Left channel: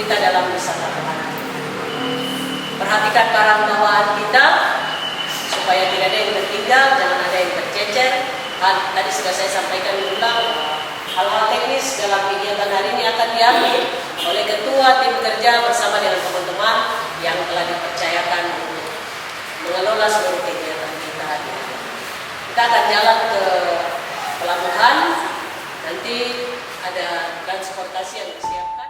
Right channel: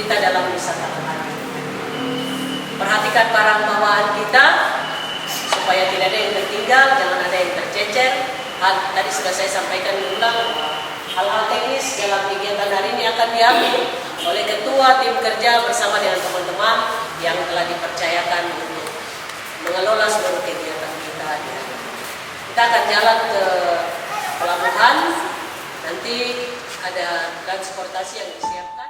kita dalam wisata kemana. Perhatikan barang bawaan kita supaya tidak ada yang tertinggal, jangan ada yang tercecer. Tadi sudah saya sampaikan diulang, hal-hal teknis dalam kegiatan hari ini akan diambil oleh ketua tim kerja bersama dengan teman-teman yang telah dipercayakan untuk mengelola seluruh kegiatan kita hari ini. Kita akan jalan ke pelabuhan, nanti ada transportasi yang disiapkan.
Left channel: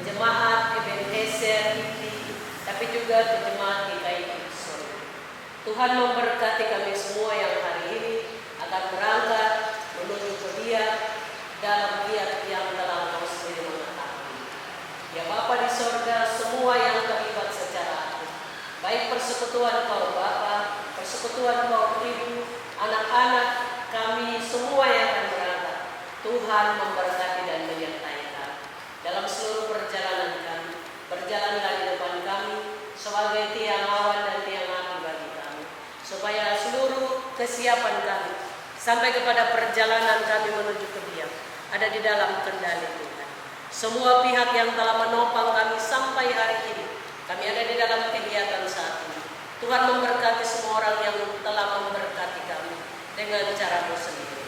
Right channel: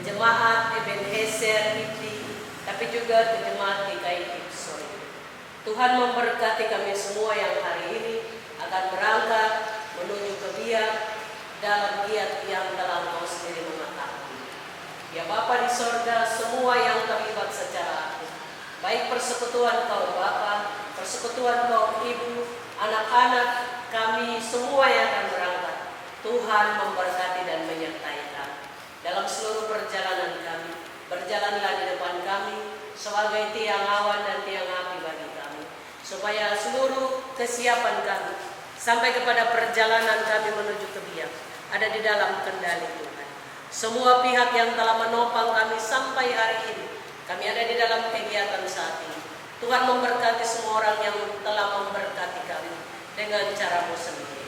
Jemaat Ebenezer Ibni, tapi juga ke jemaat GKI Ipsoi. Tuhan memberkati kami semua yang hari ini akan berangkat menuju ke Dia dalam giat yang telah Engkau sendiri mengetahui. Ya Bapa di sorga, semua yang terlibat secara aktif, baik persekutuan kaum Bapa, persekutuan kaum Ibu, anak-anak kami semua yang akan berangkat, Tuhan memberkati dan menyertai kami dalam seluruh perjalanan kami. Berjalanlah di depan kami sebagai tiang awan dan tiang api bagi kami, supaya seluruh kesiapan kami sampai kepada perjalanan kami menuju ke Biak ada di dalam kendali Tuhan. Semua pihak yang telah menopang kami sampai hari ini, kami ada di dalam kegiatan saat ini, Tuhan memberkati semua orang yang telah memberkati kami dengan cara-Mu sendiri.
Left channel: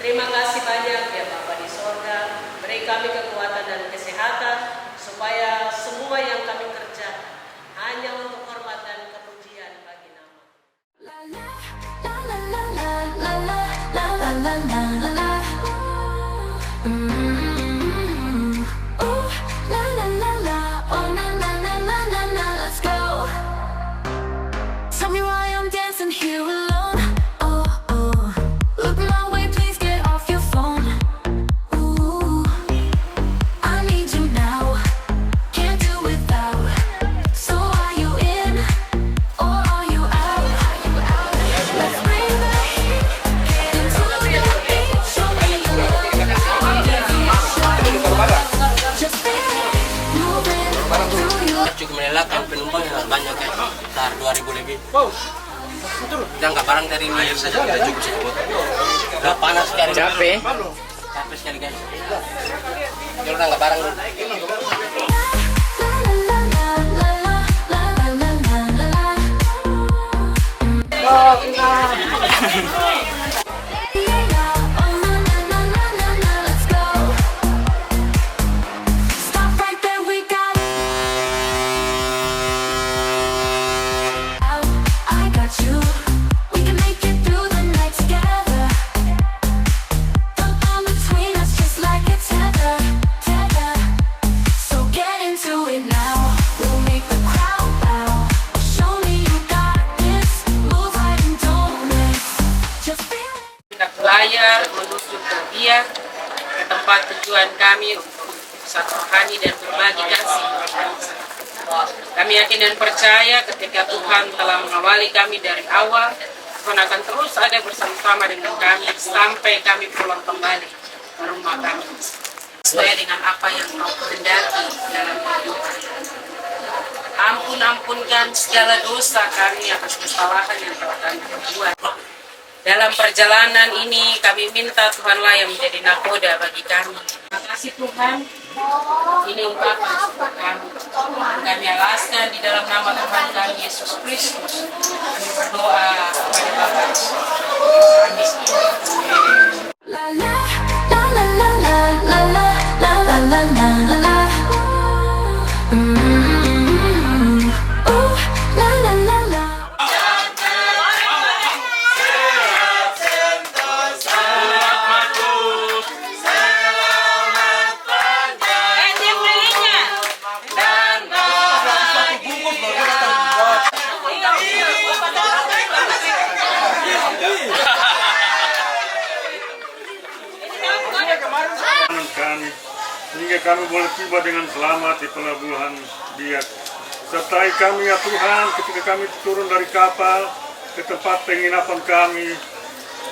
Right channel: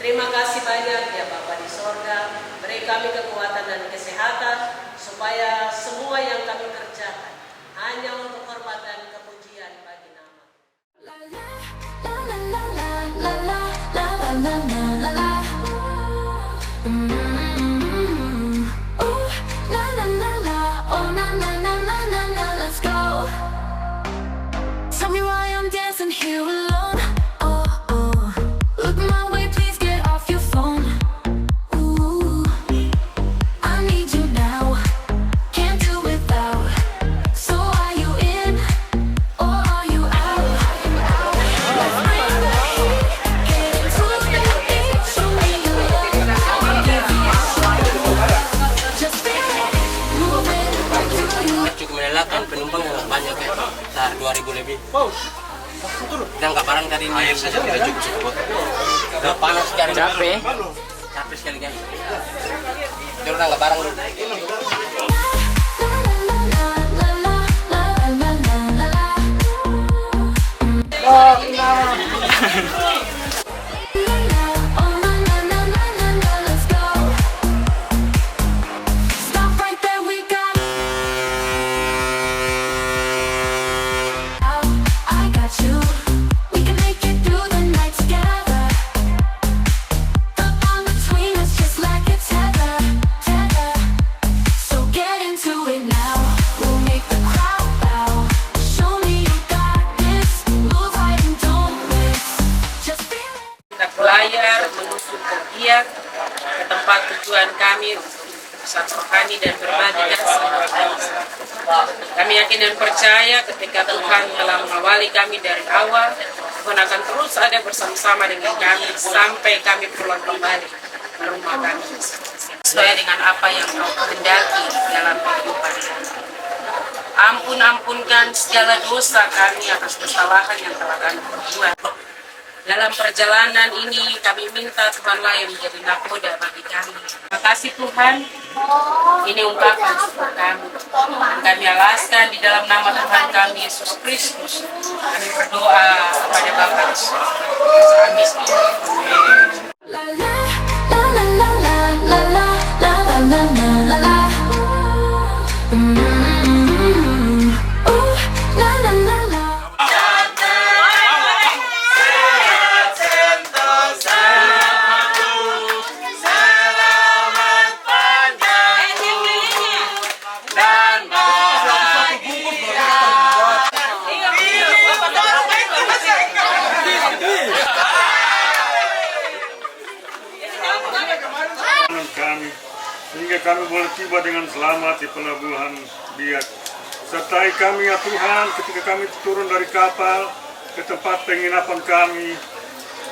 Terima kasih banyak ya Bapa di sorga, beri kami kekuatan dan kesehatan, supaya semua yang kami kerjakan hanya untuk hormat dan kepujian bagi nama. La la la la la la la la la la la la. Oh la la la la, oh na na na na na na, let's go. Tell me why I'm dancing here alone. Oh oh, look my way, please. Penumpang yang banyak ya, sekitar 2.000 lebih. Dan nggak barang dari ini saja udah cukup. Udah panas sekali. Capek sekali kan. Jadi udah nggak barang dulu. Layar menuju ke Biak, ke tempat tujuan kami untuk saat rohani dan berbagi kasih. Kami yakin dan percaya ketika Tuhan telah mengawali kami dari awal, Tuhan akan terus ada bersama-sama dengan kami sampai kami pulang kembali ke rumah kami sesuai dengan apa yang Kau kehendaki dalam kehidupan. Ampunkan segala dosa kami atas kesalahan yang telah kami perbuat. Dalam perjalanan ini kami minta Tuhanlah yang menjadi nakoda bagi kami. Terima kasih Tuhan, ini ungkapan syukur kami. Kami alaskan di dalam nama Tuhan kami Yesus Kristus. Kami berdoa kepada Bapa di surga. Amin. La la la la la la la la la la la la. La la la la. kami, sehingga kiranya kami boleh tiba dengan selamat di pelabuhan Biak. Sertai kami ya Tuhan ketika kami turun dari kapal ke tempat penginapan kami.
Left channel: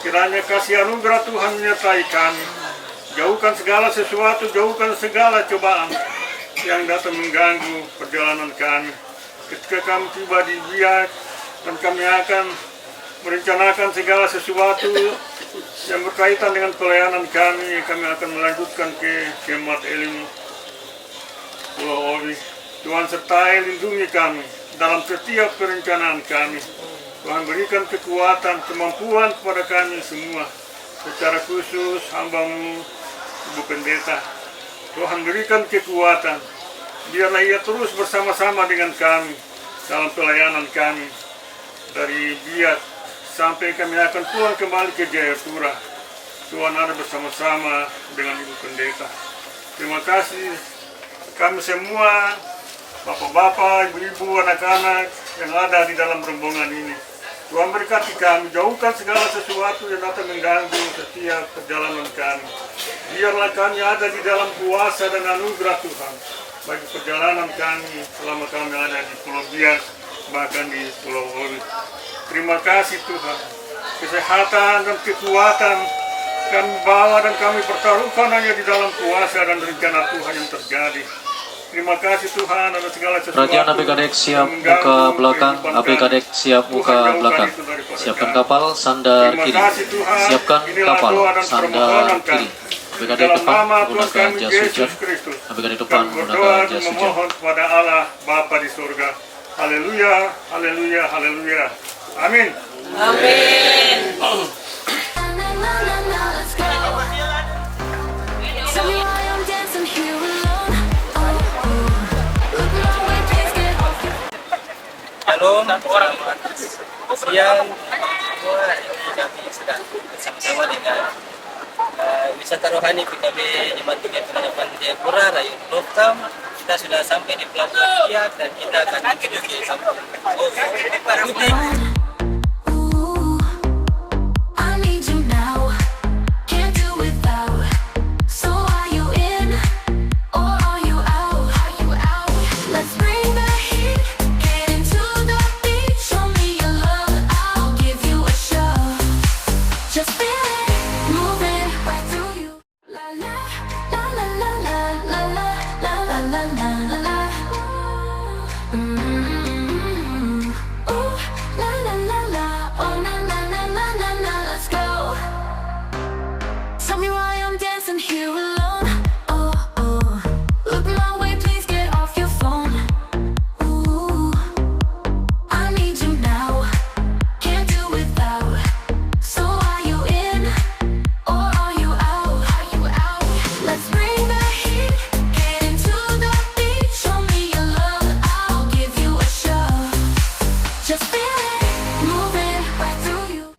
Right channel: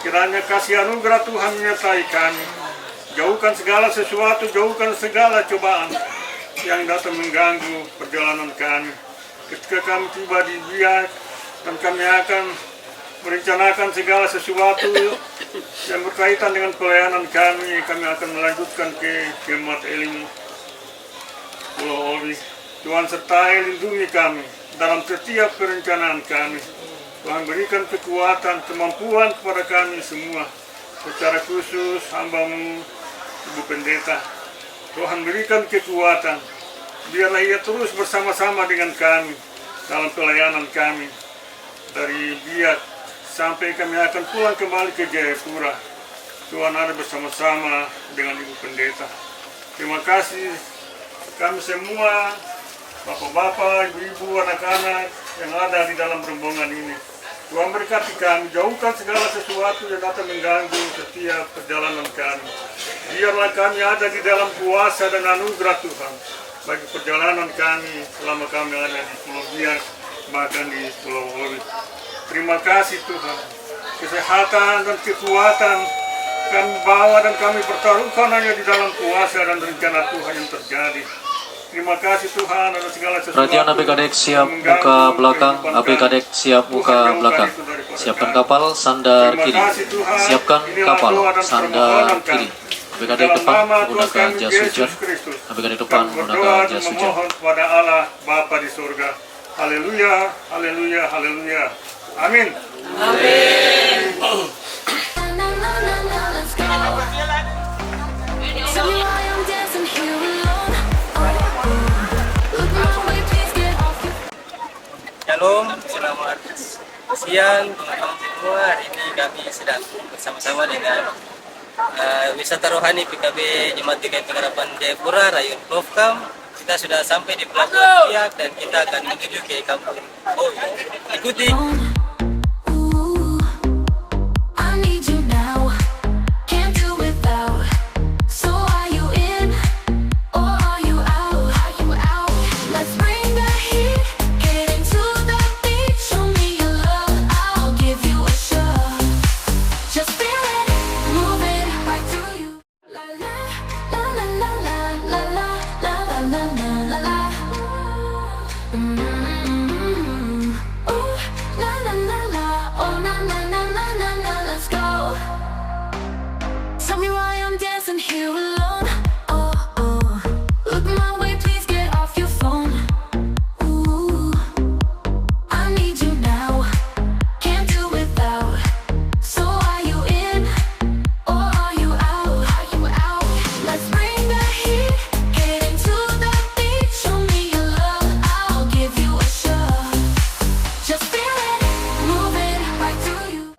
Kiranya kasih anugerah Tuhan menyertai kami. Jauhkan segala sesuatu, jauhkan segala cobaan yang datang mengganggu perjalanan kami. Ketika kami tiba di Biak dan kami akan merencanakan segala sesuatu yang berkaitan dengan pelayanan kami akan melanjutkan ke Jemaat Elim Pulau Obi. Tuhan sertai lindungi kami dalam setiap perencanaan kami. Tuhan berikan kekuatan, kemampuan kepada kami semua. Secara khusus hamba-Mu, Ibu Pendeta. Tuhan berikan kekuatan. Biarlah ia terus bersama-sama dengan kami dalam pelayanan kami. Dari Biak sampai kami akan pulang kembali ke Jayapura. Tuhan ada bersama-sama dengan Ibu Pendeta. Terima kasih kami semua, bapak-bapak, ibu-ibu, anak-anak yang ada di dalam rombongan ini. Tuhan berkati kami, jauhkan segala sesuatu yang datang mengganggu setiap perjalanan kami. Biarlah kami ada di dalam kuasa dan anugerah Tuhan bagi perjalanan kami selama kami ada di Pulau Biak, bahkan di Pulau Obi. Terima kasih Tuhan, kesehatan dan kekuatan kami bawa dan kami pertaruhkan hanya di dalam kuasa dan rencana Tuhan yang terjadi. Terima kasih Tuhan atas segala sesuatu. Perhatian ABK Dek siap buka belakang, ABK Dek siap buka belakang. Siapkan kapal sandar kiri. Siapkan kapal sandar kiri. ABK Dek depan menggunakan jas hujan. ABK Dek depan menggunakan jas hujan. Kepada Allah Bapa di surga. Haleluya, haleluya, haleluya. Amin. Amin. Shalom, selamat siang teman-teman semua. Hari ini kami sedang bersama-sama dengan wisata rohani PKB Jemaat GKI Pengharapan Jayapura, Rayun Plovkam. Kita sudah sampai di Pelabuhan Biak dan kita akan menuju ke Kampung Obi. Ikuti. Tell me why I'm dancing here alone. Oh, oh. Look my way, please get off your phone. Ooh, I need you now. Can't do without. So are you in or are you out? Are you out? Let's bring the heat. Get into the beat. Show me your love. I'll give you a shot. Just feel it, move it right through you.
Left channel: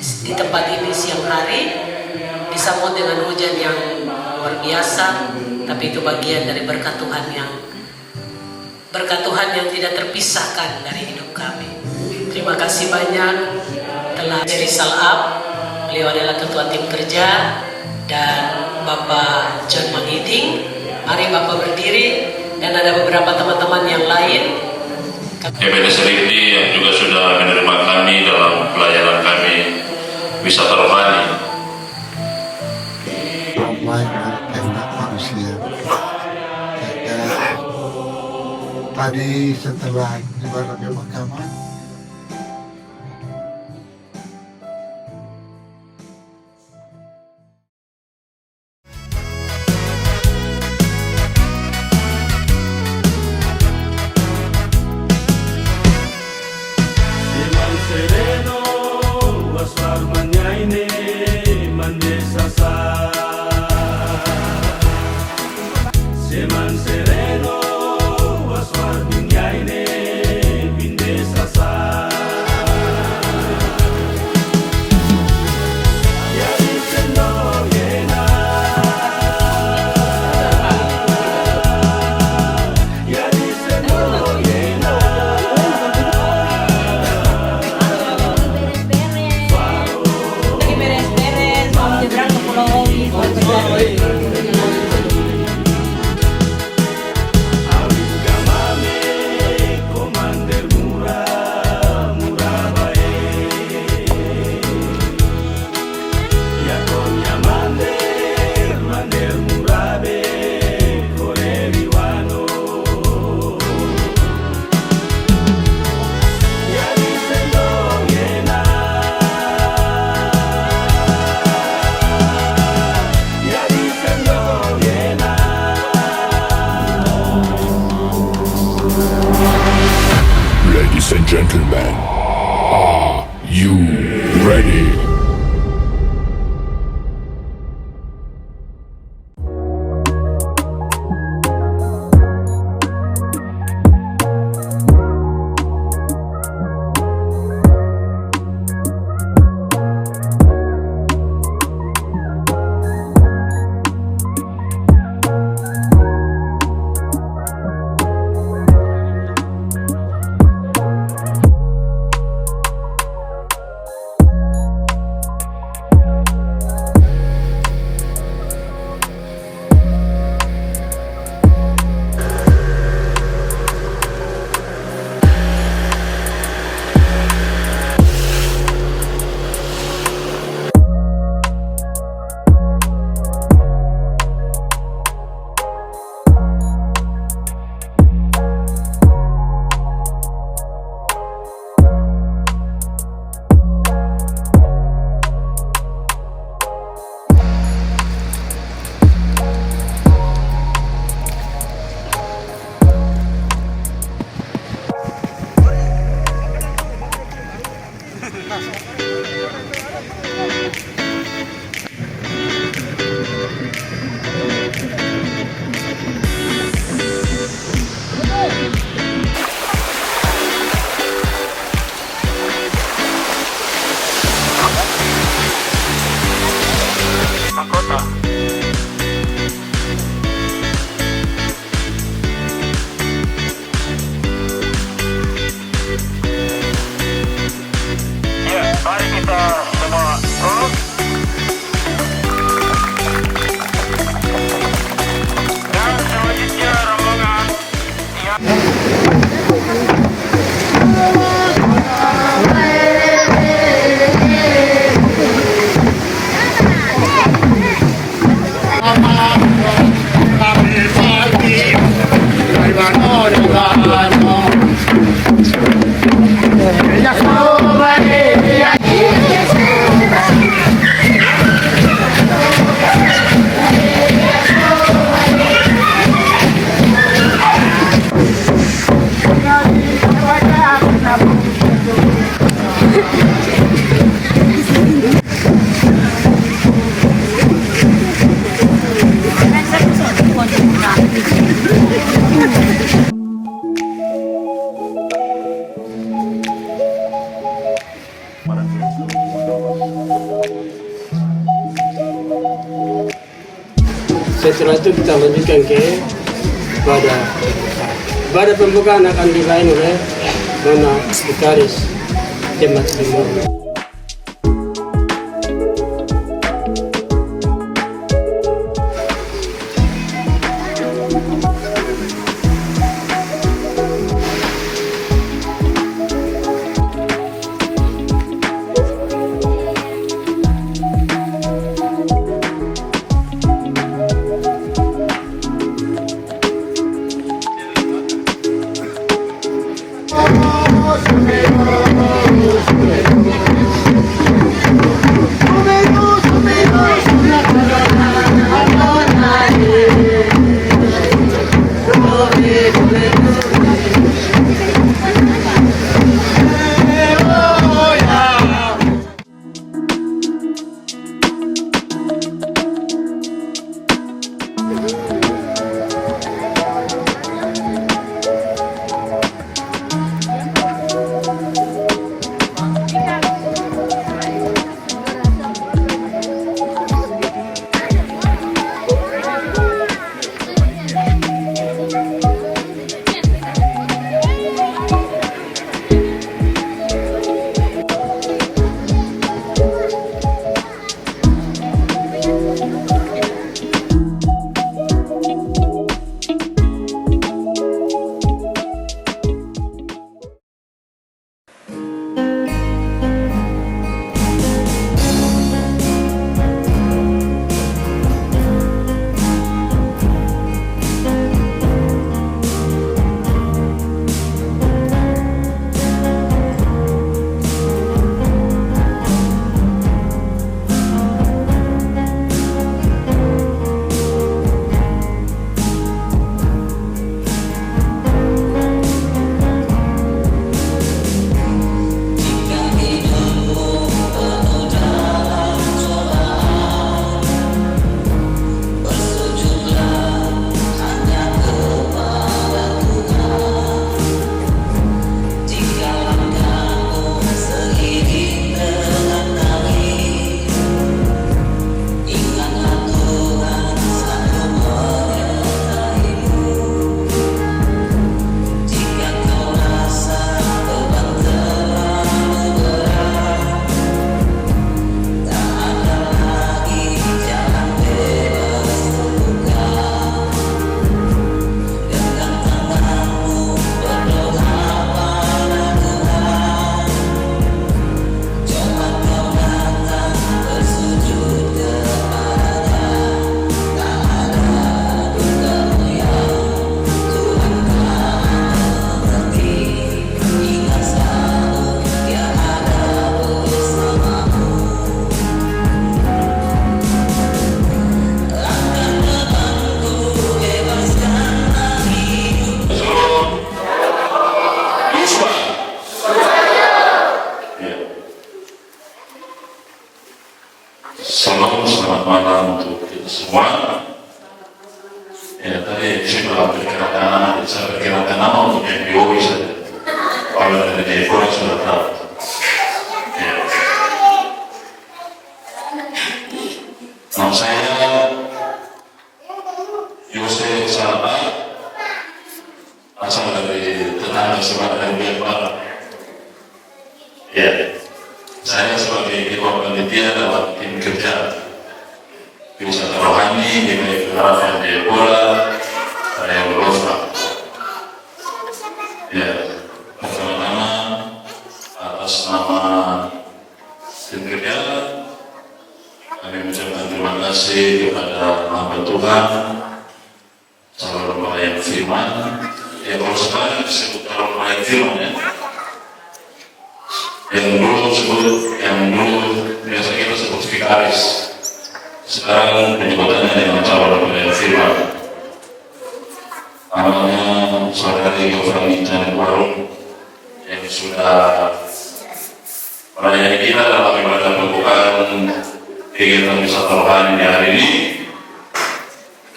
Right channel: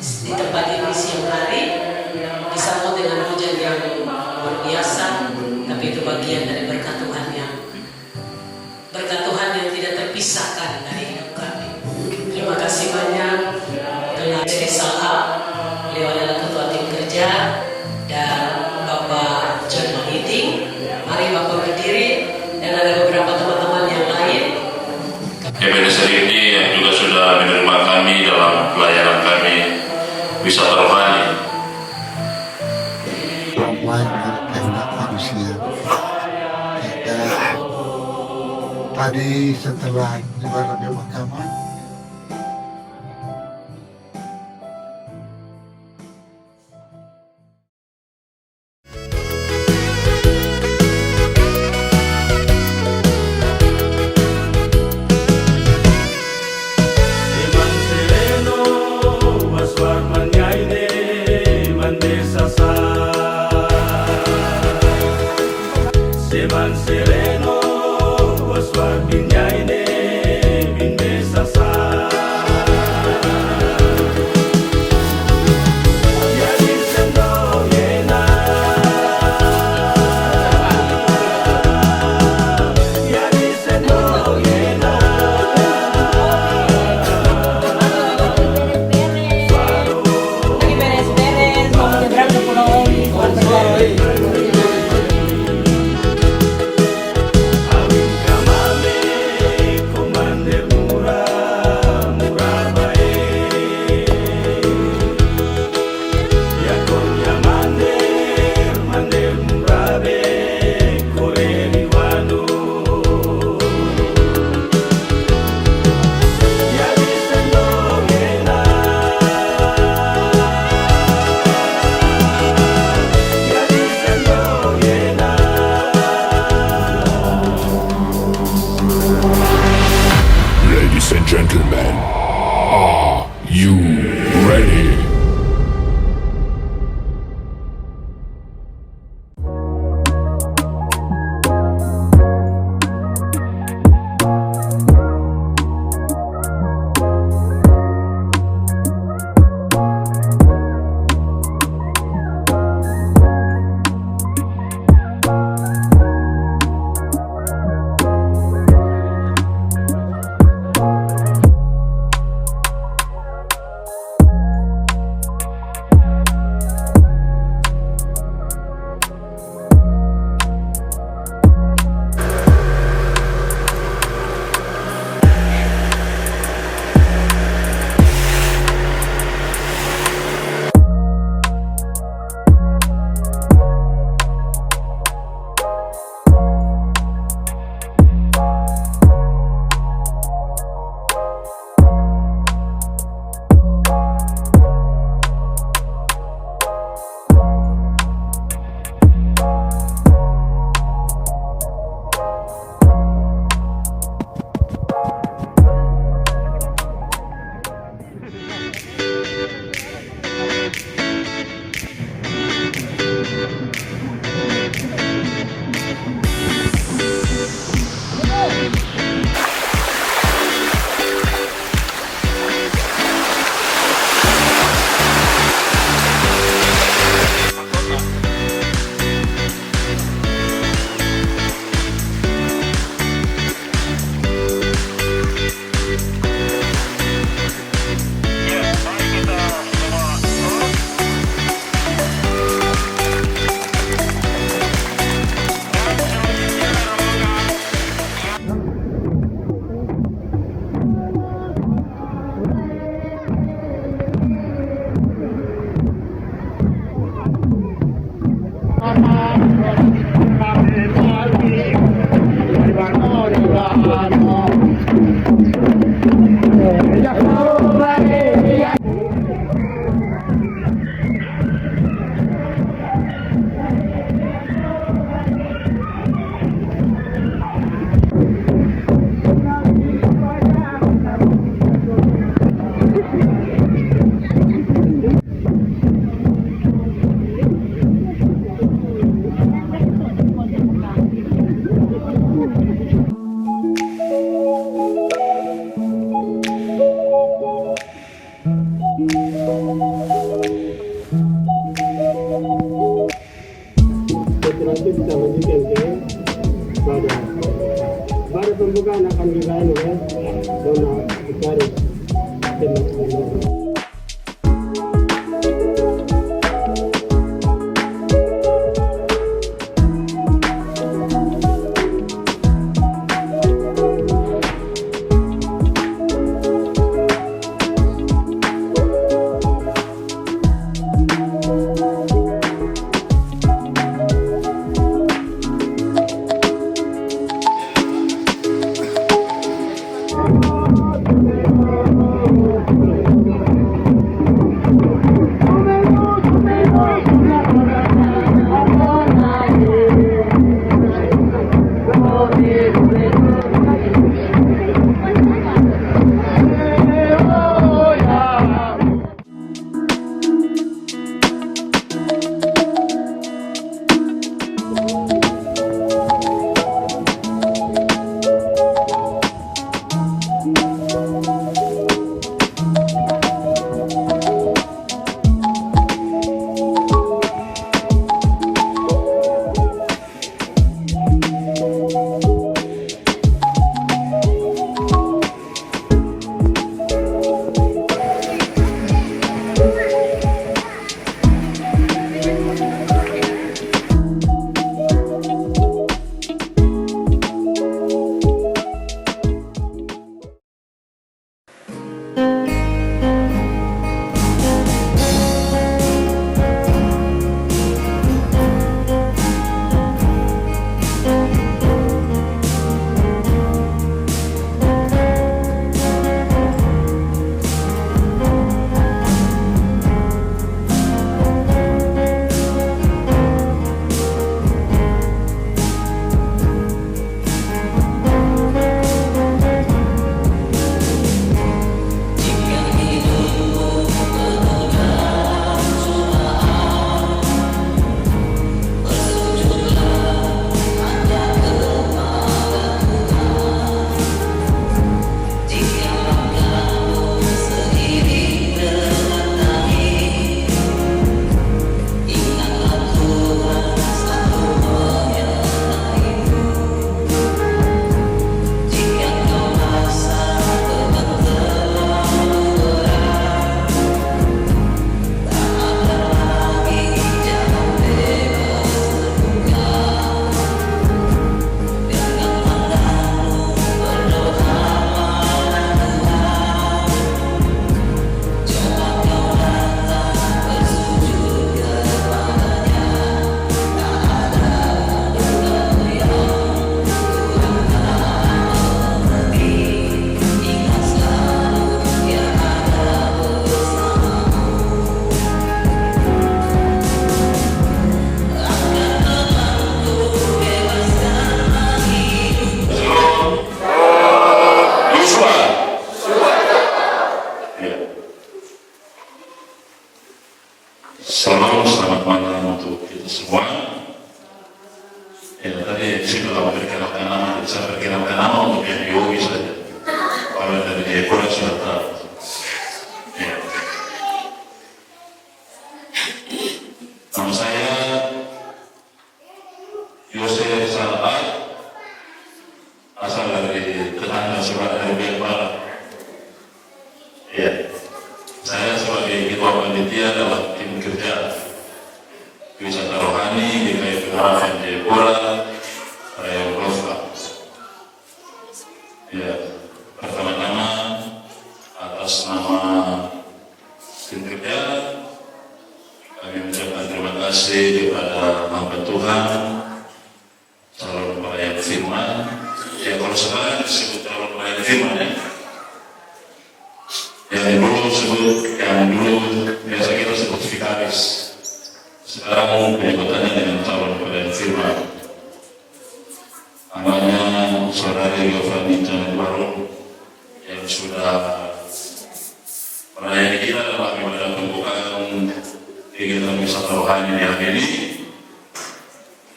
Di tempat ini siang hari disambut dengan hujan yang luar biasa, tapi itu bagian dari berkat Tuhan yang tidak terpisahkan dari hidup kami. Terima kasih banyak telah Rizal Ab, beliau adalah ketua tim kerja, dan Bapak John Mangiting. Mari Bapak berdiri, dan ada beberapa teman-teman yang lain. EPD Serikdi yang juga sudah menerima kami dalam pelayanan kami wisata rohani. Perempuan dan manusia, kita Tadi setelah ibaratnya mahkamah, Ladies and gentlemen, are you ready? Setelah itu kita lanjutkan ke ibadah pembukaan akan dilain oleh Nona Sekretaris Jemaat Timur. Ya, tadi sudah perkirakan nama, saya perkirakan nama untuk yang Yogi saja. Kalau dari Jepang sudah tahu. Ya. Nama saya Yose Salabat, asal dari tetangga sebelah dari Biak Barat. Ya, saya sebagai ketua panitia dalam tim kerja wisata rohani di Harapan Jayapura, saya Rosa. Ya, pertama-tama atas nama tim kerja kami mengucapkan terima kasih kepada hamba Tuhan, calon pelayan firman. Ya, kalau sekarang disebut calon pelayan firman ya. Yang dulu biasa kita sebut vikaris. Sekarang penyebutannya dengan calon pelayan firman. Namanya Saudari Yovanita Warung yang sudah melayani kita dalam ibadah pembukaan kegiatan wisata rohani di hari ini.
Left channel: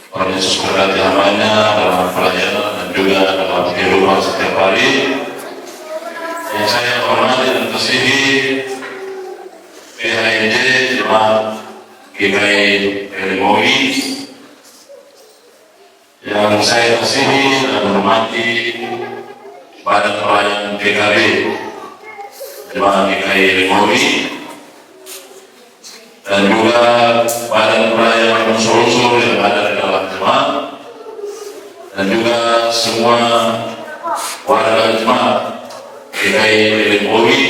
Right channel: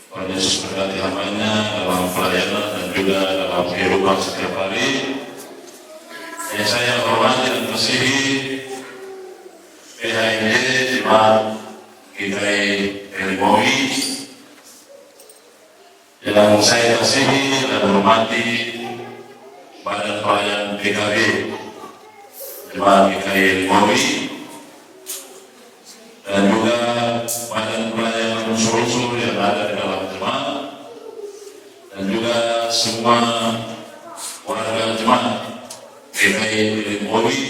Tuhan Yesus berkati hambanya dalam pelayanan dan juga dalam kehidupan setiap hari. Yang saya hormati dan kasihi PHNJ Jemaat GKI Erimowi, yang saya kasihi dan hormati Badan Pelayanan PKB Jemaat GKI Erimowi, dan juga Badan Pelayanan unsur-unsur yang ada di dalam jemaat, dan juga semua warga jemaat GKI Erimowi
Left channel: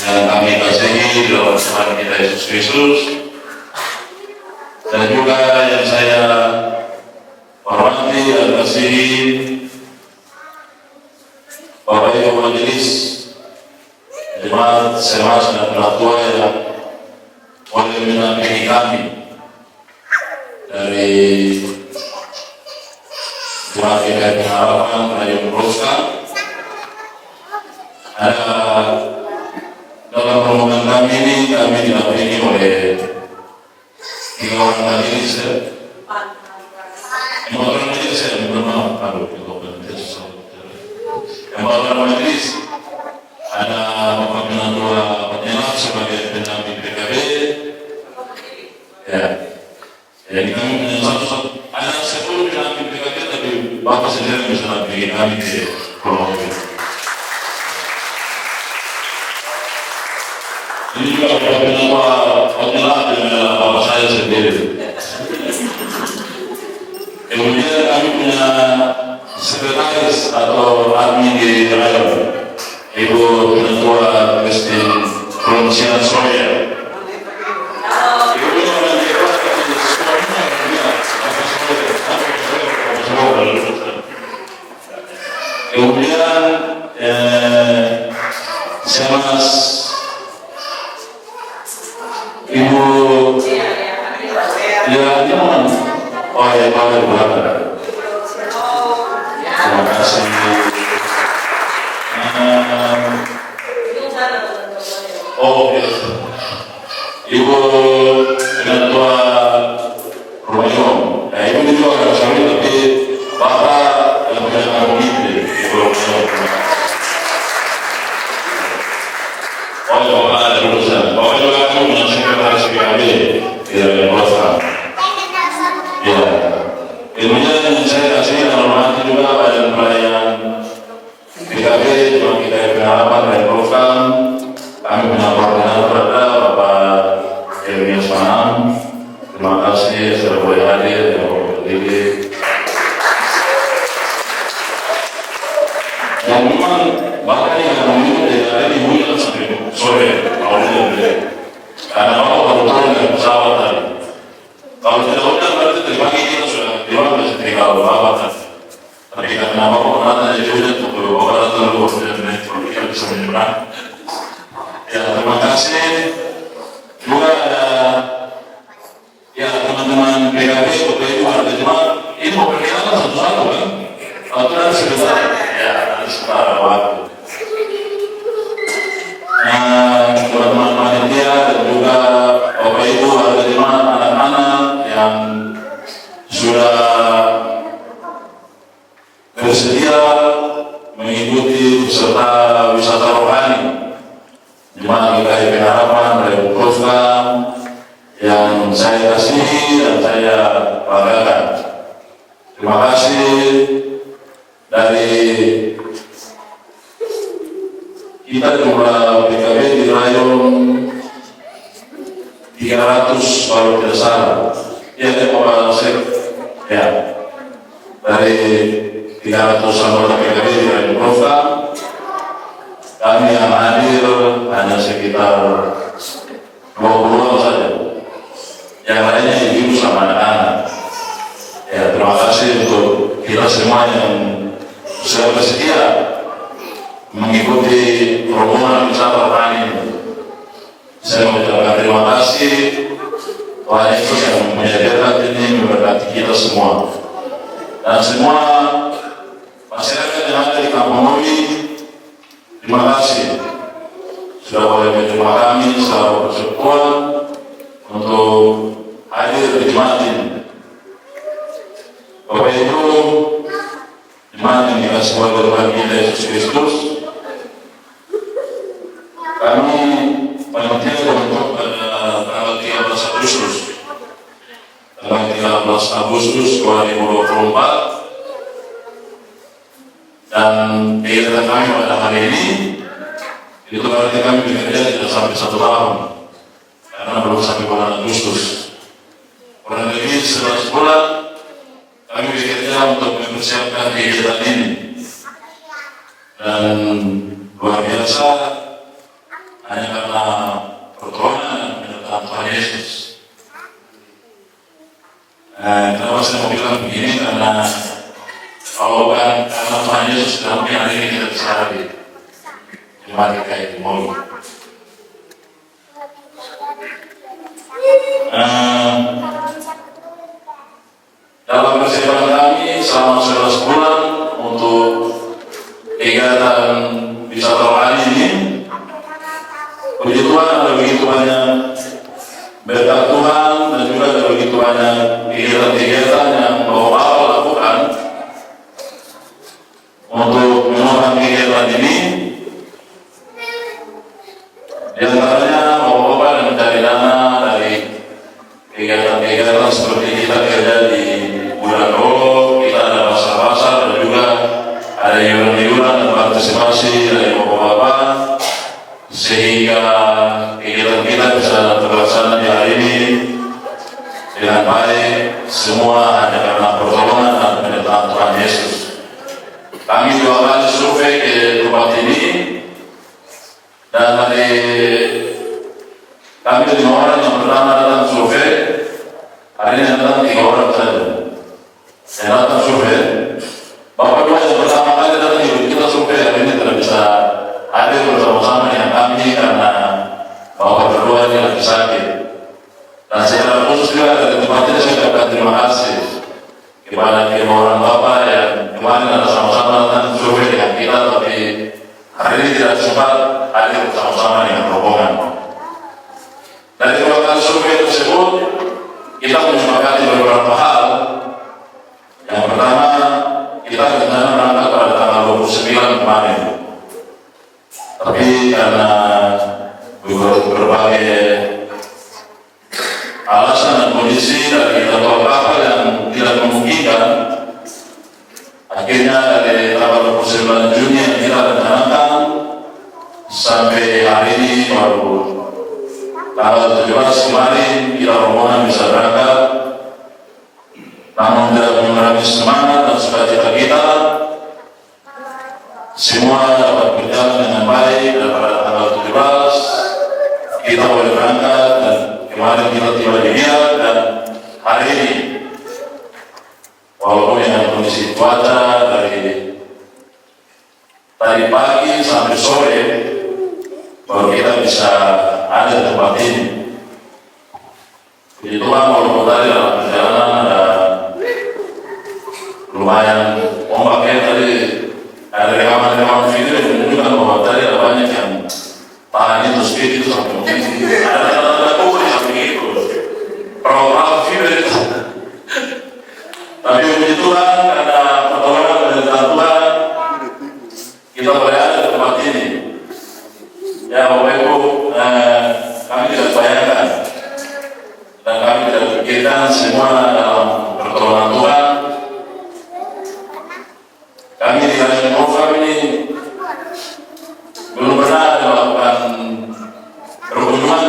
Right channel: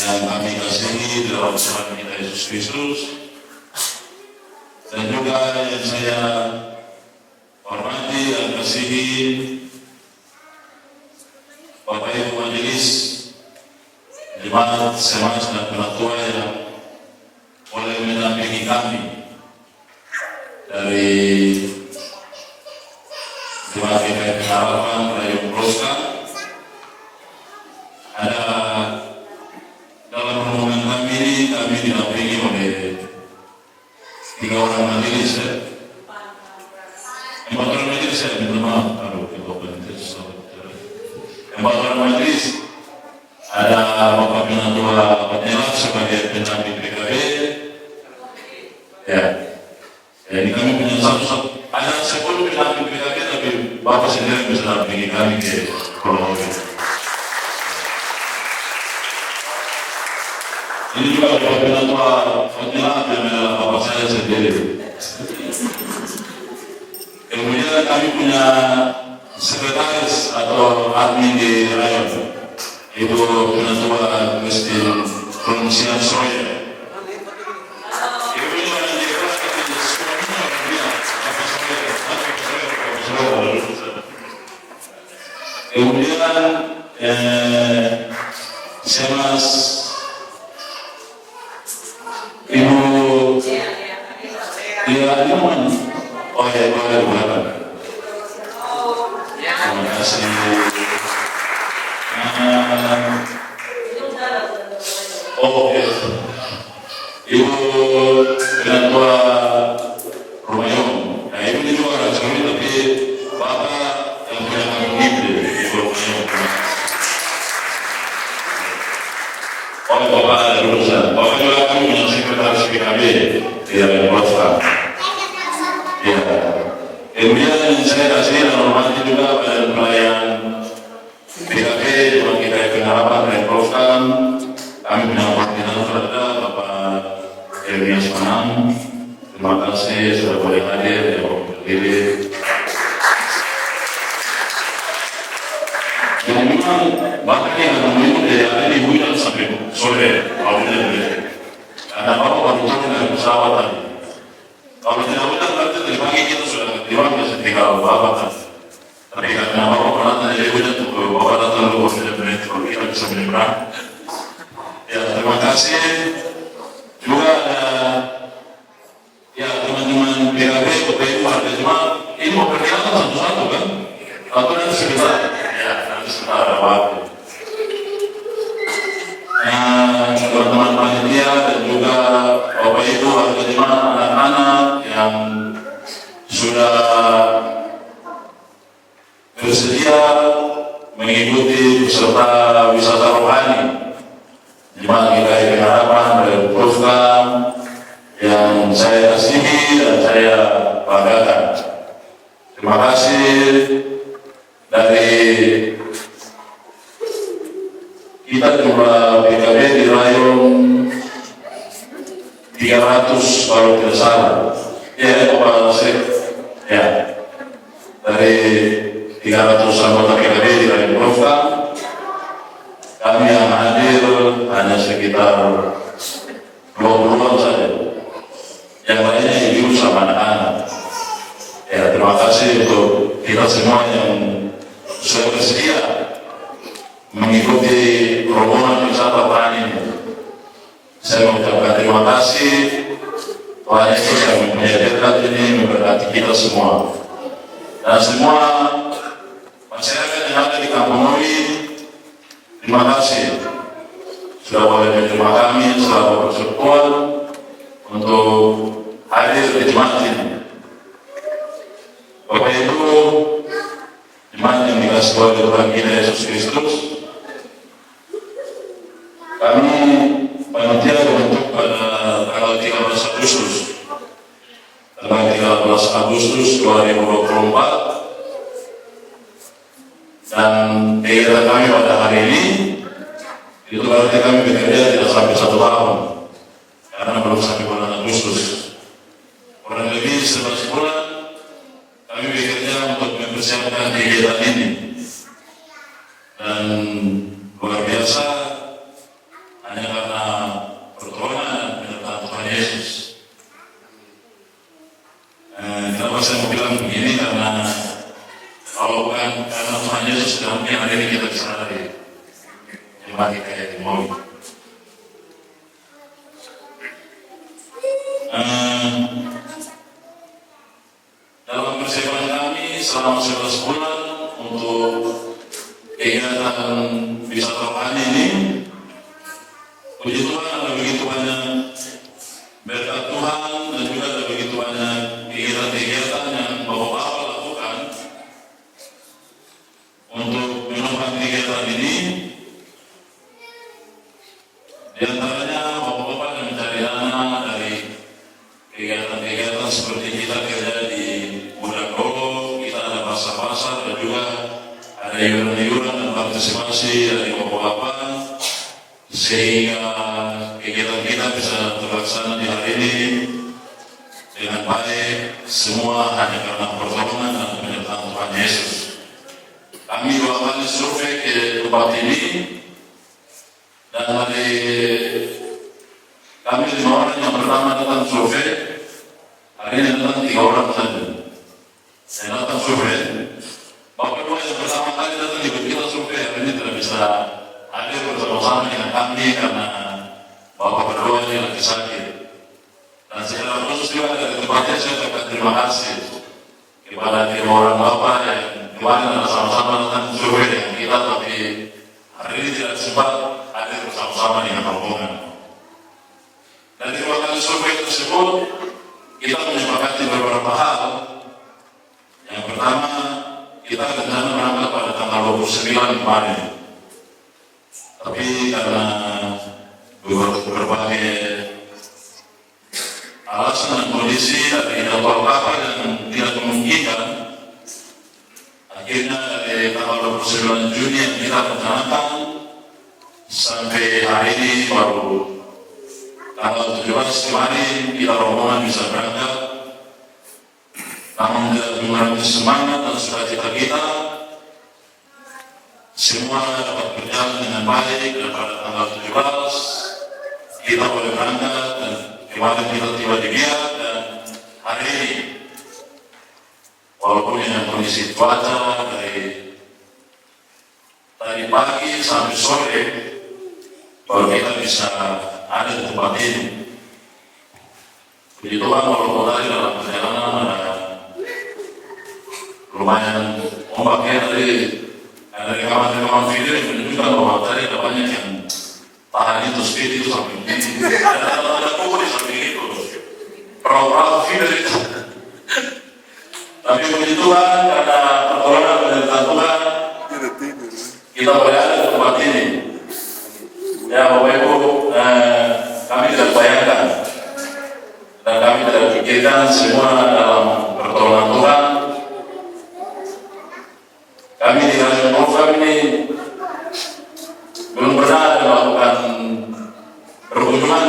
yang kami kasihi dalam Tuhan kita Yesus Kristus, dan juga yang saya hormati dan kasihi Bapak Ibu Majelis Jemaat Semas dan Penatua yang boleh menampingi kami dari Jemaat GKI Pengharapan Rayung Roska. Ada dalam rombongan kami ini kami didampingi oleh 3 orang majelis ya. 4 orang majelis ya, minta maaf kalau empat orang majelis. Ada Bapak Penatua Penyelam sebagai pendamping PKB. Ya. Jadi kami punya satu ada 10 pendamping PKB, tapi Bapak sendiri bisa mendampingi kami di Kronologi. Ini juga Bapak Penatua Penyelam dengan Bapak saya sendiri. Kemudian kami punya sekretaris atau admin di rayon, Ibu Penatua Christine Pronuncian Soya. Ibu ini orang di kelas tapi semuanya dia kemudian Semas Ibu ya dia mana? Oh ya, boleh berapa? Terima kasih. Oh ya, Ibu Penatua Romayong. Nah, Ibu ini juga orang suami, tapi Bapak yang berkata begitu, Ibu Romayong. Oh, Bapak ada urusan. Bapak juga aku menyaksikan harus PKB tidak berpuasa. Ya, kemudian saya kasih dan hormati juga Badan Pelayanan PKB Jemaat GKI Pengharapan dan Program. Kami menyampaikan kepada Bapak Elias Manam. Terima kasih sudah boleh hadir dan berdiri. Dan memang Bapak yang meminum dari hari ini hujan sampai sore, karena Bapak baru turun dari pesawat tadi. Kalau tidak hujan berarti dari pagi kita sudah bisa tinggal Bapak kan. Tapi karena Bapak pernah dari hujan untuk Bapak datang dulu dan kita bisa menyeberang. Ya, terima kasih. Juga ada ya teman-teman PKB, Bapak Ibu ada jemaat. Ini mau perkenalkan satu-satu kan? Atau nanti sebentar? Ya, nanti sebentar ada waktu. Teman-teman panitia dan juga Bapak Ibu ada jemaat anak-anak yang sudah bersedia mengikuti peserta wisata rohani Jemaat GKI Pengharapan dari program yang saya kasihi dan saya banggakan. Terima kasih dari kita jumlah PKB di Rayong 300 kalau tidak salah. Dari 300 anggota PKB di Rayong program, kami yang hadir hanya sekitar 20 saja. Yang lainnya ibu sama anak-anak. Ya, terima kasih untuk kita semua yang sudah bersedia mengikuti rombongan wisata tani. Saya mengucapkan terima kasih Tuhan Yesus yang menyediakan ini memberkati kita semua. Dan semua masyarakat yang ada di Kampung Nowi, terima kasih sudah boleh menerima kami selama persekutuan untuk hadir di jemaat ini. Bapak Ibu, jemaat yang dikasih oleh Tuhan kita Yesus Kristus, kami panitia terbentuk pada tanggal 13 Agustus. Tanggal 13 Agustus 2024. Dan kegiatan kami pada hari ini itu berarti kami bekerja tidak sampai 1 tahun karena belum sampai bulan Agustus. Kurang lebih 11 bulan kami bekerja untuk mempersiapkan kegiatan ini. Dan luar biasa hanya karena pertolongan dan penyertaan Tuhan Yesus. Kenapa saya mau bilang begini? Karena kalau bukan karena Tuhan Yesus sudah mungkin hari ini kita bisa hadir jemaat GKI Mowi. Dalam persiapan kami selama 11 bulan untuk kegiatan wisata rohani ini, puji Tuhan ada begitu banyak berkat Tuhan dan juga ada begitu banyak kegiatan-kegiatan yang Bapak lakukan untuk menopang kegiatan ini. Di antaranya Bapak-Bapak yang mencari dana dari kegiatan-kegiatan seperti kita kerja di Budano, kita ada pasar-pasar dan juga ada iuran-iuran dan partisipasi dari Bapak-Bapak sehingga kegiatan kita bisa terlaksana di hari ini dengan baik, semua hanya karena pertolongan dan penyertaan Tuhan Yesus. Kami 2 kali survei ke tempat ini dan dari kami 5 orang yang pertama datang survei, hari ini datang 3 orang saja. Saya datang survei, Bapak 2 yang pertama kali datang ikut kita survei, hari ini tidak bisa hadir bersama-sama dengan kami karena Bapak berdua ini lagi sakit. Dan secara khusus juga dari tempat ini saya ucapkan terima kasih kepada 5 orang Bapak yang kemarin ada sama-sama datang survei dengan kita, tapi hari ini tidak sempat hadir bersama-sama dengan rombongan. Dari 2 kali survei tersebut, kita menyepakati beberapa hal. Yang pertama, kita rencana berangkat pada tanggal 29 kemarin. Tapi karena berbagai alasan dan kondisi dari jadwal kapal yang tidak memungkinkan, akhirnya dari tanggal 29 Juni yang kita rencanakan sampai hari ini baru tanggal 17 kemarin kita rombongan bisa berangkat. Namun tidak mengurangi semangat dan sukacita kita, semua dapat berjalan dengan baik dan pada tanggal 17 kita boleh berangkat dan kemarin kita tiba di Riyadh dan hari ini walaupun dengan kondisi cuaca dari tadi pagi sampai sore baru kita bisa ada di tempat ini. Puji Tuhan walaupun tadi dalam perjalanan ada lumayan ombaknya tadi, ada rekaman-rekaman video yang menunjukkan bahwa tadi ada banyak yang tahan itu speed itu sampai mungkin ada tanda-tanda kok di samping itu perahu-perahu video itu Tapi puji Tuhan karena pertolongan dari Tuhan kita boleh ada di tempat ini. Ya Bapak Ibu, kami tidak bayangkan dan kami tidak pikirkan semua dalam pertolongan Tuhan. Kami di Kalimantan Provinsi ini belum pernah melakukan perkunjungan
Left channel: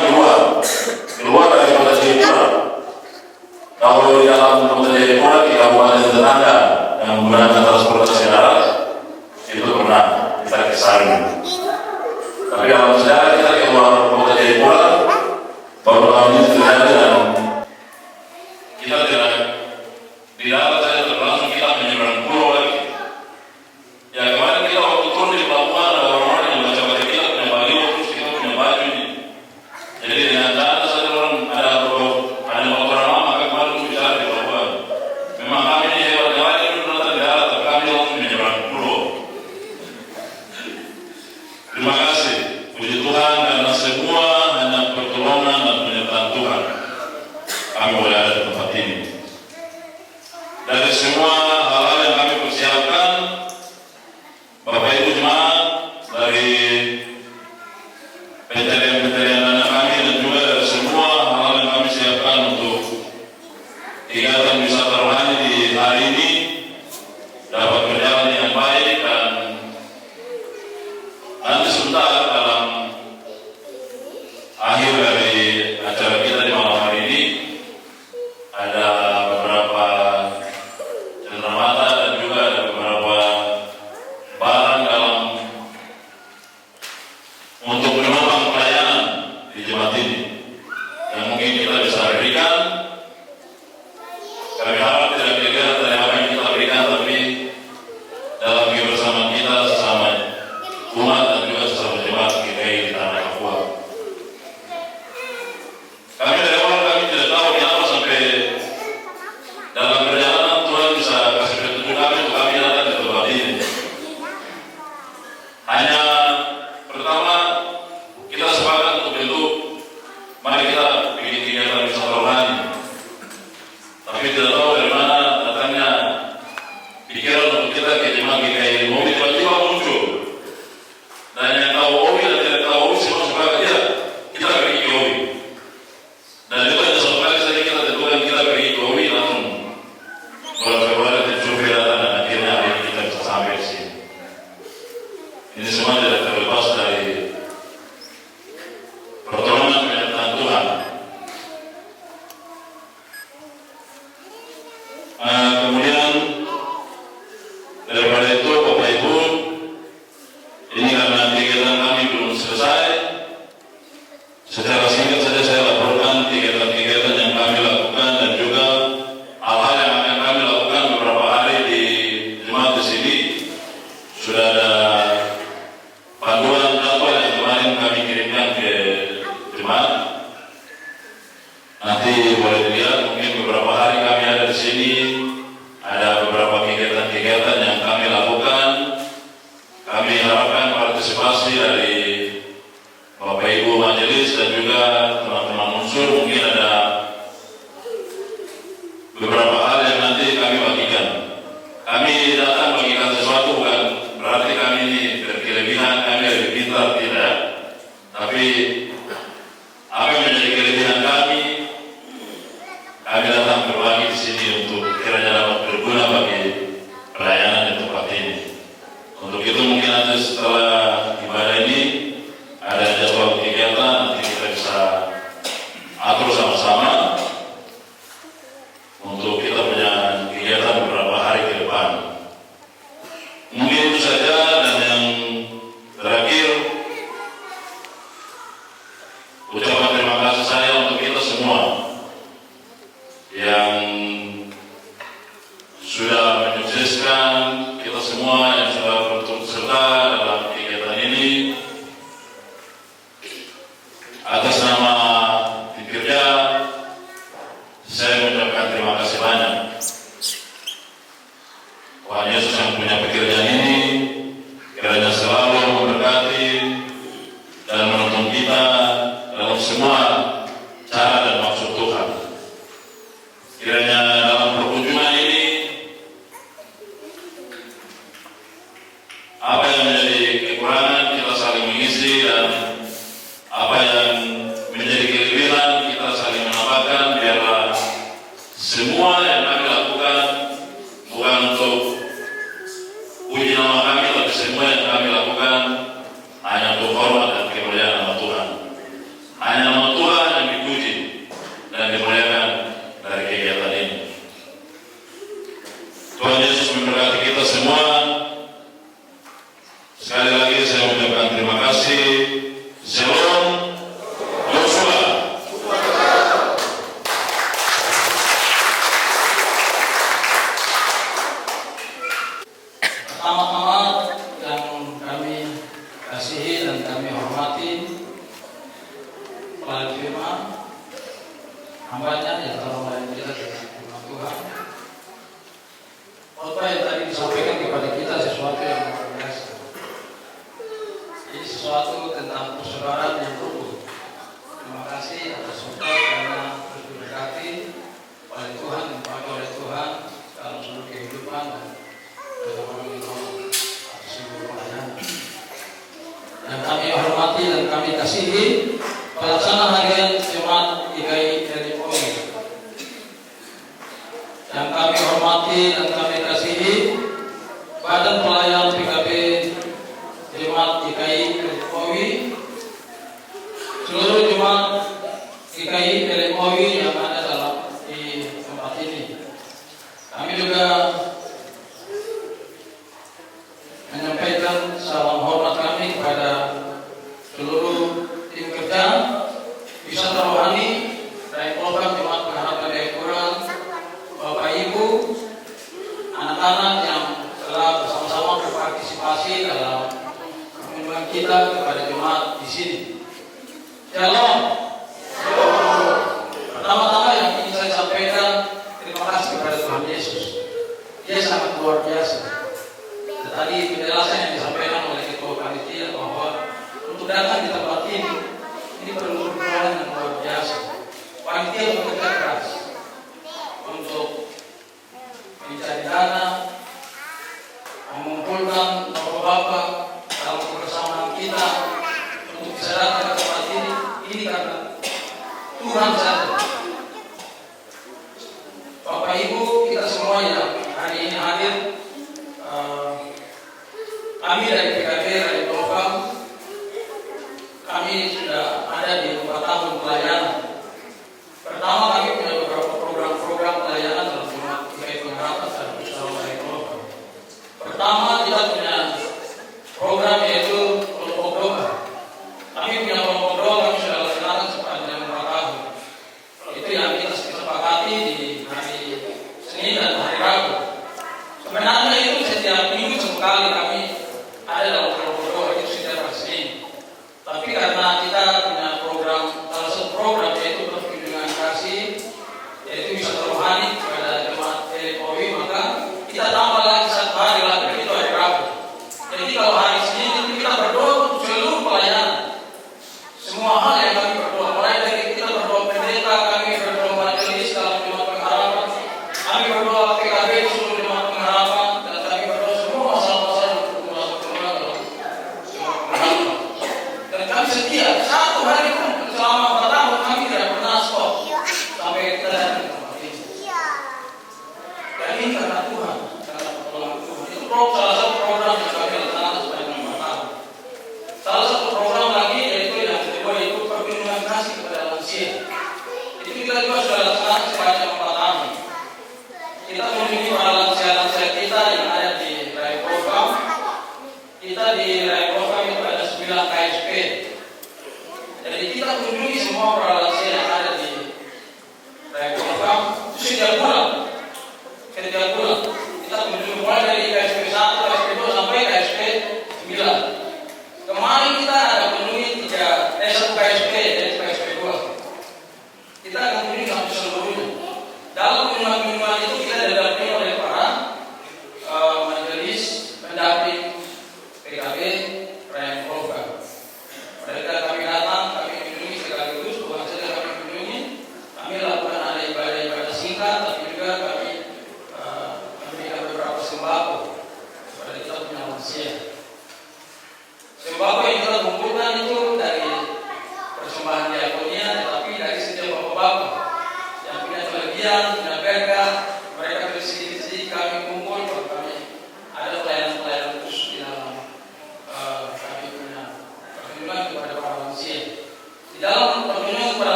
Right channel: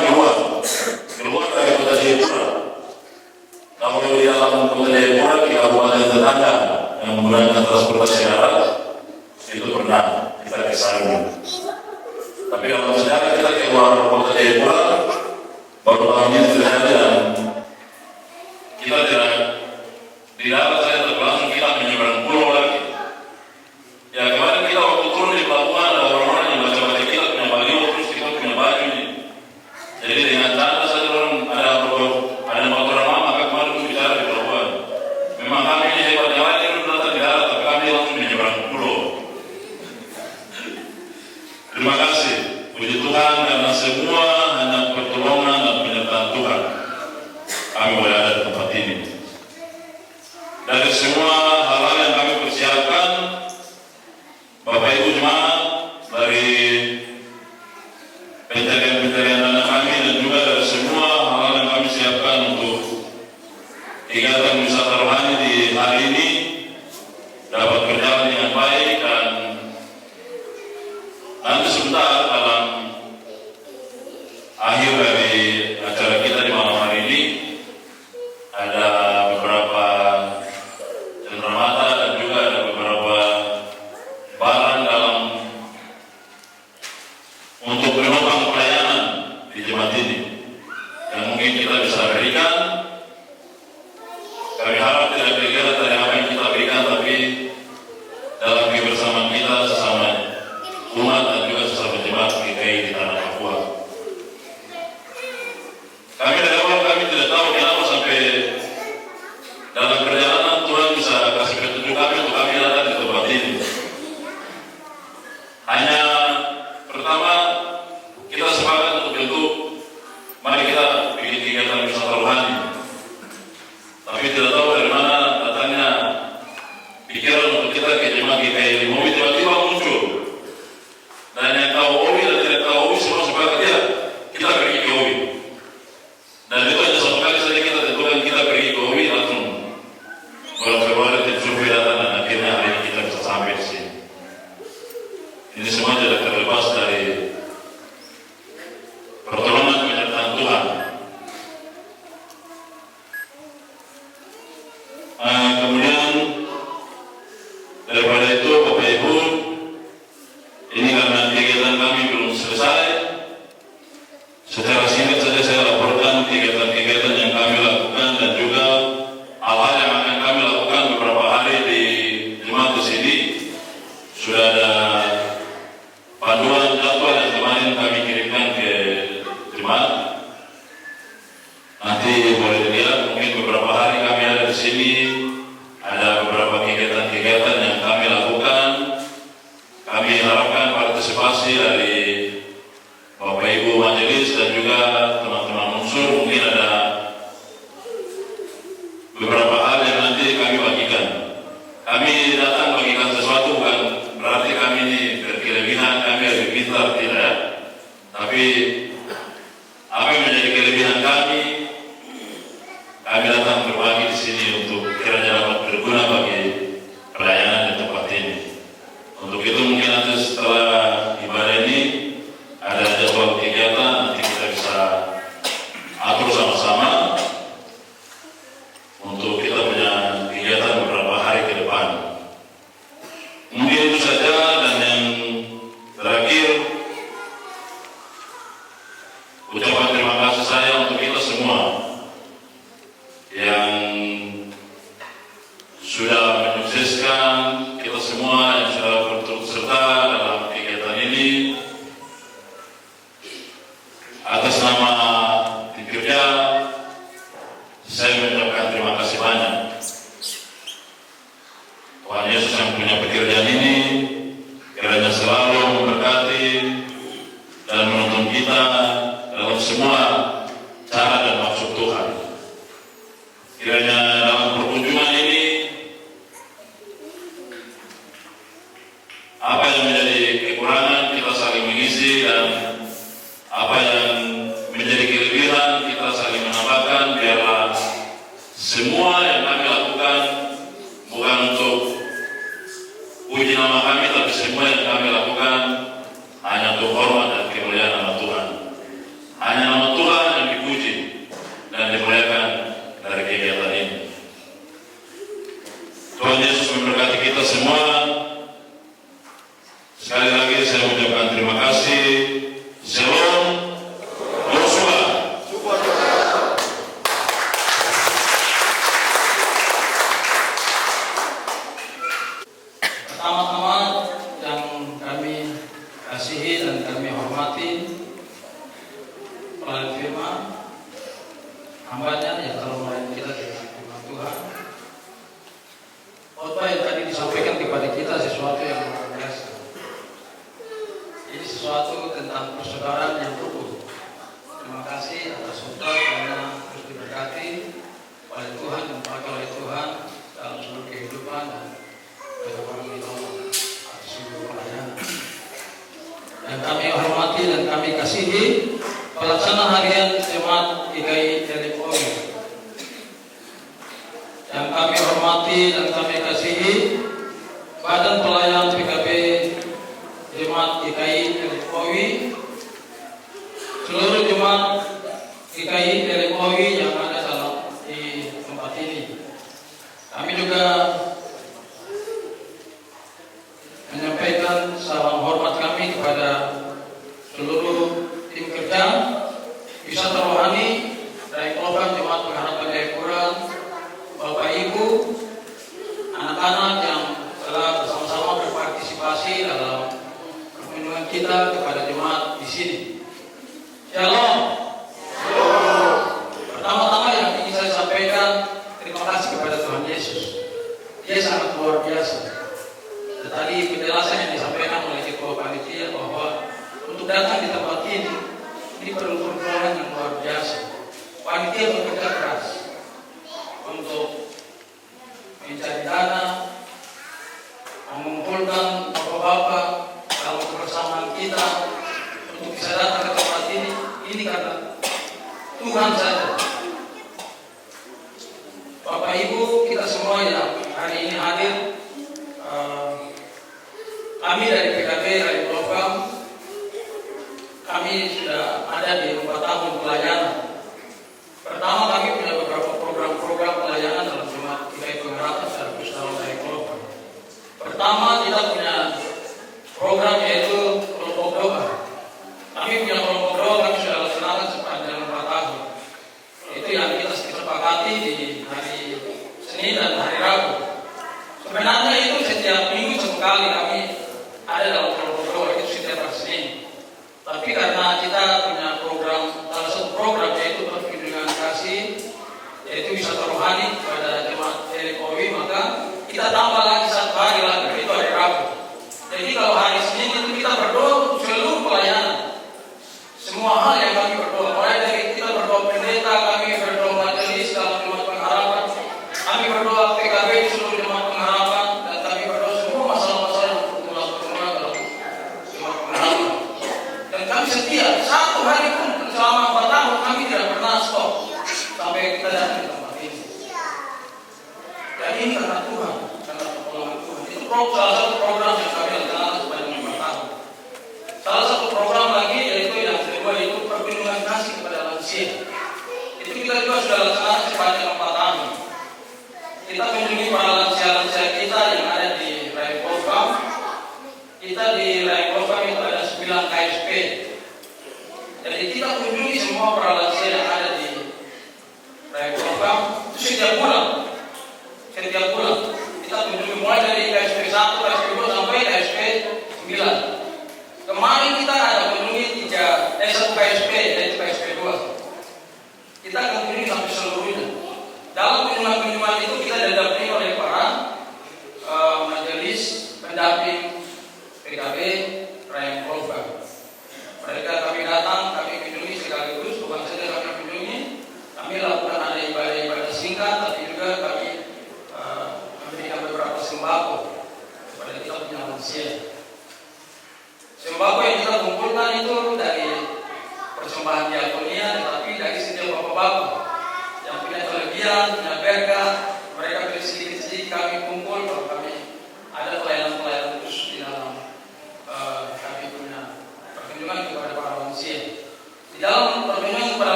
keluar dari kota Jayapura. Kalau di dalam kota Jayapura, di kabupaten tetangga yang menggunakan transportasi darat itu pernah kita ke sana. Tapi dalam sejarah kita keluar kota Jayapura baru tahun ini terjadi dan kita tidak di darat saja langsung kita menyeberang pulau lagi. Ya kemarin kita waktu turun di pelabuhan ada orang-orang yang macam-macam kita punya baju terus kita punya baju ini. Jadi dengan cara saja orang ada orang mama kemarin bicara di pelabuhan. Memang kami ini hebat yang lain itu datang di darat tapi kami langsung menyeberang pulau. Terima kasih, puji Tuhan karena semua hanya pertolongan dan penyertaan Tuhan. Kami boleh ada di tempat ini. Dari semua hal-hal yang kami persiapkan, Bapak Ibu jemaat, dari pencarian anak kami dan juga dari semua hal-hal yang kami siapkan untuk kegiatan wisata rohani di hari ini dapat berjalan dengan baik dan nanti sebentar dalam akhir dari acara kita di malam hari ini ada beberapa cenderamata dan juga ada beberapa barang dalam untuk menopang pelayanan di jemaat ini yang mungkin kita bisa berikan. Kami harap tidak beda dari apa yang kita berikan, tapi dalam kebersamaan kita sesama umat dan juga sesama jemaat GKI di tanah Papua. Kami dari awal kami tidak tahu kenapa sampai dalam perjalanan Tuhan bisa kasih petunjuk kami untuk kami datang di tempat ini. Hanya pertama kita sepakat untuk bentuk, mari kita bikin kegiatan wisata rohani. Tapi tidak tahu dari mana datangnya pikiran untuk kita ke jemaat GKI Owi tiba-tiba muncul. Dan yang tahu Owi dan tidak tahu Owi semua sepakat ya kita pergi ke Owi. Dan itu hanya satu kali saja kita tentukan kita pergi ke Owi langsung bulan Februari di datang dan akhirnya hari ini kita bisa sampai di sini. Ini semua tidak terlepas dari pertolongan penyertaan Tuhan. Kemudian daripada itu Bapak Ibu, ini karena kegiatan kami belum selesai, secara singkat saja saya laporkan kegiatan-kegiatan yang kami lakukan dan juga hal-hal yang akan kami lakukan beberapa hari di jemaat di sini. Sudah ada panduan jadwal yang kemarin kami kirimkan ke jemaat. Nanti boleh dilihat mungkin beberapa hari kami ada di sini semua yang kami lakukan bukan untuk puji nama kami, tapi semua yang kami lakukan hanya untuk hormat dan kemuliaan nama Tuhan. Hanya nama Tuhan yang dipuji dan dimuliakan dari kegiatan ini. Tuhan Yesus memberkati kita semua. Sekali lagi saya mengucapkan terima kasih. Shalom. Yosua. Pertama-tama yang kami kasihi dan kami hormati pelan firman hambanya yang telah melayani kita dengan firman Tuhan. Khotbah yang tadi disampaikan kepada kita sesuatu yang luar biasa. Ini sesuatu tentang persaudaraan yang rukun. Terima kasih atas khotbah karena terus diberkati oleh Tuhan dan dipakai oleh Tuhan dalam seluruh kehidupan dan seluruh pelayanan. Dan kami hormati dan kami kasihi pelaksana harian jemaat GKI LMOI. Yang kami hormati dan kami kasihi Badan Pelayanan PKB Jemaat GKI LMOI, seluruh jemaat GKI LMOI yang ada di tempat ini. Kami juga menyampaikan salam hormat kami kepada seluruh tim kerja wisata rohani dari program Jemaat Pengharapan Jayapura, Bapak Ibu, anak-anak yang telah bersama-sama berpartisipasi dalam kunjungan kita kepada jemaat di sini. Shalom. Pertama-tama yang ingin saya sampaikan, terima kasih kepada Tuhan Yesus. Dia sangat luar biasa. Tadi penjelasan yang disampaikan oleh ketua panitia bahwa untuk datang di tempat ini perlu perjuangan yang luar biasa. Panitia bekerja keras untuk mencari dana, mengumpulkan bapak-bapak dalam kebersamaan kita untuk bisa datang ke tempat ini. Ini karena Tuhan saja. Bapak Ibu, kita semua yang hari ini hadir, kami dari PKB dari program, kami sudah ada di 4 tahun pelayanan. Pertama, kami punya beberapa program-program pelayanan dalam jemaat GKI Pengharapan secara bersama dari program. Pertama, kita punya program yaitu kelompok doa. Kami punya kelompok doa, kami sudah laksanakan sepanjang 4 tahun. Itu yang kita sepakati di hari Senin dan hari Rabu. Sebenarnya itu setiap minggu 1 kali kami ada dalam kelompok doa, itu setiap hari Senin. Tapi karena kita punya program, salah satu program yaitu perlindungan kasih, yaitu wisata rohani kepada jemaat LMOI, maka kita tambah lagi 1 hari lagi, itu hari Rabu. Jadi kalau hari Senin itu kita berdoa untuk seluruh pelayanan, semua hal yang kami berdoa, mulai dari kita berdoa pendeta, kami berdoa majelis dalam jemaat pengharapan, kami berdoa PKB seluruh jemaat pengharapan, dan kami berdoa semua masalah-masalah untuk melakukan dalam jemaat pengharapan. Dan kami setia 1 hari pun selama 4 tahun kami tidak pernah stop sampai kita datang ke tempat ini. Dan ini karena Tuhan, karena pertolongan Tuhan. Itu salah satu program yang kami laksanakan sepanjang 4 tahun. Salah satu program lagi yaitu yang kedua, yaitu perlindungan kasih kepada lansia. Itu kita juga sudah laksanakan sepanjang 4 tahun. Kita kunjungi para lansia-lansia kita yang ada di Rai Program. Kita di Rai Program itu ada 9 KSP. Jadi kita kunjungi semua para lansia yang ada di Rai Program itu setiap bulan. Setiap bulan kita kunjungi mulai dari KSP 1, KSP 2 sampai KSP 9. Kemarin kita ada kunjungi 1 KSP dari KSP 2. Kita akan kunjungi sampai seluruhnya. Dalam kunjungan-kunjungan itu kita dapat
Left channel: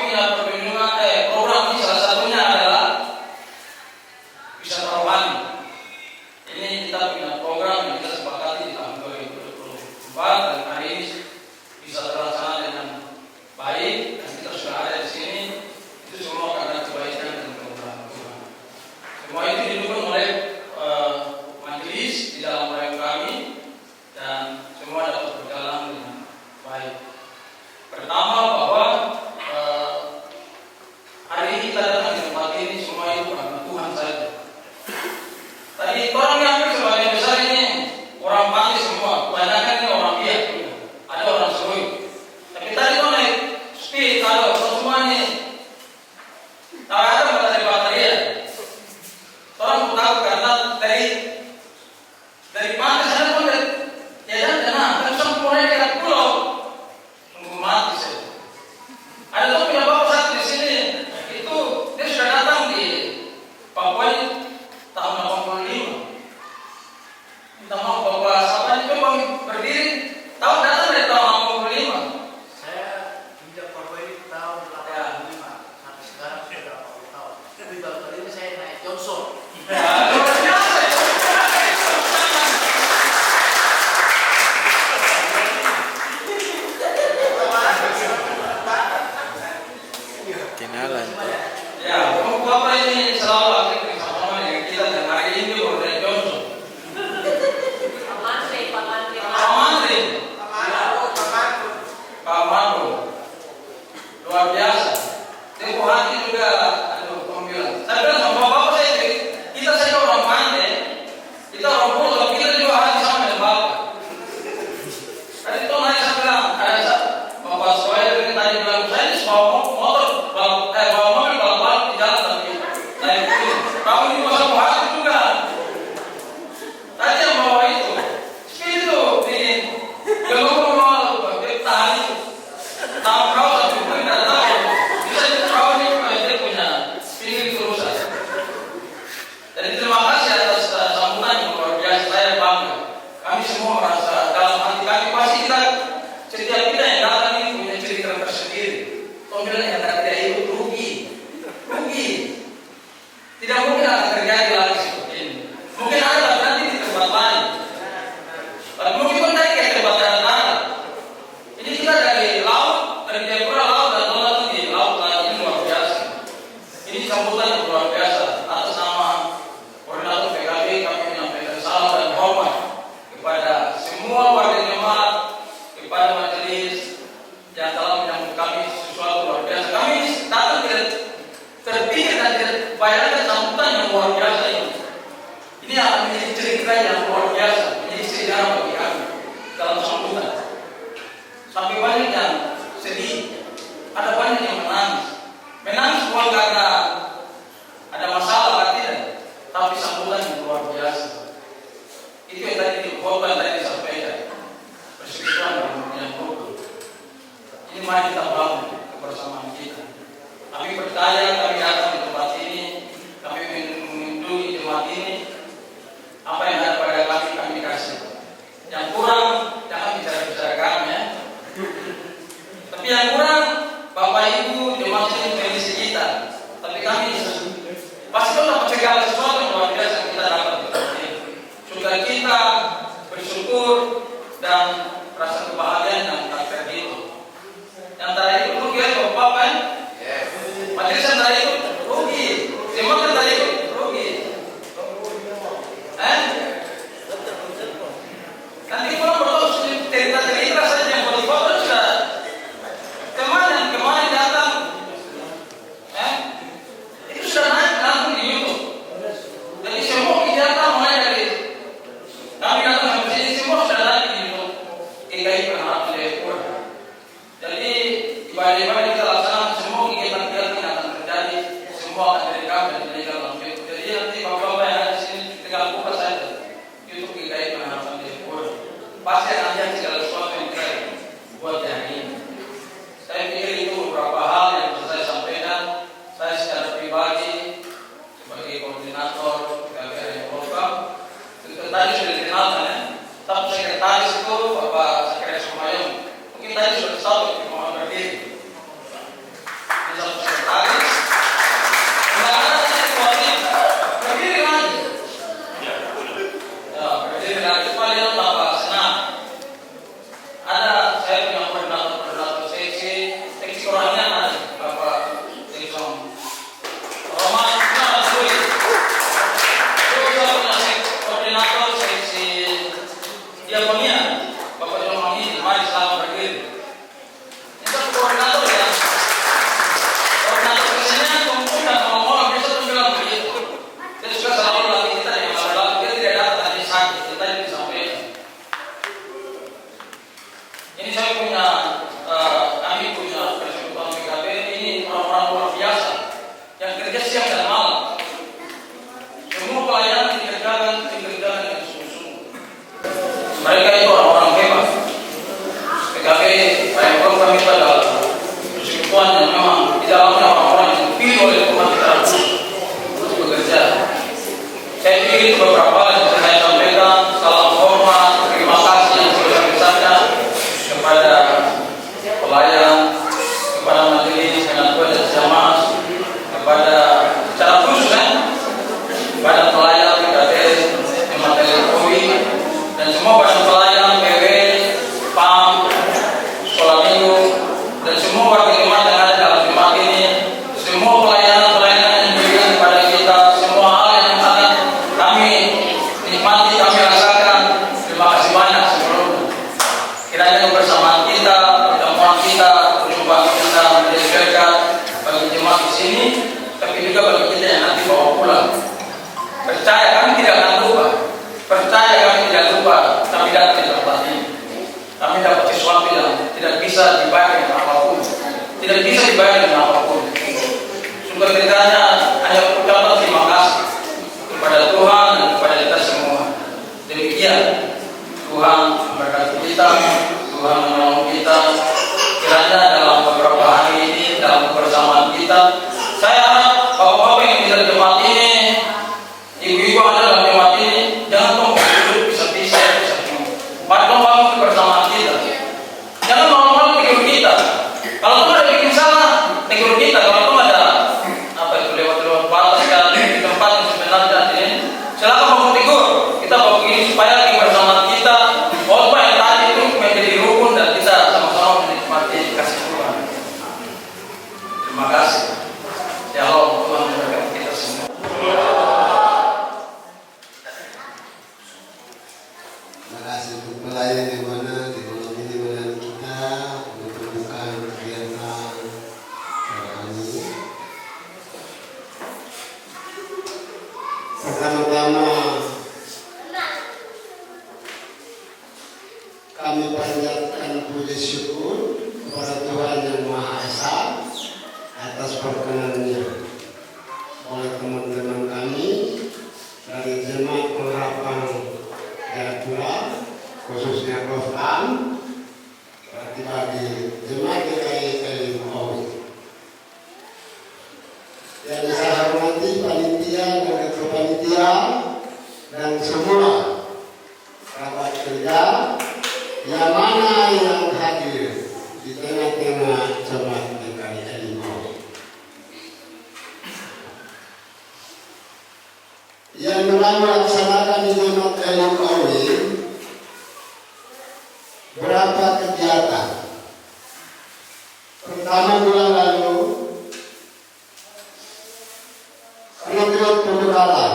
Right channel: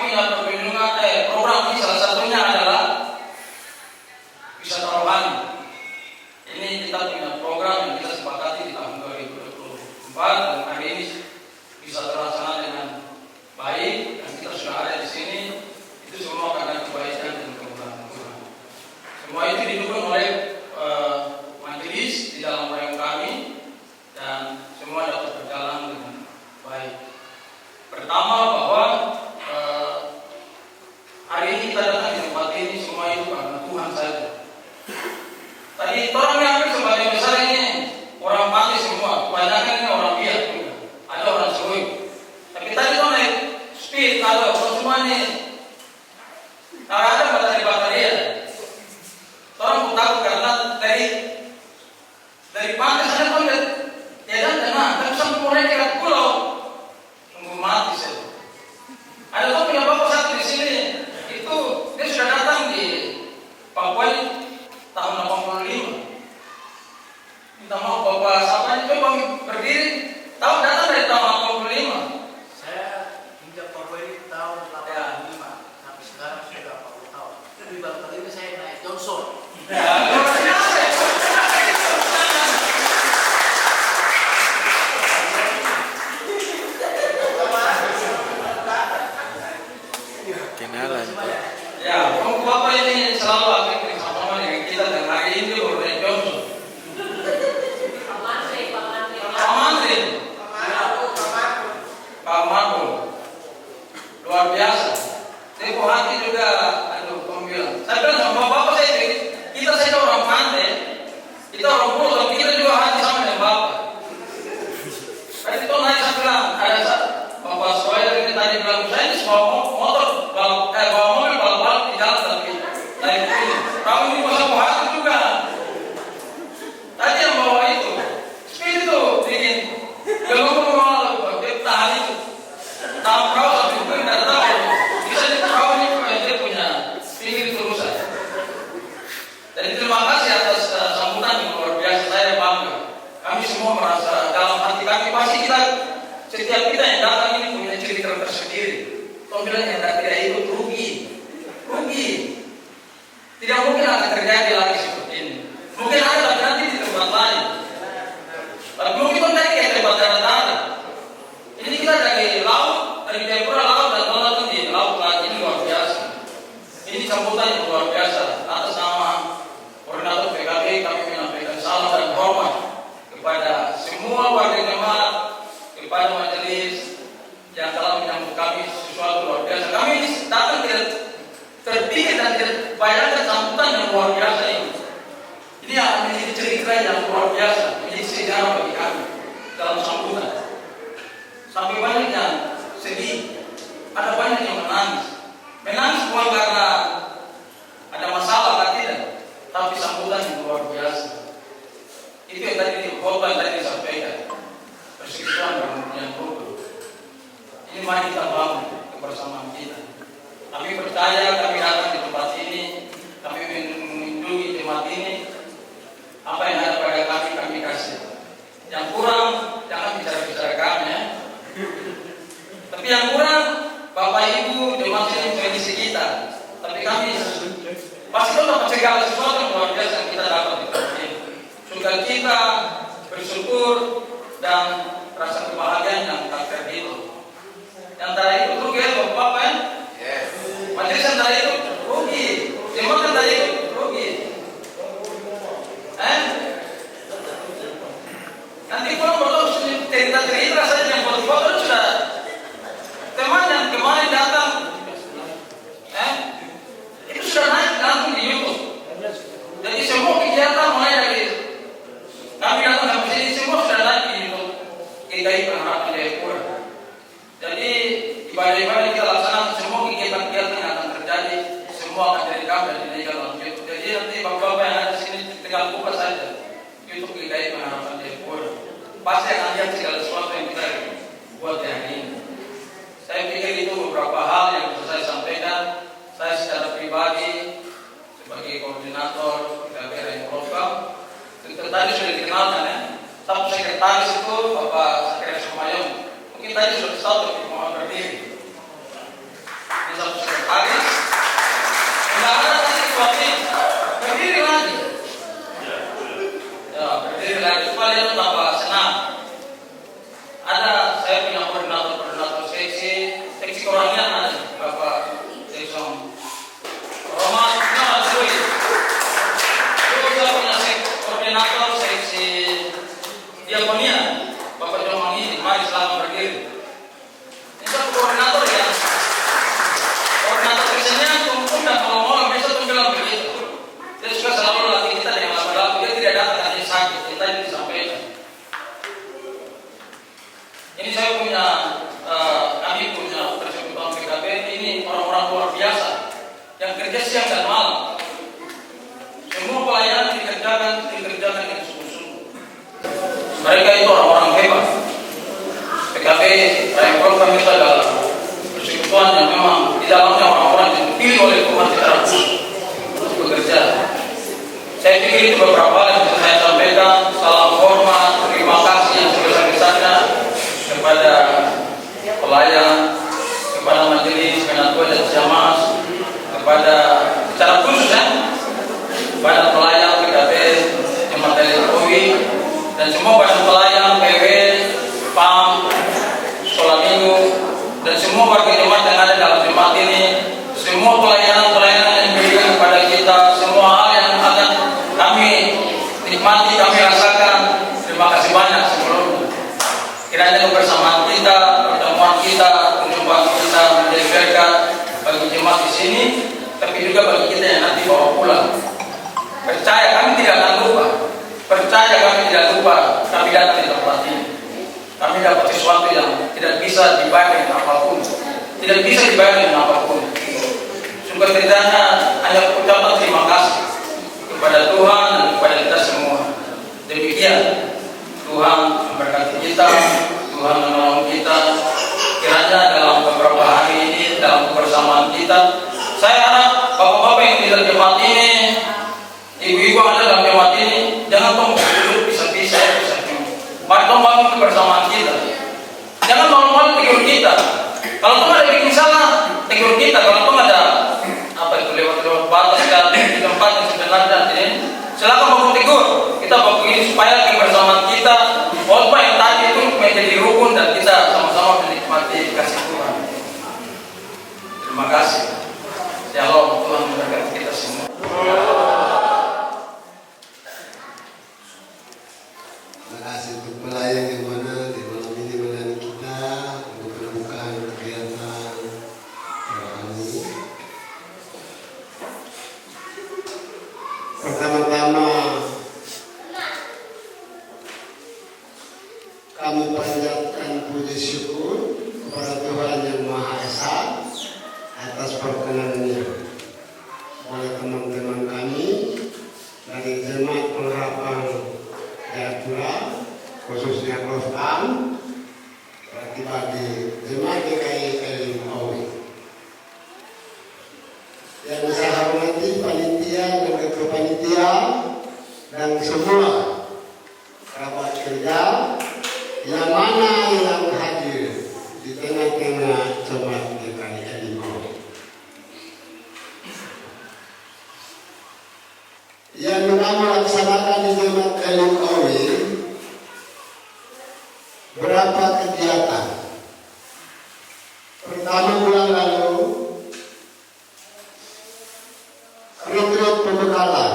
punya perlindungan program ini salah satunya adalah wisata rohani. Ini kita punya program yang kita sepakati di tahun 2024 dan hari ini bisa terlaksana dengan baik dan kita sudah ada di sini. Itu semua karena kebaikan dan kemurahan Tuhan. Semua itu didukung oleh majelis di dalam proyek kami dan semua dapat berjalan dengan baik. Pertama bahwa hari ini kita datang di tempat ini semua itu karena Tuhan saja. Tadi orang yang sebagian besar ini orang mati semua, kebanyakan ini orang biak, ada orang seru. Tapi tadi tuh naik speed, ada semua ini. Ada baterai ya. Orang tahu karena dari pantai sana tuh lihat jalan tenang, terus mulai ke pulau, tunggu mati saja. Ada tuh punya bapak satu di sini, itu dia sudah datang di Papua tahun 85. Minta maaf bapak siapa ini memang berdiri, tahu datang dari tahun 85. Saya pinjam Papua ini tahun 85 sampai sekarang sudah 80 tahun. Tapi baru kali ini saya naik Johnson. Kenalan. Ya, bapak ini selalu aktif bersama dengan kita dan hari ini baru naik Johnson. Pak Mako, luar biasa. Tempoh hati juga, aduh, kamu bilang. Saya bilang sama bapak saya, kita saja orang pandai, kita orang pulau, tapi kita juga hati sama dengan bapak. Tadi itu naik saya bilang, ada bapak Soeir ini tadi bilang, saya ini bawa motor, bawa mobil balap di jalan tapi saya ini, kamu ini masa hati juga. Tadi yang bawa itu, speed itu di gelung tahan itu, tahu perahu tapi bukan tidak tahu. Bisa itu perahu ini dia punya pinggir itu rusak. Jadi terima kasih atas sambutan yang luar biasa. Saya bangga. Kami semua merasa dalam hati kami pasti setiap kita yang datang ini punya cerita tersendiri. Kau bilang yang tidak ikut rugi. Tidak mungkin akan terjadi lagi seperti ini. Mungkin ada tapi nanti di tempat lain. Tapi mungkin pun tadi ke tempat darat. Ini kita dari laut, dari Jayapura laut dan laut di laut lagi, ini luar biasa. Ini sambutan yang luar biasa. Atas nama koordinator PKB kami menyampaikan salam dan hormat kepada semua warga jemaat, kepada majelis yang telah menyambut kami sesuatu luar biasa. Kami datang tidak terpilih dan tidak bayangkan sambutan yang luar biasa ini. Ini akan menjadi cerita yang luar biasa, menjadi sejarah bagi kami dalam sambutan. Sampai banyak yang sedih, ada banyak yang menangis bukan karena ada masalah atau tidak, tapi sambutan yang luar biasa. Itu yang tadi dikhotbah tadi disampaikan, persekutuan yang rukun. Ini mari kita bangun kebersamaan kita. Kami percaya kami datang di tempat ini, kami mengunjungi jemaat ini. Apa yang ada pada kami kasih. Yang kurang jangan bicara kami ya. Tapi yang kurang Bapak Ibu jemaat ini kondisi kita. Tapi kami pasti dapat segala sesuatu yang luar biasa yang kita dapat di tempat ini. Sukacita, bersyukur dan rasa kebahagiaan yang tak terhitung. Yang tadi itu rugi ya Bapak ya? Majelis yang tadi itu rugi, jemaat yang tadi itu rugi. Nanti kalau bertahu cerita saja yang foto-foto sudah teman yang kemarin datang, itu sudah naik langsung di YouTube. Jadi semua kegiatan mulai dari kami datang sampai sini semua sudah naik di YouTube. GKI Pengharapan Jayapura. Jadi ibadah-ibadah kita laksanakan semua kegiatan-kegiatan yang akan terjadi semua akan direkam dan dilegal dalam YouTube. Jadi nanti bapak-bapak yang ada di sini tinggal buka saja YouTube GKI Pengharapan Jayapura. Pasti akan lihat segala sesuatu yang kita buat hari ini. Saya pikir itu beberapa hal yang bisa saya sampaikan. Saya secara pribadi sebagai koordinator KBR yang program, tadi sudah dikenalkan ya. Satu sekretaris itu Bapak Sekretaris Sumayong. Mungkin tadi sudah satu mohon berdiri. Ini satu sekretaris. Nggak ada ketua tim. Berdiri lagi. Ya, berdiri lagi. Supaya itu tambah senang. Ada saya punya koordinator seksi kerohanian ada Bapak dari Som Romas ada dua. Terus saya punya koordinator seksi diakonia Bapak Jomani. Mari selamat berdiri. Ini satu koordinator ya. Koordinator seksinya kumpul dan ngomong bisa tuh bilang begitu. Dia suka selalu latih kita dengan lama-lama. Dia tidak datang tadi sakit. Kita yang disampaikan. Ini saya punya kami punya persekutuan PKB ini orang-orang luar biasa yang kerja siang dan malam. Semua pelayanan dikerjakan dengan sungguh-sungguh. Mereka itu orang-orang hebat. PKB Rayapol kami itu adalah persekutuan yang memang di dalamnya orang-orang yang dipilih oleh umat secara khusus untuk bekerja. Saya pikir itu beberapa hal yang bisa saya sampaikan. Salam hormat, terima kasih yang sebesar-besarnya kepada pelayan, kepada majelis, ketua dan jamaah, kepada secara khusus kepada pelayan PKB, Jemaat Jokowi, dan semua pada pelayan PW, PAM, sekolah minggu, dan semua warga jemaat yang ada dalam jemaat ini, semua pelayanan yang diberikan kepada kita, semua hal yang akan kami nikmati, kami rasakan. Terima kasih banyak sebelumnya. Kiranya kebersamaan kita, pertemuan kita, perjumpaan kita menjadi berkat bagi jemaat di sini, tapi juga bagi kita yang nanti bawa pulang. Percaya kami tidak akan lupa. Percaya kami tidak lupa. Kami datang di tempat ini. Kami dapat sesuatu yang tidak bisa dibayar dengan apapun. Tidak bisa dibayar dengan apapun. Sukacitanya hanya ucapan terima kasih kepada Tuhan dan kepada kita semua. Demikian. Tuhan memberkati kita, Tuhan menolong kita. Kiranya dalam beberapa hari ini, dalam kebersamaan kita, saya harap bapak-bapak yang di dalam jemaat ini, ibu-ibu yang ada dalam jemaat ini, jangan tolong duduk bisa-bisa. Mari tolong bangun kebersamaan kita. Jangan tolong tegur kita. Kalau tuh ada bikin salah, tegur kita. Kalau tuh ada lewat batas di tempat yang sebenarnya ini, silakan bangun tegur. Kita bangun ini supaya kebersamaan kita, khotbah yang tadi itu menjadi rukun dan kita sama-sama menikmati kasih Tuhan. Terima kasih. Shalom, Tuhan memberkati kita semua. Terima kasih untuk pelayan di mana di malam ini melayani kita untuk pembukaan kegiatan kami. Pertama-tama kami panjatkan puji syukur kepada Tuhan Yang Maha Esa atas perkenannya oleh teman-teman kami dari Jemaat Pengharapan Jayapura, khususnya Klofkan, bagi Jemaat GKI Elim-Owi. Yang saya hormati panitia dan ketua panitia dan semua kerabat kerja yang mana yang hadir di tengah-tengah jemaat GKI Elim-Owi. Yang memang melaksanakan di jemaat Elim-Owi berapa kegiatan. Pertama bulan lalu retreat pembekalan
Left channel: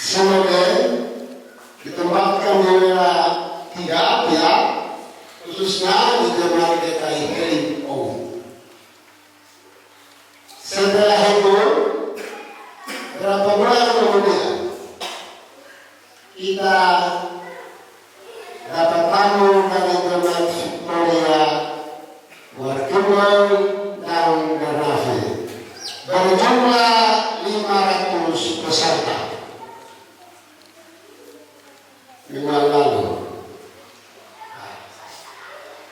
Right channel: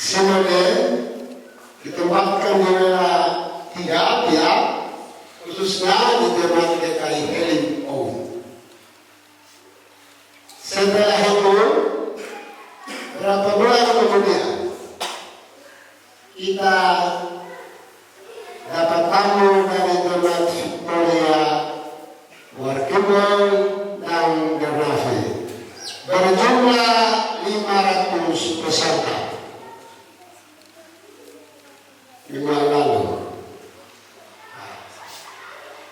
sebagai ditempatkan di wilayah 3 pihak, khususnya di jemaat GKI Elim-Owi. Setelah itu berapa bulan kemudian kita dapat tamu dari jemaat Victoria, Warkibun, dan Garnafi berjumlah 500 peserta. Minggu lalu.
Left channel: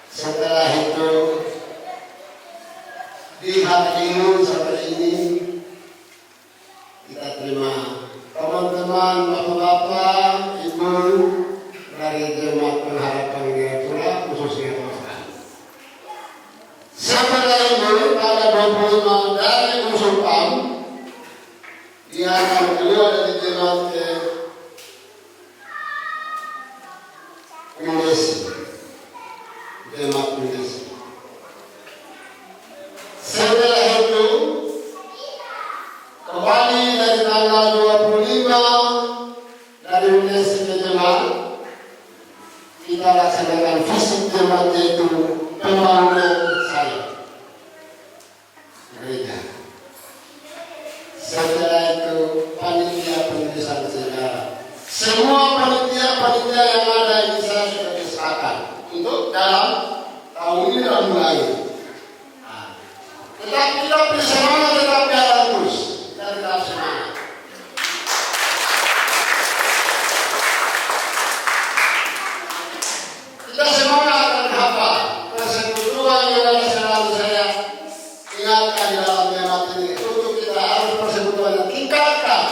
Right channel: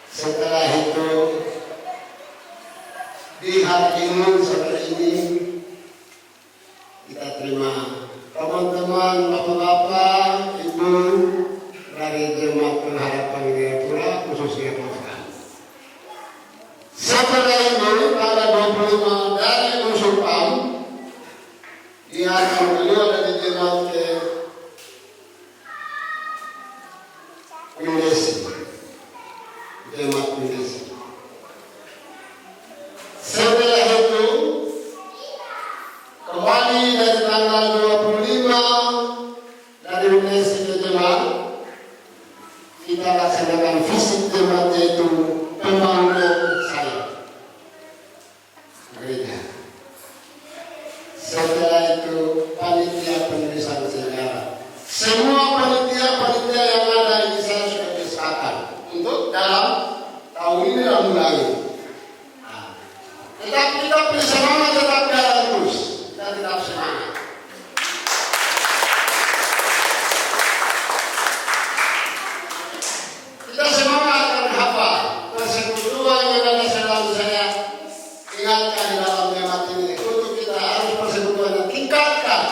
Setelah itu di hari ini, sore ini kita terima teman-teman, bapak-bapak, ibu dari Jemaat Pengharapan Jayapura, khususnya Klofkan. Indonesia. Jemaat Indonesia. Setelah itu kembali dari tanggal 25 dari Indonesia ke jemaat, kita laksanakan fisik jemaat yaitu pembangunan saya gereja. Setelah itu panitia penulisan sejarah. Semua panitia yang ada ini saya sudah disahkan untuk dalam tahun ini dan bulan ini. Tetap kita bersemangat, tetap jalan terus dan tetap semangat. Kita semangat dan apa? Persekutuan yang ada selalu saya ingatkan dalam jemaat ini untuk kita harus persekutuan yang tingkatkan.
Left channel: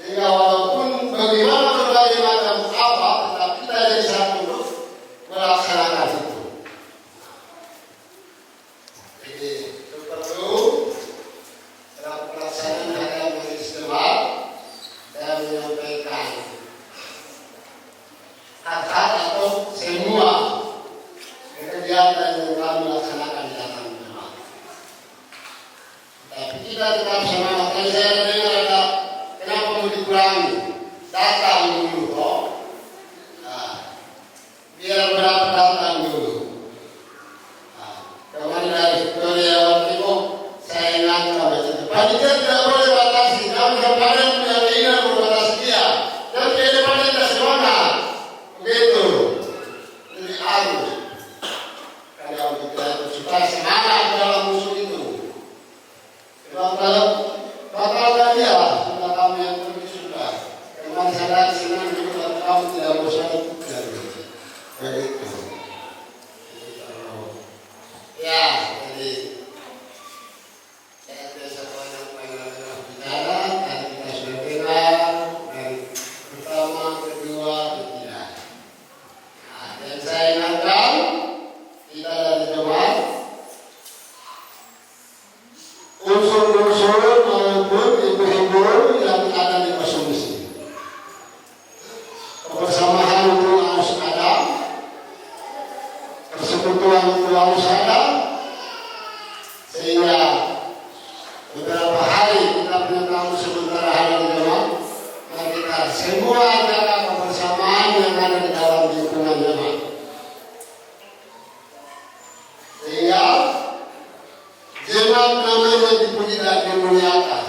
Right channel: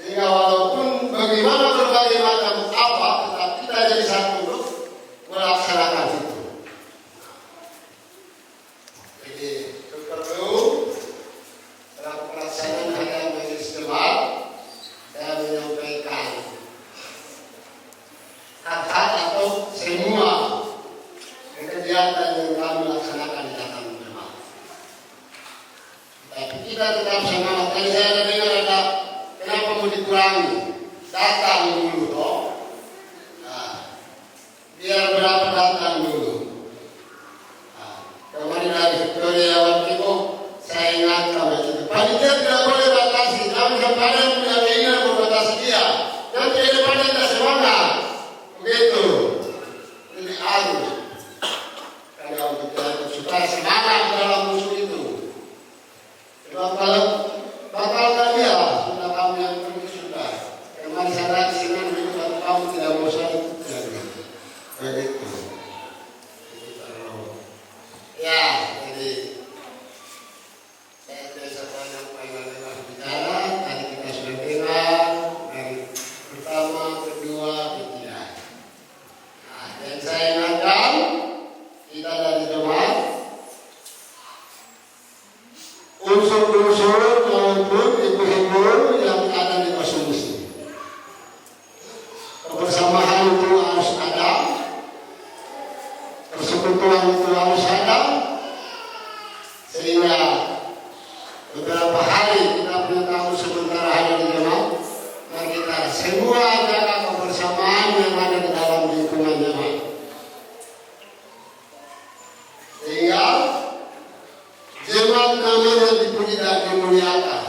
Sehingga walaupun bagaimana berbagai macam apa, tetap kita jadi satu untuk melaksanakan itu. Jadi perlu dalam pelaksanaan harian majelis jemaat saya menyampaikan hak-hak atau semua kegiatan yang kami laksanakan di dalam jemaat. Tapi kita tetap semangat. Tadi saya dengar ada kenapa mau dikurangi? Datang dulu toh. Nah, biar berapa datang dulu. Kemarin dari Victoria waktu itu saya ingatkan itu. Panitia tidak boleh batasi. Kami kemarin punya keinginan membatasi dia. Dan dia panitia semangat. Begitu. Jadi harus. Kalau kita supaya semangat dalam musuh itu. Sebab kalau batalkan dia, sudah kamu yang pergi sudah. Kemarin saya di sini juga kamu tidak mau saya ikutkan. Begitu. Ya, jadi saya biasa banyak pengen bicara. Tadi kita sudah dengar dari pertama, kedua, ketiga. Nah, yang saya ingatkan kita dari jemaat unsur-unsur maupun ibu-ibu yang ada di Masjid. Kebersamaan itu harus ada, persekutuan itu harus ada, sehingga beberapa hari kita punya tamu sementara hari di jemaat, dan kita semua jaga kebersamaan yang ada di dalam lingkungan jemaat. Sehingga jemaat namanya dipuji dan dimuliakan.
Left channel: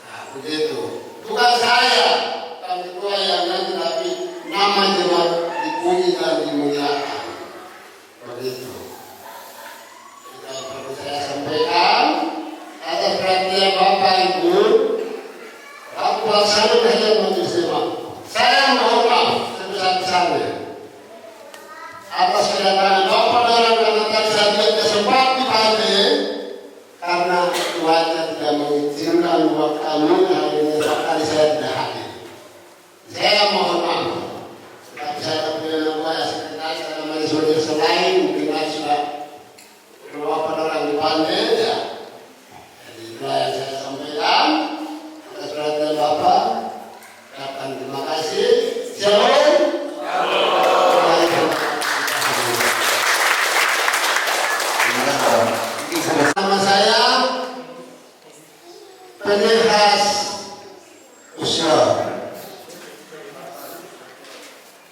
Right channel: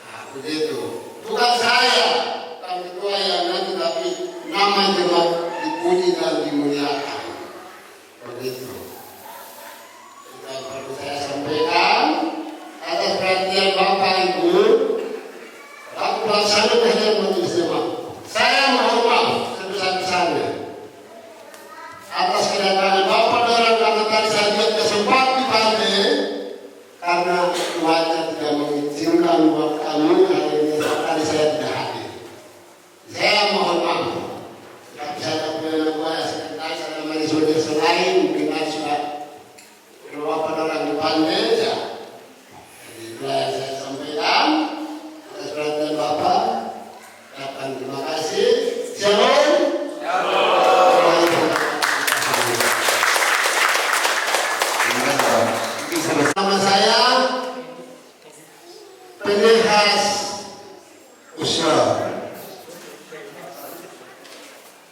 Nah, begitu. Bukan saya, bukan ketua yang nanti, tapi nama jemaat dipuji dan dimuliakan. Begitu. Kita perlu saya sampaikan atas perhatian Bapak Ibu, waktu pelaksana harian majelis jemaat. Saya mohon maaf sebesar-besarnya atas kedatangan Bapak dan karena tadi saya lihat kesempatan dipanggil karena tuannya tidak mengizinkan buat kami hari ini kali saya tidak hadir. Saya mohon maaf. Tapi saya punya nama sekretaris ada majelis selain mungkin sudah Bapak orang dipanggil ya. Jadi itulah yang saya sampaikan atas perhatian Bapak. Ucapkan terima kasih. Shalom. Nama saya Penihas Usul,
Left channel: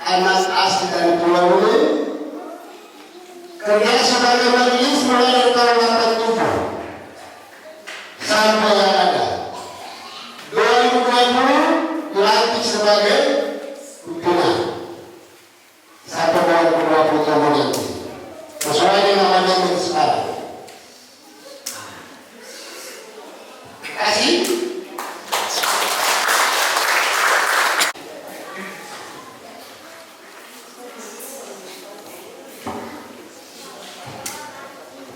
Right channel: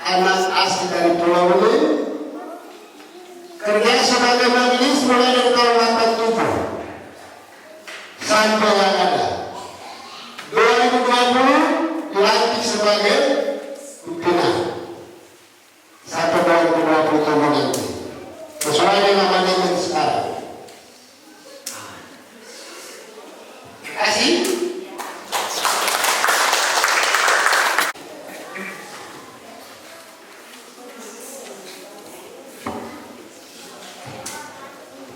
anak asli dari Pulau ini, kerja sebagai majelis mulai dari tahun 87 sampai yang ada 2020 dilantik sebagai pimpinan sampai 2020 nanti sesuai dengan manajemen sekarang. Terima kasih.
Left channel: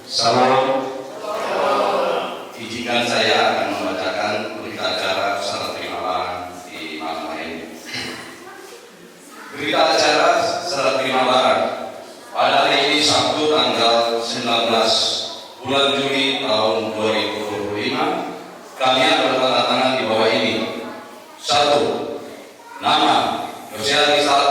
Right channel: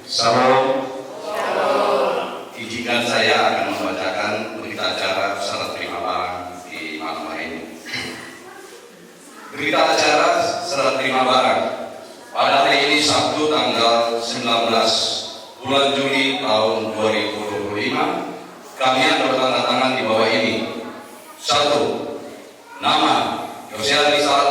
Salam. Izinkan saya akan membacakan berita acara serta terima barang di malam hari ini. Berita acara serta terima barang pada hari ini Sabtu tanggal 19 bulan Juli tahun 2025 kami akan bertanda tangan di bawah ini. 1. Nama Yosea Rizal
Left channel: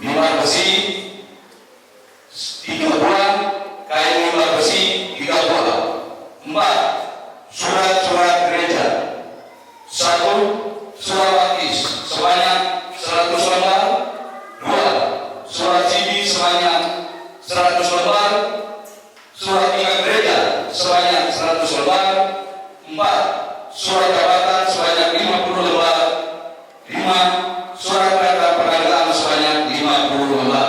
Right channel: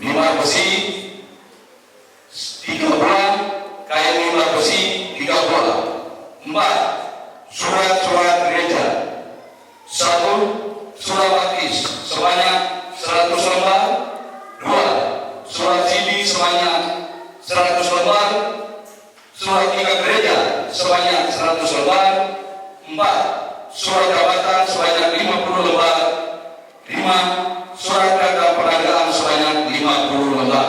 mimbar besi 3 buah, kain mimbar besi 3 buah. 4. Surat-surat gereja. 1. Surat Wakis sebanyak 100 lembar. 2. Surat CD sebanyak 100 lembar. Surat nikah gereja sebanyak 100 lembar. 4. Surat jabatan sebanyak 50 lembar. 5. Surat kata peragaan sebanyak 50 lembar.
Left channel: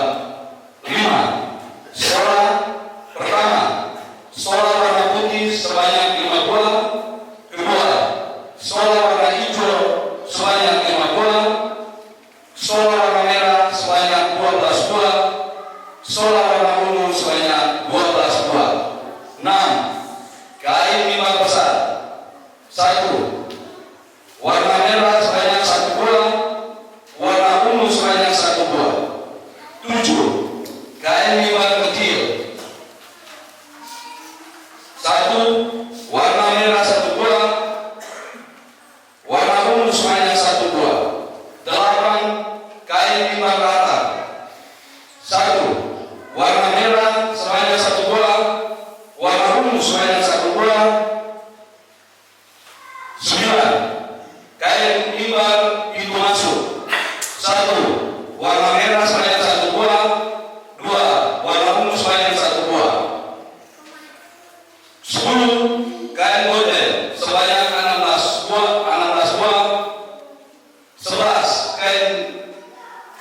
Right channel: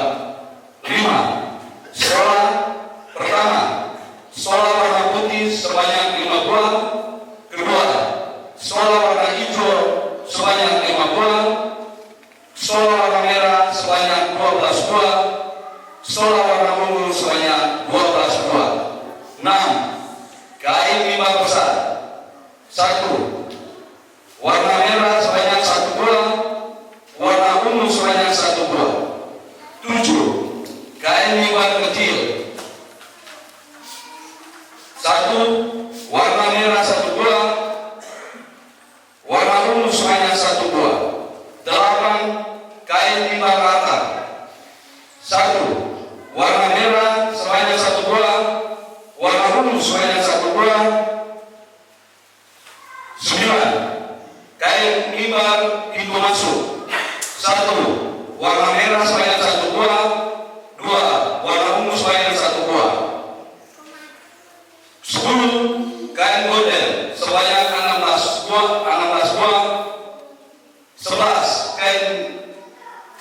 5. Sekolah pertama, sekolah warna putih sebanyak 5 buah. Kedua, sekolah warna hijau sebanyak 5 buah. Sekolah warna merah sebanyak 12 buah. Sekolah warna ungu sebanyak 12 buah. 6. Kain mimbar besar. 1. Warna merah sebanyak 1 buah. Warna ungu sebanyak 1 buah. 7. Kain mimbar kecil. 1. Warna merah 1 buah. Warna ungu sebanyak 1 buah. 8. Kain mimbar rata. 1. Warna merah sebanyak 1 buah. Warna ungu sebanyak 1 buah. 9. Kain mimbar pintu masuk. 1. Warna merah sebanyak 1 buah. 2. Warna ungu sebanyak 1 buah. 10. Kain gorden sebanyak 16 buah. 11.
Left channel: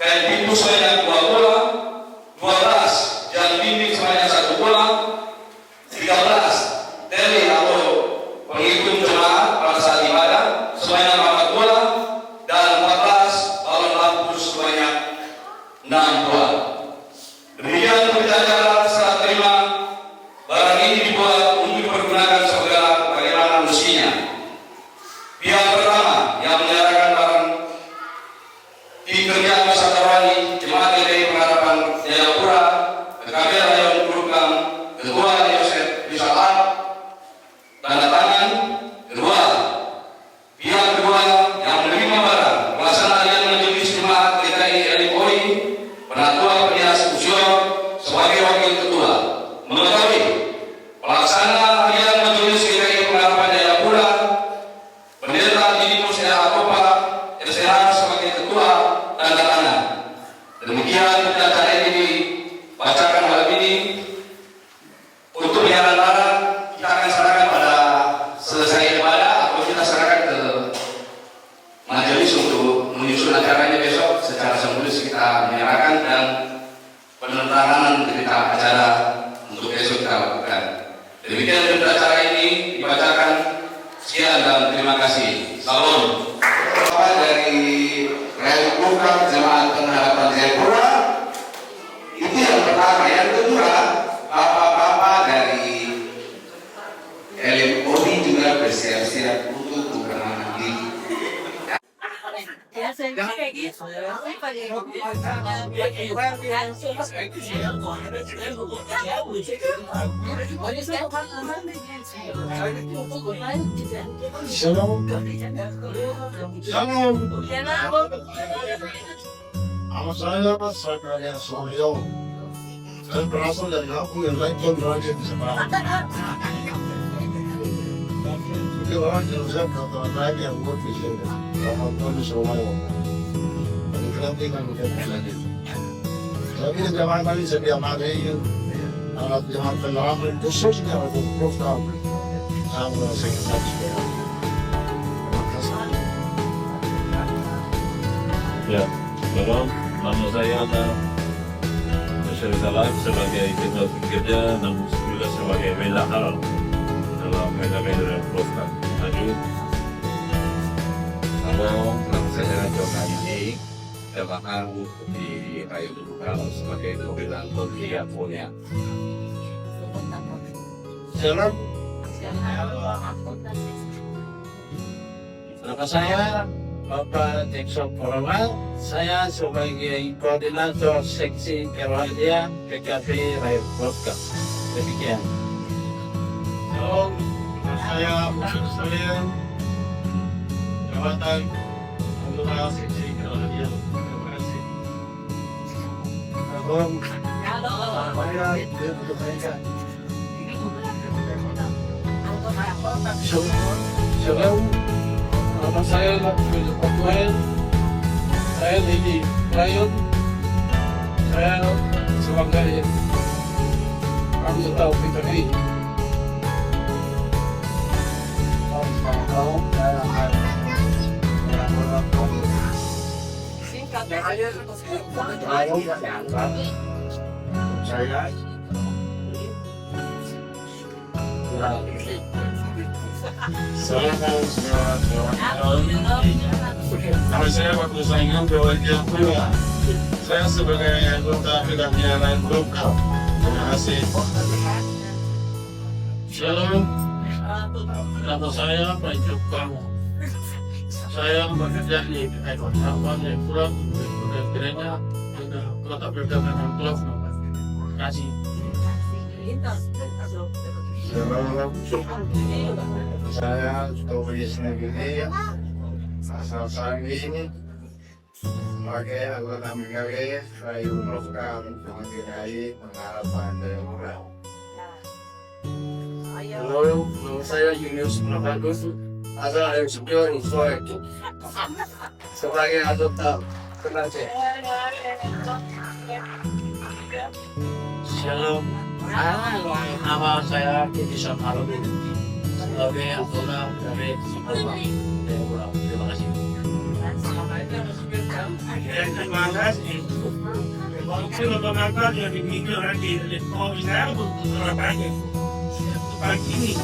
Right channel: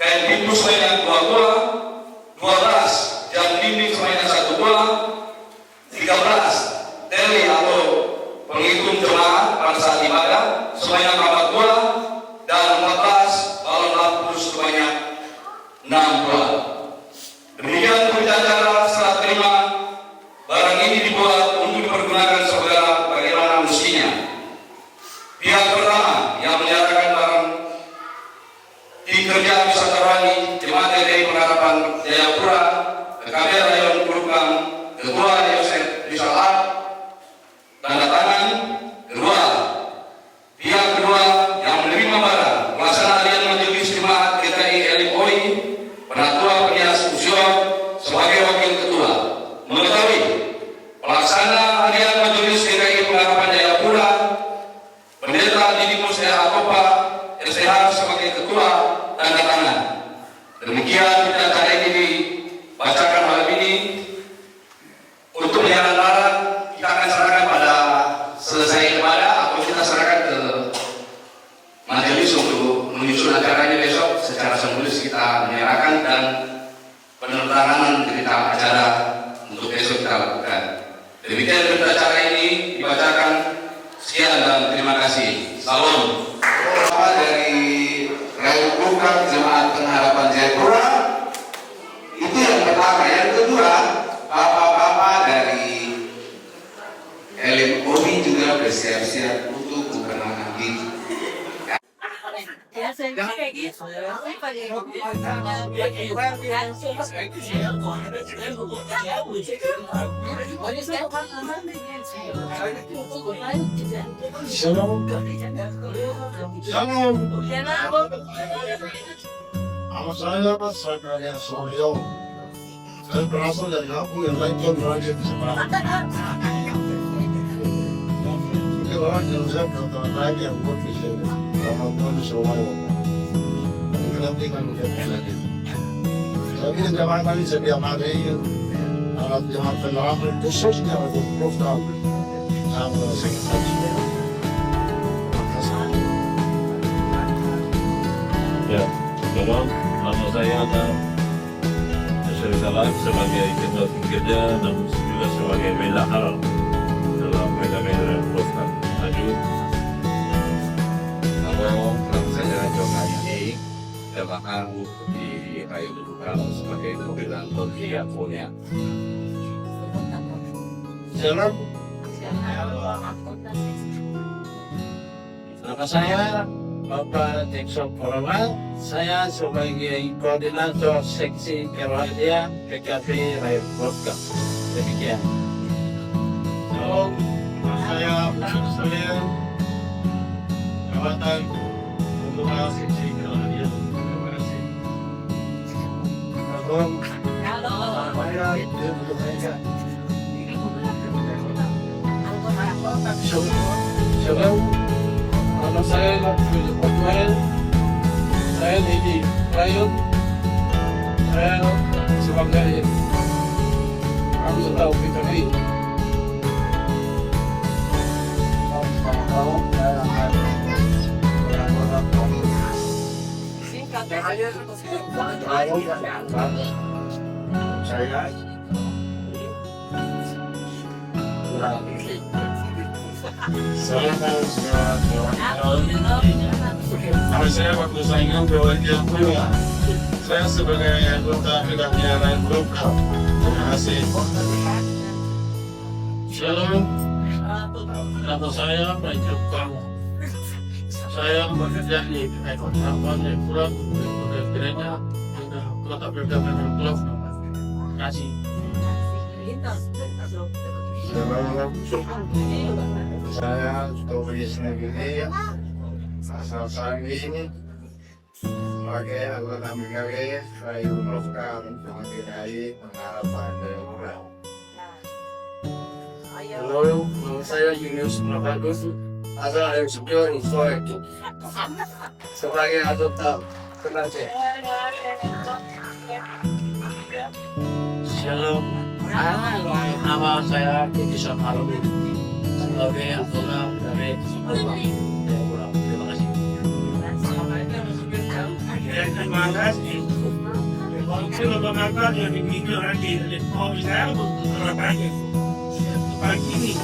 Kain pintu sebanyak 2 buah. 12. Jam dinding sebanyak 1 buah. 13. Teli atau penghitung jemaat pada saat ibadah sebanyak 4 buah. Dan 14. Balon lampu sebanyak 6 buah. Demikian berbicara serah terima. Barang ini dibuat untuk dipergunakan saudara bagaimana mestinya. Pihak pertama yang menyerahkan barang tim kerja wisata rohani Jemaat GKI Pengharapan Jayapura, Kabel yang Kulukam, Ketua Yosef Rizal, tanda tangan. Kedua, pihak kedua yang menerima barang pelaksana harian majelis Jemaat GKI LMOI, Penatua Penyas Usio sebagai wakil ketua, mengetahui pelaksana harian majelis GKI Pengharapan Jayapura, Pendeta Didimus Akopa LCH sebagai ketua, tanda tangan. Demikian acara ini dibacakan malam ini. Untuk yang larang kita akan serahkan pada selesai ibadah atau kita serahkan ke majelis untuk menyusun acaranya besok. Secara simbolis kita menyerahkan dan penandatanganan berita acara untuk besok kita lakukan. Demikian berita acara ini dibacakan. Sekian dan terima kasih. Salam. Dari Program Jemaat Pengharapan Jayapura itu yang pertama. Yang kedua, bapak-bapak dari LMOI juga bersiap-siap untuk mengenang diri. Shalom. Shalom. Nama saya Mas Sakarya Sohyo. Saya berasal dari kampung yang lain John Raja di seberang. Itu orang Joseph Dr. Raja yang buat di sini. Rahmat di Surabaya. Ini nanti kan kita lagi. Tapi di jamaah kali setiap hari alat jamaah penerapan khususnya untuk program yang sekretariat. Terima kasih. Ya, shalom. Nama saya Yosef Rizal sebagai ketua tim kerja, namun juga sebagai bendahara dalam benda-benda program maju. Nama saya Jonga Yudi, jemaah di Kayu Dudukan sebagai pimpinan Polisi Punya. Shalom. Nama saya Bapak Jackson Corona. Saya sebagai koordinator seksi kerohanian PKP Rakyat Vodka. Demikian. Shalom. Saya Ucuk Solian, jabatan Ketua Seksi Kerohanian. Terima kasih. Shalom, nama saya Philip Otwell. Saya di Rayon. Saya sebagai anggota PKB. Nama saya waktu saingan Berwajah Pula. Saya sebagai anggota PKB Rayon Lokal. Terima kasih. Shalom, nama saya Pak Jepang. Saya bekerja di Kabupaten Jayapura, gereja kota Perdagangan Klub. Terima kasih. Shalom. Saya Tobias Negeri, asal Sangi, sebagai anggota PKB Rayon Lokal mengenai pengharapan Jayapura. Halo, nama saya Julius Prabagus, asal dari Sukion, Sulawesi. Sebagai anggota PKB. Shalom, nama saya Kiki Samarudi, sebagai anggota PKB Jayapura. Terima kasih. Terima kasih. Itu lembaga yang dimiliki oleh saya untuk Surabaya. Pagi ini,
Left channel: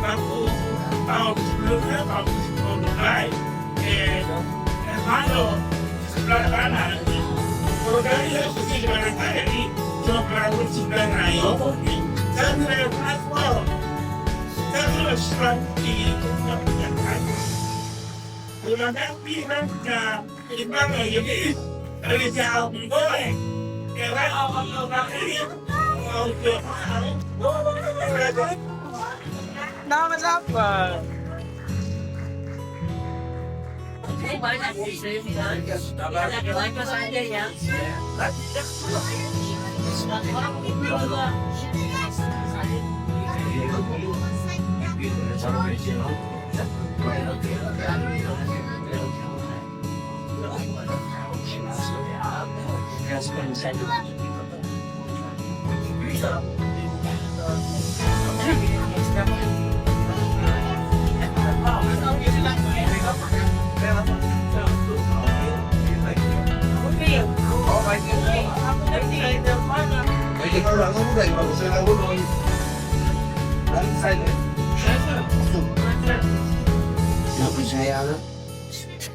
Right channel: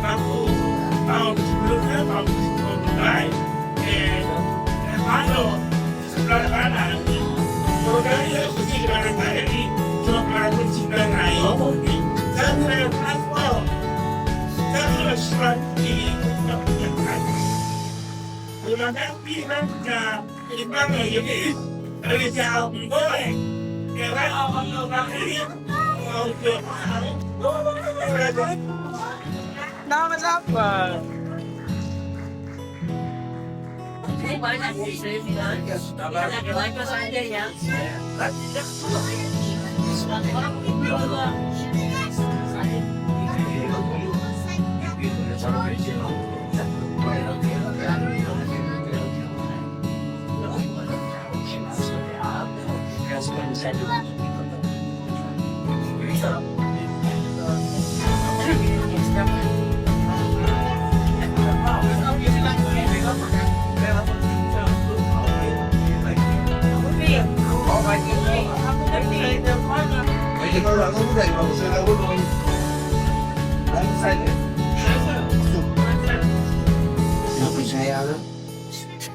tahun sebelumnya, tahun mulai, Mando sebelah kanan, produknya seperti di mana saya di Jawa Timur Raya. Saya sudah transport, saya sudah serang di Jakarta. Gunakan pinangnya, di mana ini dari jauh boleh, karena orang ini mau jauh. Nama siapa? Banyak saja ya.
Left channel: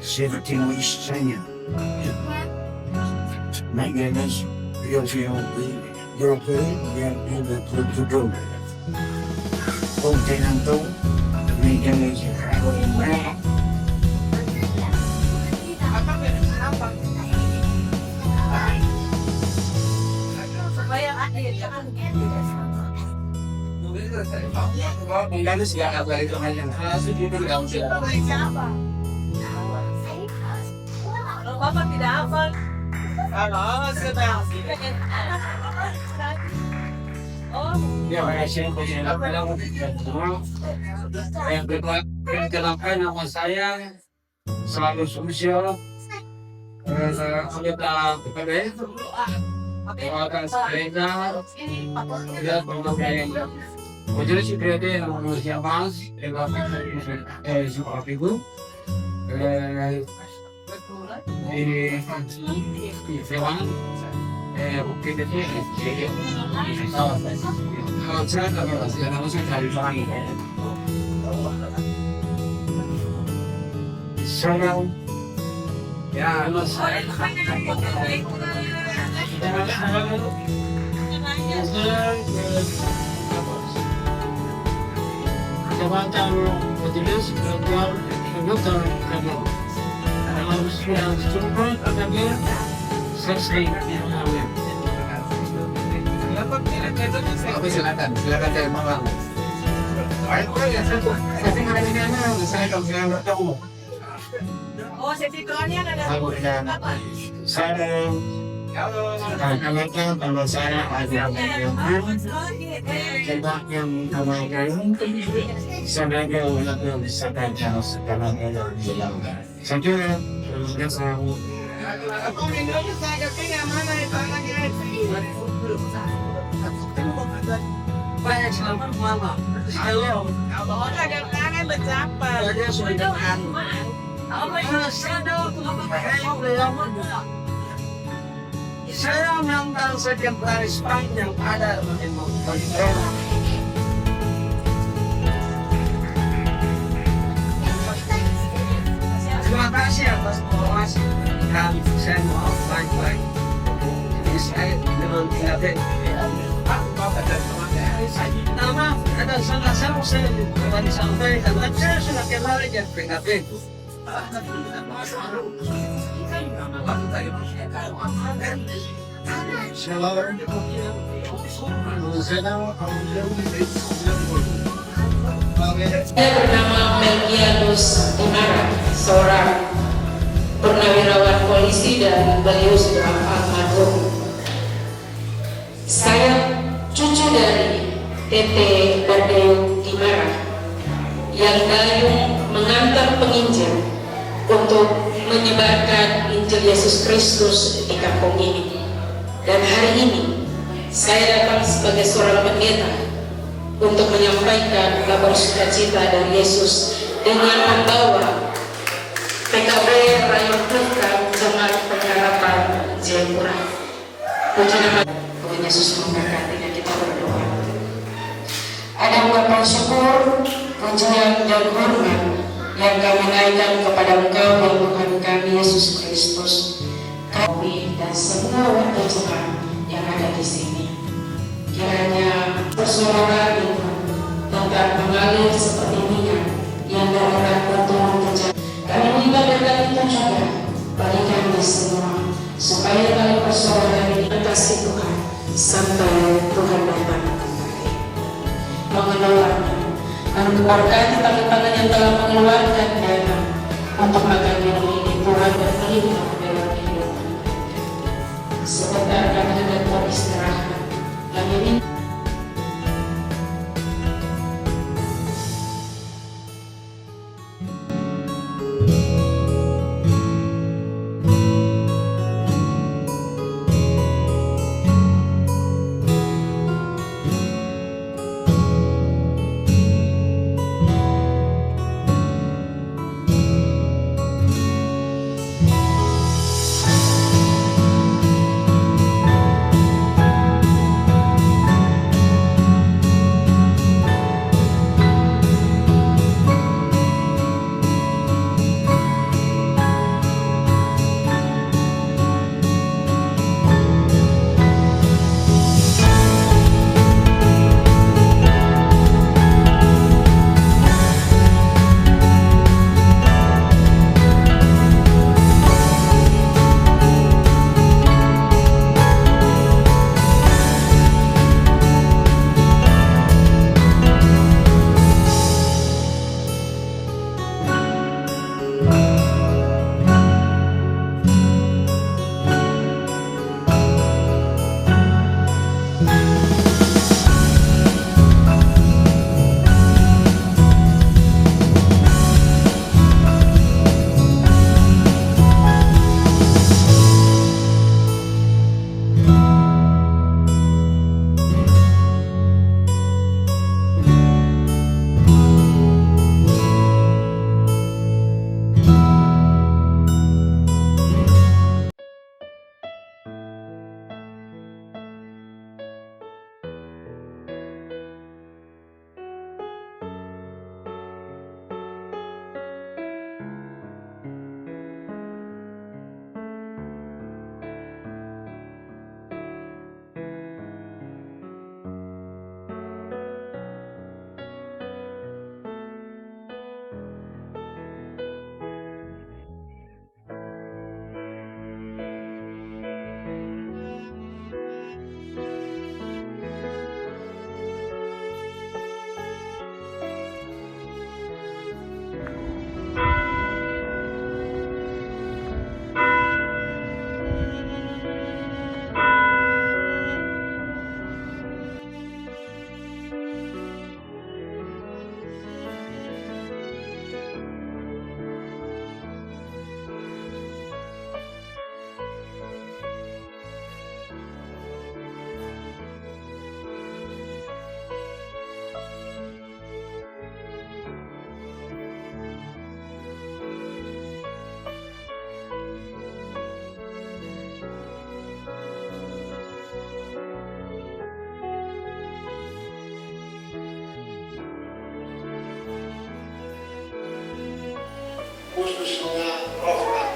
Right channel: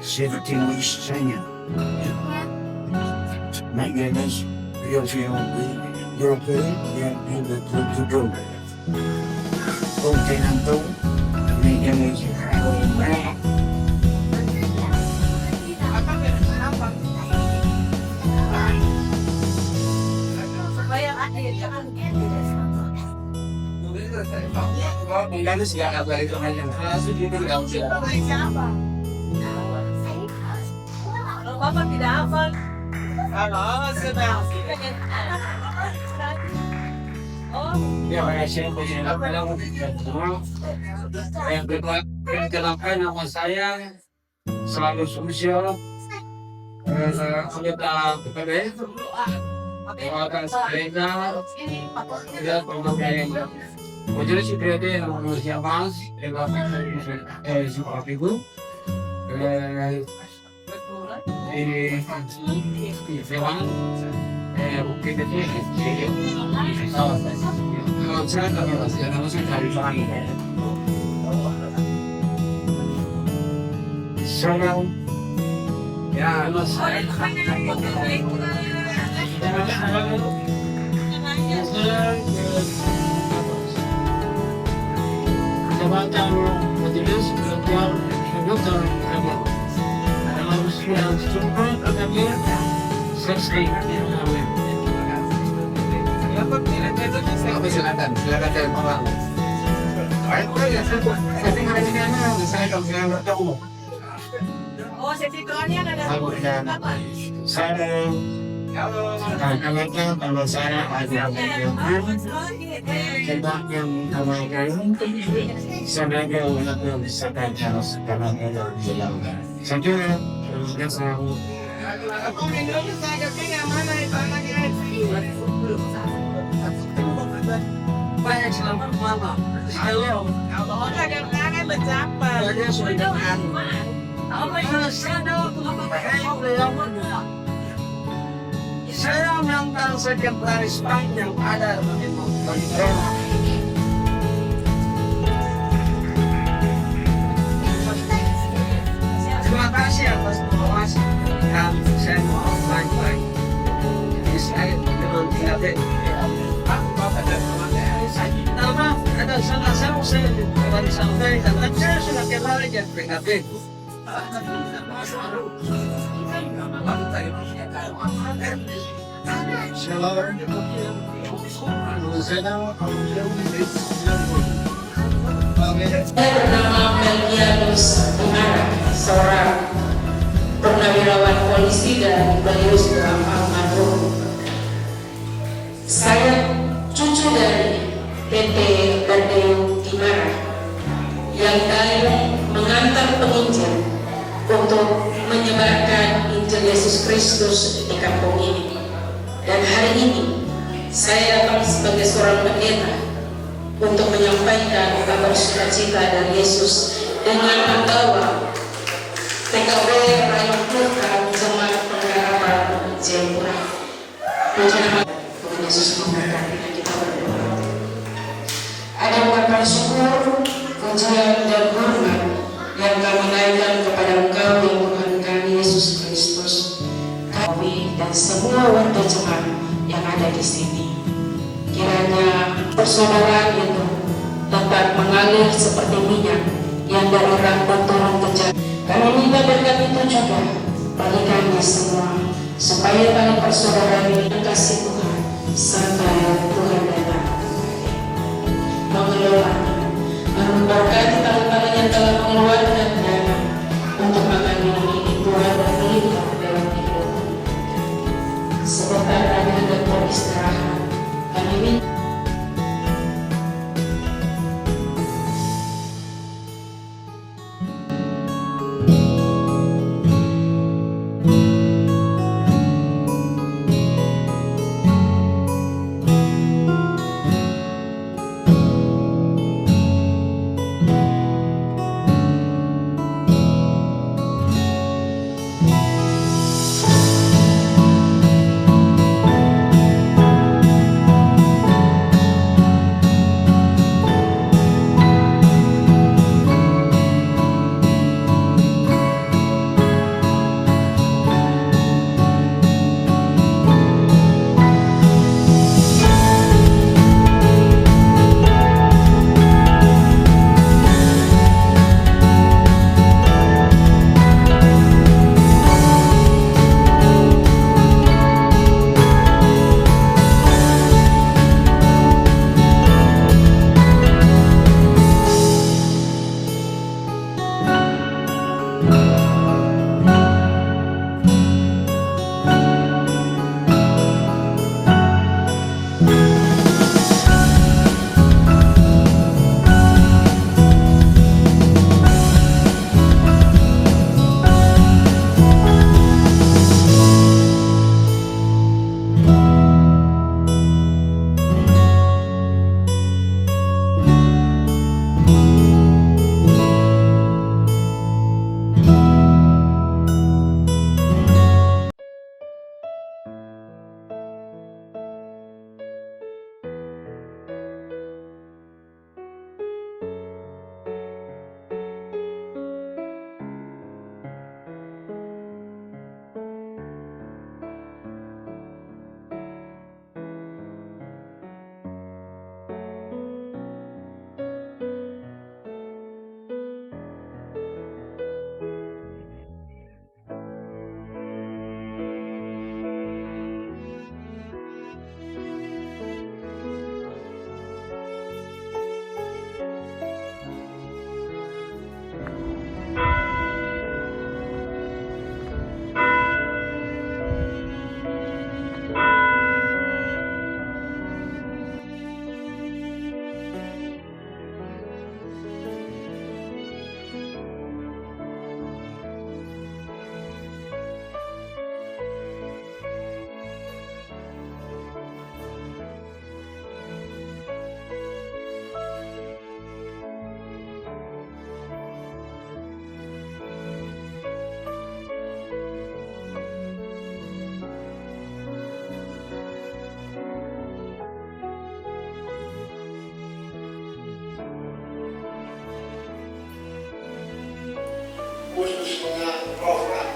Saya seperti misalnya Magnus European yang betul-betul kontinental Magnus Magnus ya apa itu hanya Bapak tidak hafal. Halo, sedang. Oh. Ya, saya yang kedua, perkenalkan nama saya selalu sosial. Anggota PKB. Perkenalkan saya tidak pernah majelis PKB nomor siapa? Seperti itu. Di Dewan Bukit Kecil kalau saya dari Bali saya ya jabatan majelis ketua anggota PKB harus yang jumpa PKB sesuai silakan dari Bang. Oh, sesi keluarnya ada. Saya Kadang-kadang kalau saya ada yang sebab yang kemarin sebagai orang yang bisa kerja sekarang ada di dalam. Saya selalu banyak selamat mama. Halo. Kalau kadang-kadang berjumpa. Dia sudah saya mengenal sekretaris bank yang ada di Montreal. Terima kasih atas informasi dan saya mau baik-baik. Jadi saya dengan tidak nama ada salah satu saya akan disampaikan. Saya sudah kenal dengan PKB. Saya bernama Melkianus Unara, seorang purnawirawan polisi dan beliau seorang almarhum. Saya cucu dari Tete Badeu Kimara yang dayung mengantar penginjil untuk menyebarkan Injil Yesus Kristus di kampung ini. Dan hari ini saya datang sebagai seorang pendeta untuk menyampaikan kabar sukacita dari Yesus dengan membawa PKB Rayon Program Jemaat Pengharapan Jayapura. Puji nama Tuhan Yesus memberkati dan kita berdoa. Ada ungkapan syukur, pujian dan hormat yang kami naikkan kepada Engkau yang Tuhan kami Yesus Kristus, kami dan semua warga jemaat yang ada di sini. Kiranya persaudaraan itu dapat mengalir seperti minyak yang dari rambut turun ke jalan. Kami minta berkat itu juga bagi kami semua, supaya dalam persaudaraan ini kasih Tuhan sampai Tuhan datang kembali. Mengelola dan memberkati tangan-tangan yang telah mengeluarkan dana untuk makan ini Tuhan berlimpah dalam hidup. Sebentar kami hendak beristirahat. Kami minta khususnya program.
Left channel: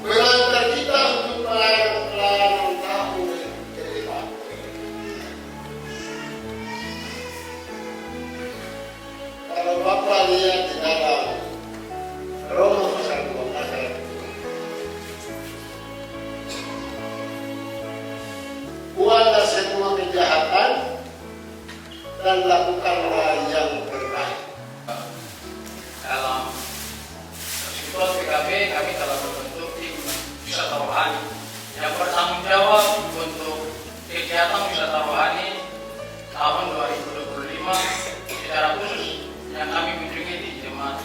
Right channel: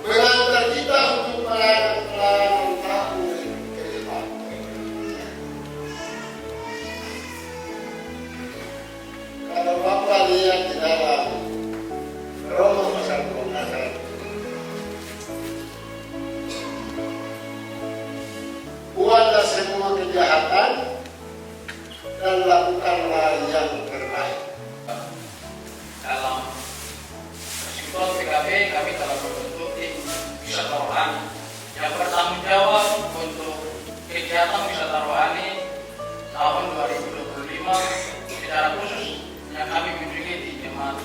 Mengantar kita untuk pelayanan tahun ke depan. Kalau Bapak lihat di dalam Roma pasal 12 ayat 7. Buatlah semua kejahatan dan lakukanlah yang terbaik. Dalam kesimpulan PKB, kami telah membentuk tim wisata rohani yang bertanggung jawab untuk kegiatan wisata rohani tahun 2025, secara khusus yang kami kunjungi di Jemaat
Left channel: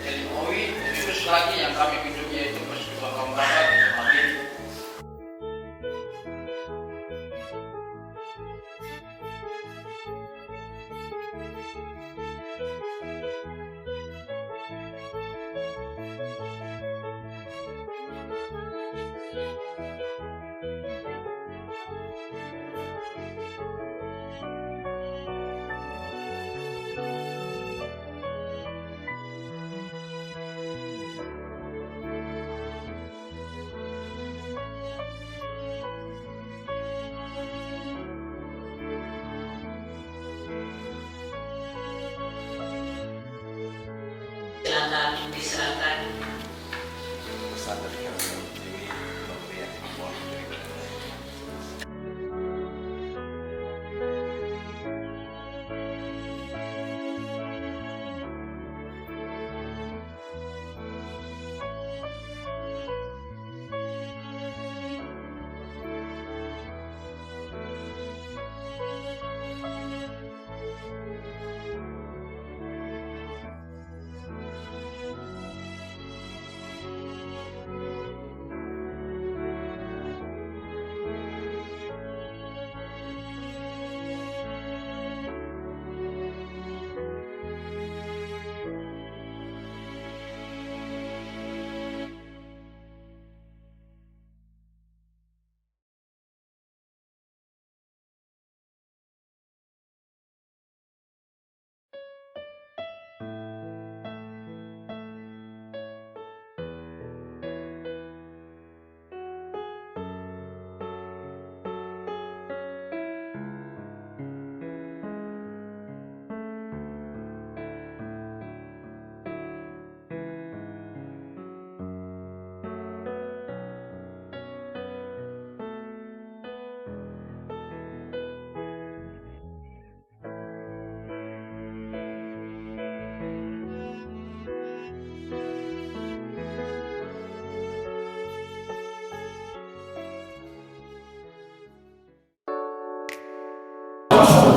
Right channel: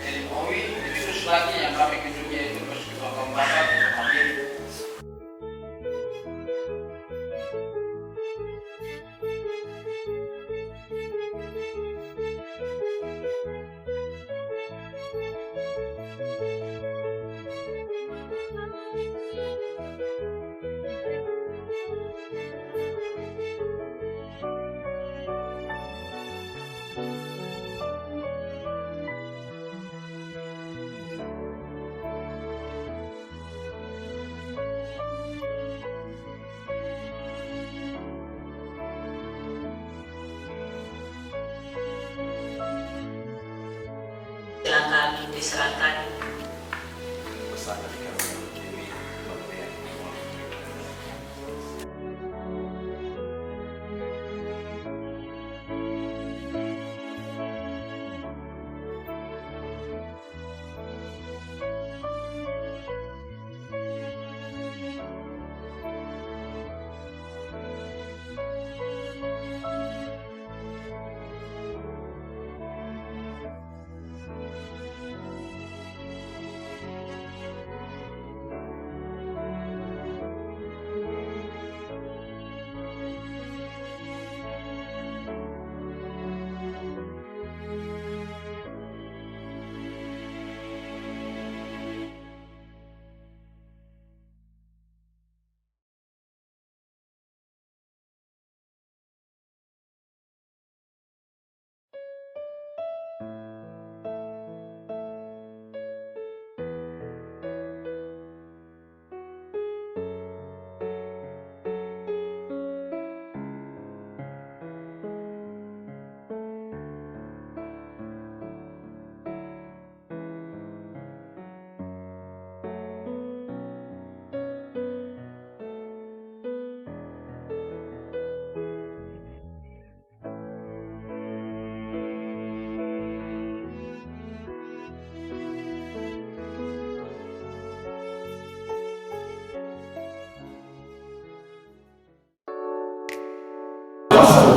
LMOI, lebih khusus lagi yang kami kunjungi yaitu Persekutuan Kaum Bapak di tempat ini. Silakan diserahkan. Pesan dari kami ini pemberian mohon terima kasih.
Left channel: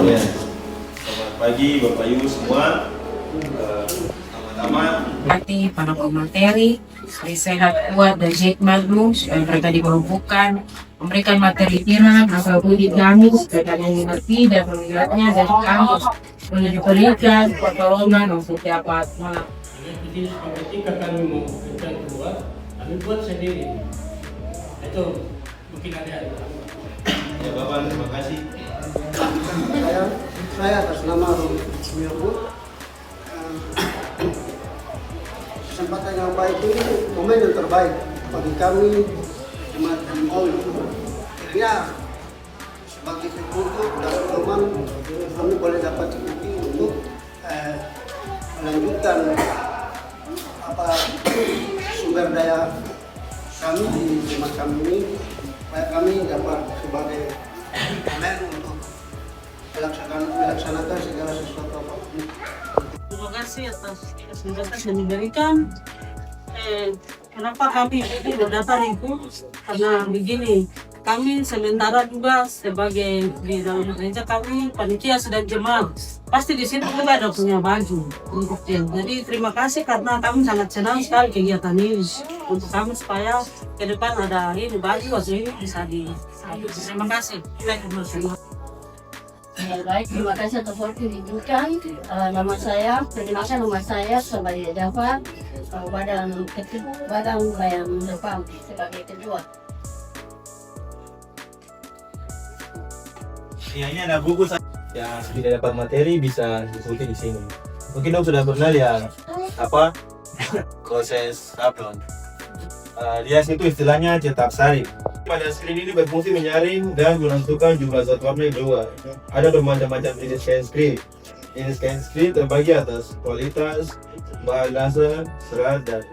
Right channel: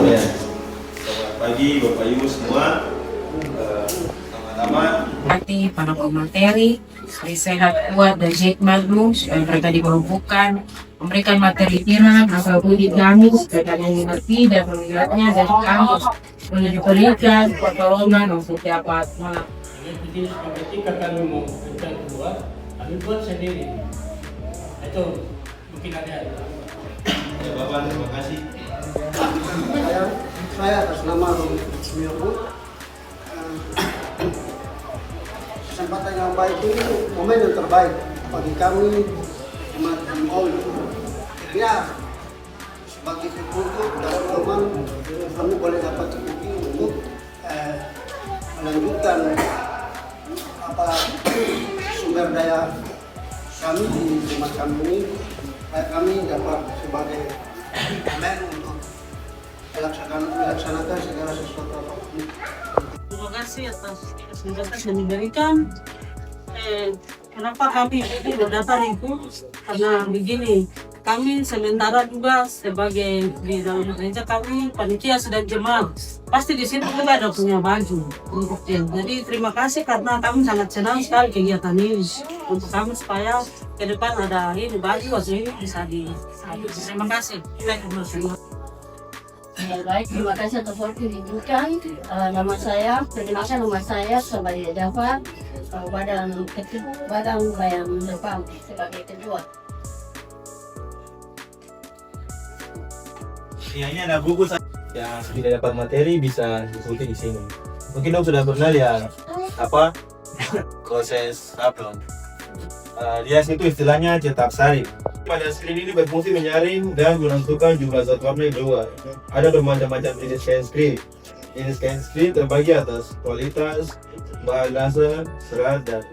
Selamat pagi Bapak Ibu semua, teman-teman. Hati para pemateri, hari sehat kuat dan hikmat supaya mereka diperlukan, memberikan materi firman atau budi kami supaya kalian mengerti dan melihatnya dari kampus, menuju diberikan pertolongan untuk setiap malam. Jadi ketika kami mau berikan keluar, kami buat sendiri. Itu mungkin ada. Ya Bapak, terima kasih. Saya atas nama Romi Sumiyogo, kesempatan yang baik ini momen yang terbaik bagi kami Jemaat LMOI. Ya, sebagai sekutu dan teman kami boleh dapat cuti untuk melanjutkan sumber daya kami di jemaat kami ini, supaya kami dapat sebagai momen untuk melaksanakan segala sesuatu apapun. Terima kasih atas kesempatan yang diberikan. Kenapa kami datang itu? Karena begini, kami sementara juga sebagai di dalam gereja kami panitia sedang jemaat. Pasti di situ kita ada punya baju untuk dia. Jadi terima kasih karena kami sangat senang sekali kegiatan ini untuk kami supaya ke depan ada ini baju ini bisa di. Terima kasih. Baik, terima kasih atas waktu diberikan. Nama saya, perkenalkan nama saya sebagai Jafar, Badan Bayang Depan sebagai ketua. Ini ada buku yang tidak dapat materi bisa diikuti di sini. Mungkin Om sudah pernah lihat proses sablon. Rias itu istilahnya cetak sari. Pada screen ini berfungsi menyaring dan menentukan jumlah zat warna yang keluar. Ada bermacam-macam jenis scan screen. Jenis scan screen terbagi atas kualitas, bahan dasar, serat, dan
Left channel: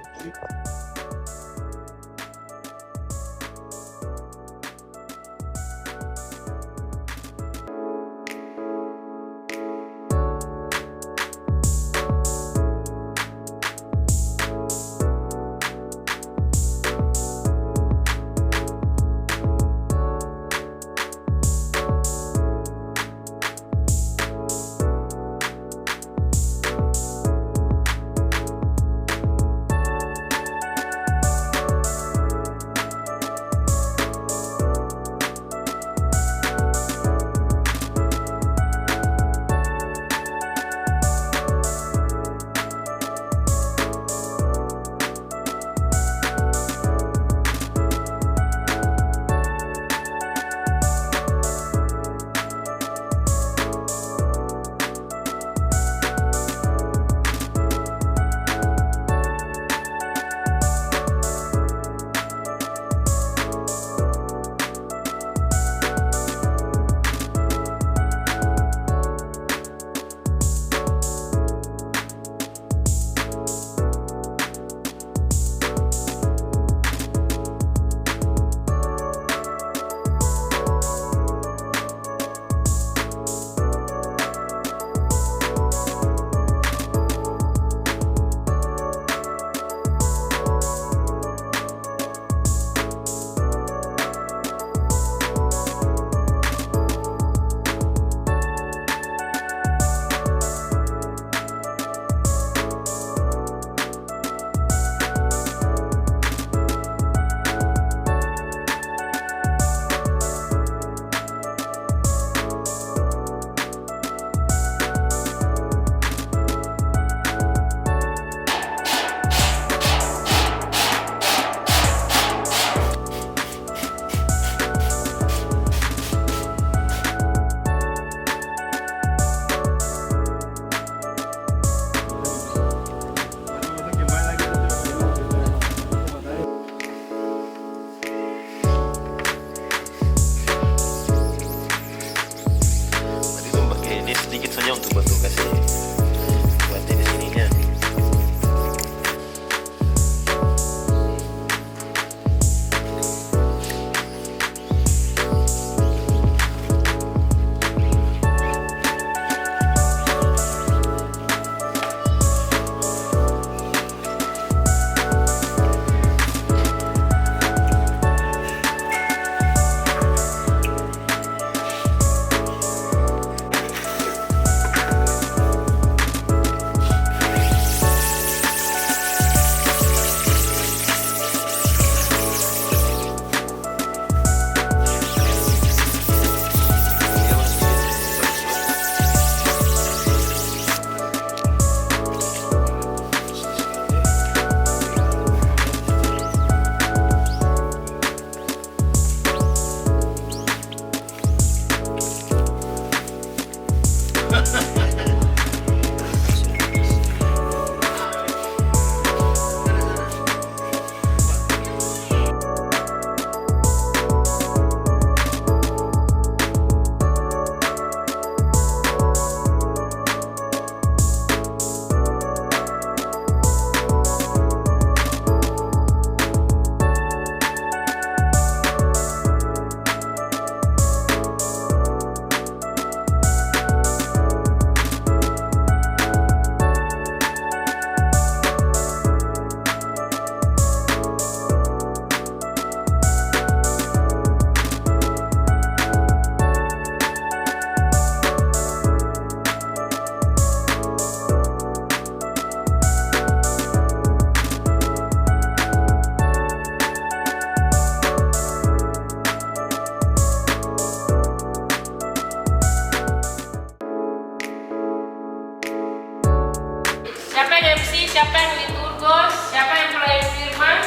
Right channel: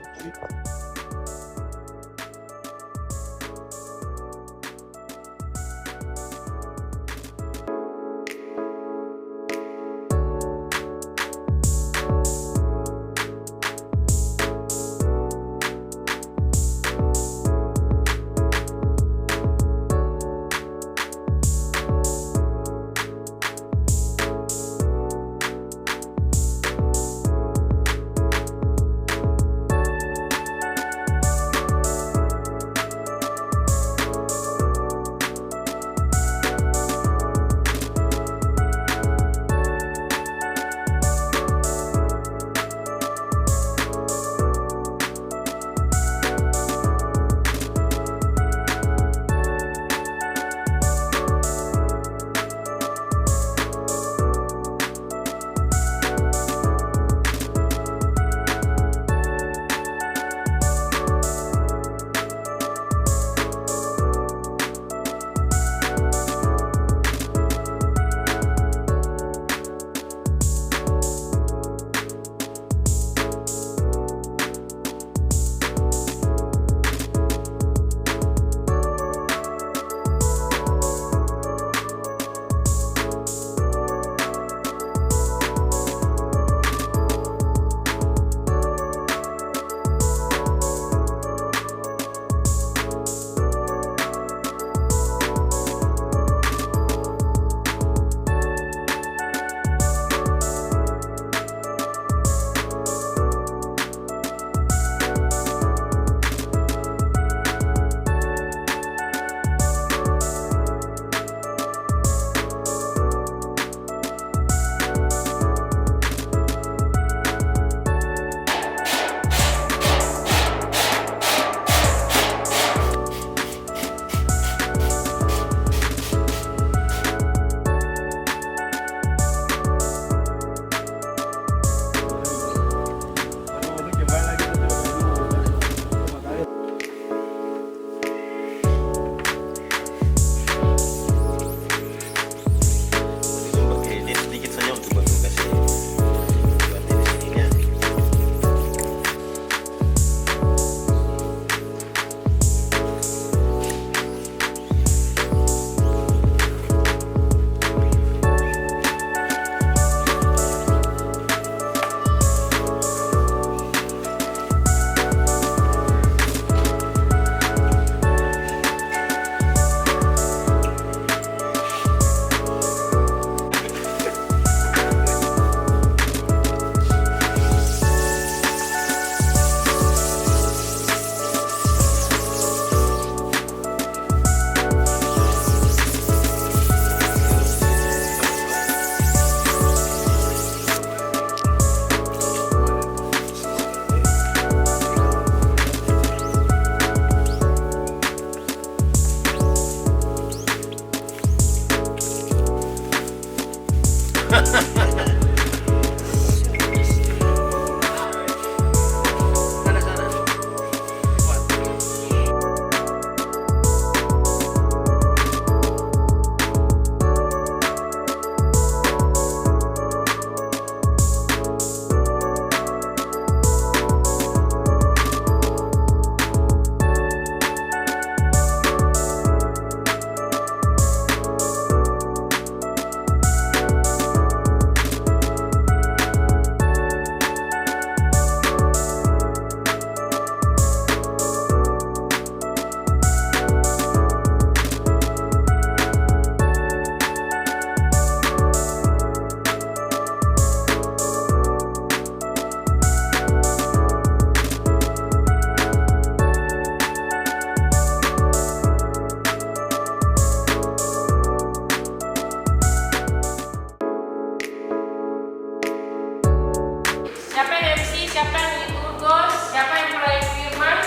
siapa yang liturgos, siapa yang pelayan firman.